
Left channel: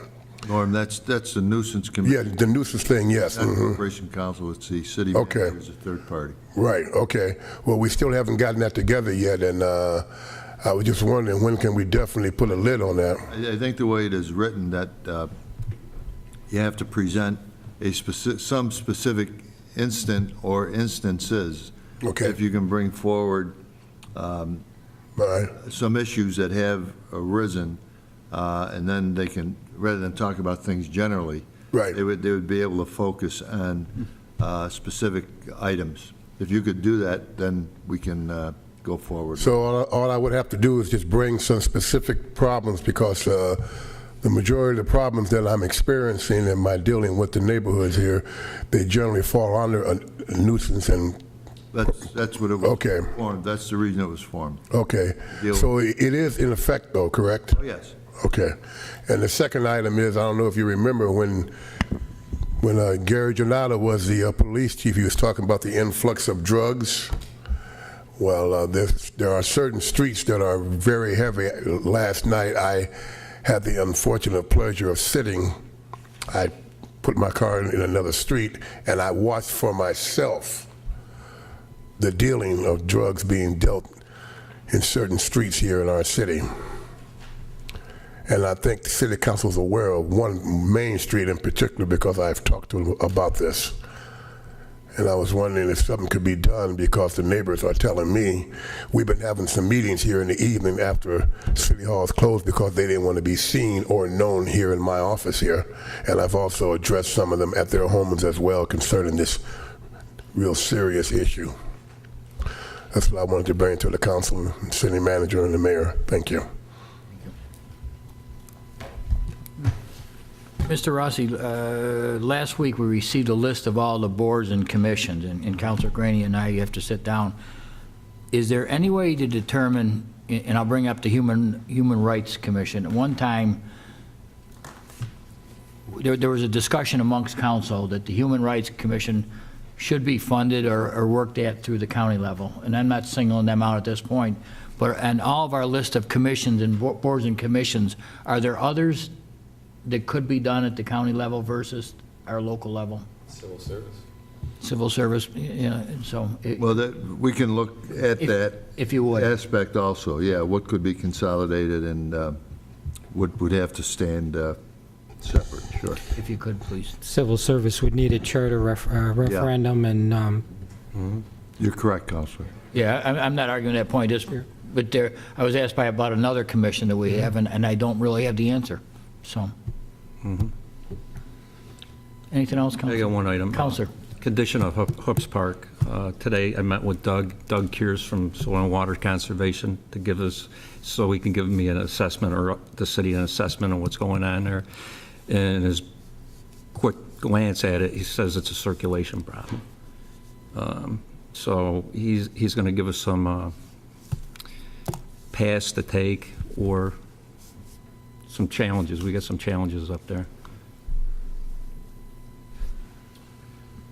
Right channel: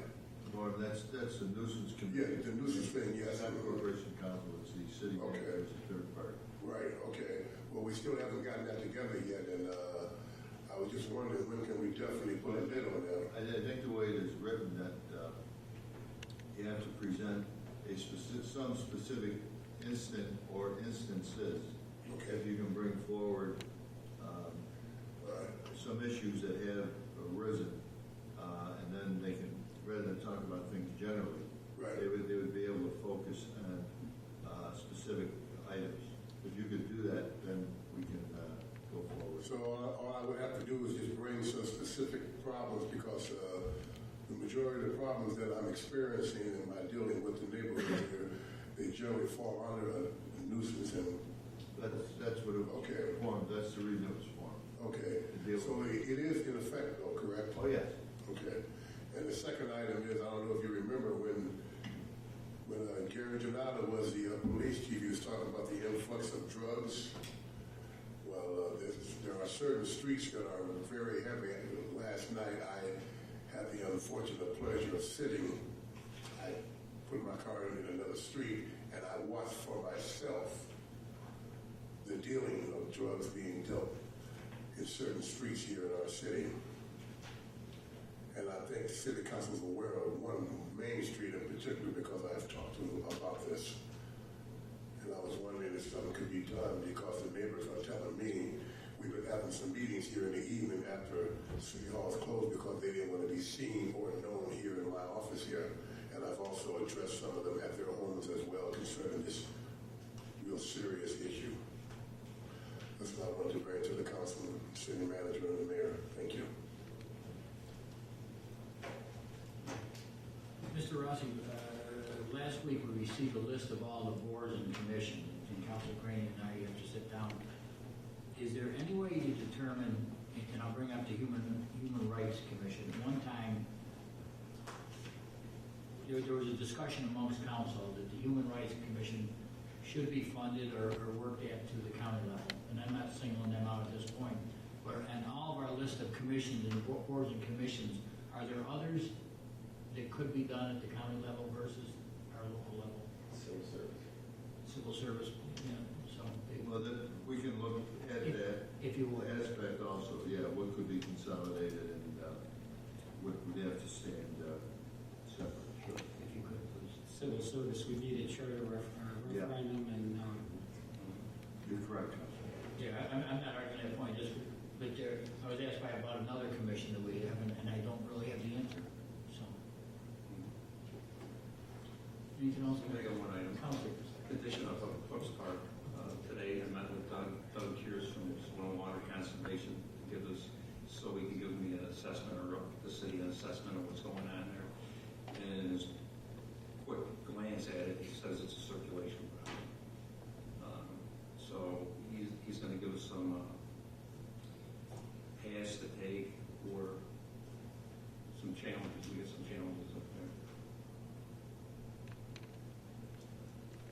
Norm, that's the nuisance committee. Yeah, the nuisance thing, yes. Not Corporation Council, it's the city Okay. manager as a third party. Right, okay. Well, we still haven't gotten that together yet, and I was just wondering, when can we definitely put a lid on that? I think the way it is written, that you have to present some specific instant or instances. Okay. If you can bring forward Right. some issues that have arisen, and then they can, rather than talk about things generally, Right. they would be able to focus on specific items. If you could do that, then we can go forward. So all I would have to do is just bring some specific problems, because the majority of the problems that I'm experiencing in my dealing with the neighborhoods here, they generally fall under a nuisance. And That's what it was Okay. formed. That's the reason it was formed. okay, Deal- so it is in effect though, correct? Oh, yes. Okay. And the second item is, I don't know if you remember when Gary Janata was the police chief, he was talking about the influx of drugs. Well, there are certain streets that are very heavy. Last night, I had the unfortunate pleasure of sitting. I put my car in another street, and I watched for myself the dealing of drugs being dealt in certain streets here in our city. And I think the city council is aware of one main street in particular, because I've talked to them about this. And I was wondering if something could be done, because the neighbors are telling me, we've been having some meetings here in the evening after City Hall is closed, because they didn't want to be seen or known here in my office here. And I've also addressed some of them at their homes as well concerning this real serious issue. That's what I wanted to bring to the council, city manager, and the mayor. Thank you. Mr. Rossi, last week we received a list of all the boards and commissions, and Councilor Graney and I have to sit down. Is there any way to determine, and I'll bring up the Human Rights Commission. At one time, there was a discussion amongst council that the Human Rights Commission should be funded or worked at through the county level. And I'm not singling them out at this point, but on all of our list of commissions and boards and commissions, are there others that could be done at the county level versus our local level? Civil service. civil service, you know, so. Well, we can look at that If you would. aspect also, yeah, what could be consolidated and what would have to stand separate, sure. If you could, please. Civil service would need a charter referendum, and You're correct, Counselor. Yeah, I'm not arguing that point, but there, I was asked by about another commission that we have, and I don't really have the answer, so. Anything else, Counselor? I got one item. Counselor. Condition of Hoops Park. Today, I met with Doug Kears from Soil and Water Conservation to give us, so he can give me an assessment, or the city an assessment of what's going on there. And his quick glance at it, he says it's a circulation problem. So he's going to give us some paths to take or some challenges. We got some challenges up there.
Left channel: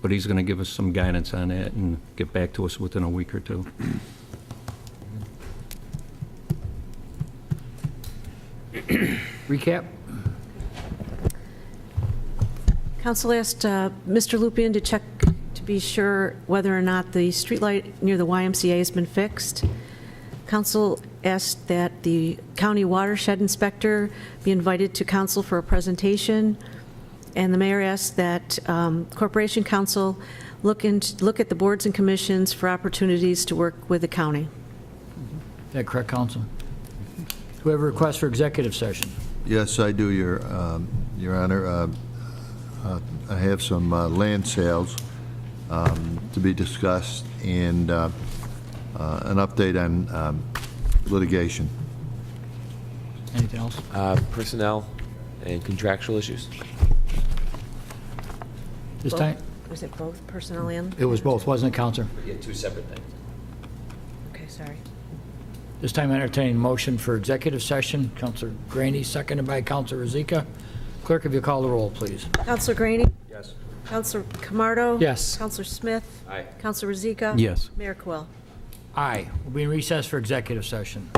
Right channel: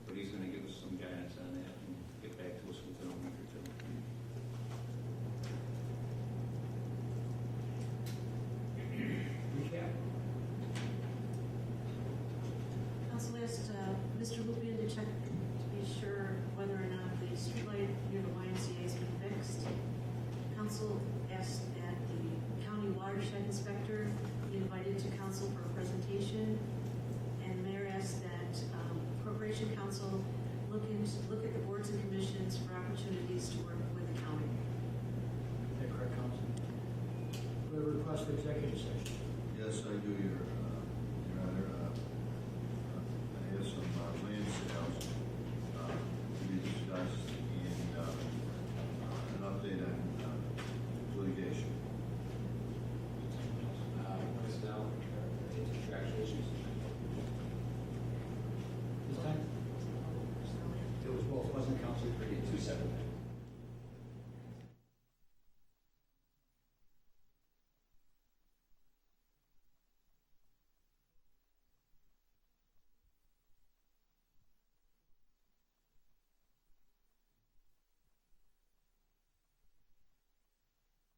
But he's going to give us some guidance on that and get back to us within a week or two. Recap? Council asked Mr. Lupien to check to be sure whether or not the streetlight near the YMCA has been fixed. Council asked that the county watershed inspector be invited to council for a presentation. And the mayor asked that Corporation Council look at the boards and commissions for opportunities to work with the county. Is that correct, Counsel? Do we have a request for executive session? Yes, I do, Your Honor. I have some land sales to be discussed and an update on litigation. Anything else? Personnel and contractual issues. This time? Was it both personnel and? It was both, wasn't it, Counselor? Yeah, two separate things. Okay, sorry. This time entertaining motion for executive session. Counselor Graney, seconded by Counselor Rozika. Clerk, if you call the roll, please. Counselor Graney? Yes. Counselor Camardo? Yes. Counselor Smith? Aye. Counselor Rozika? Yes. Mayor Quill? Aye. We'll be in recess for executive session.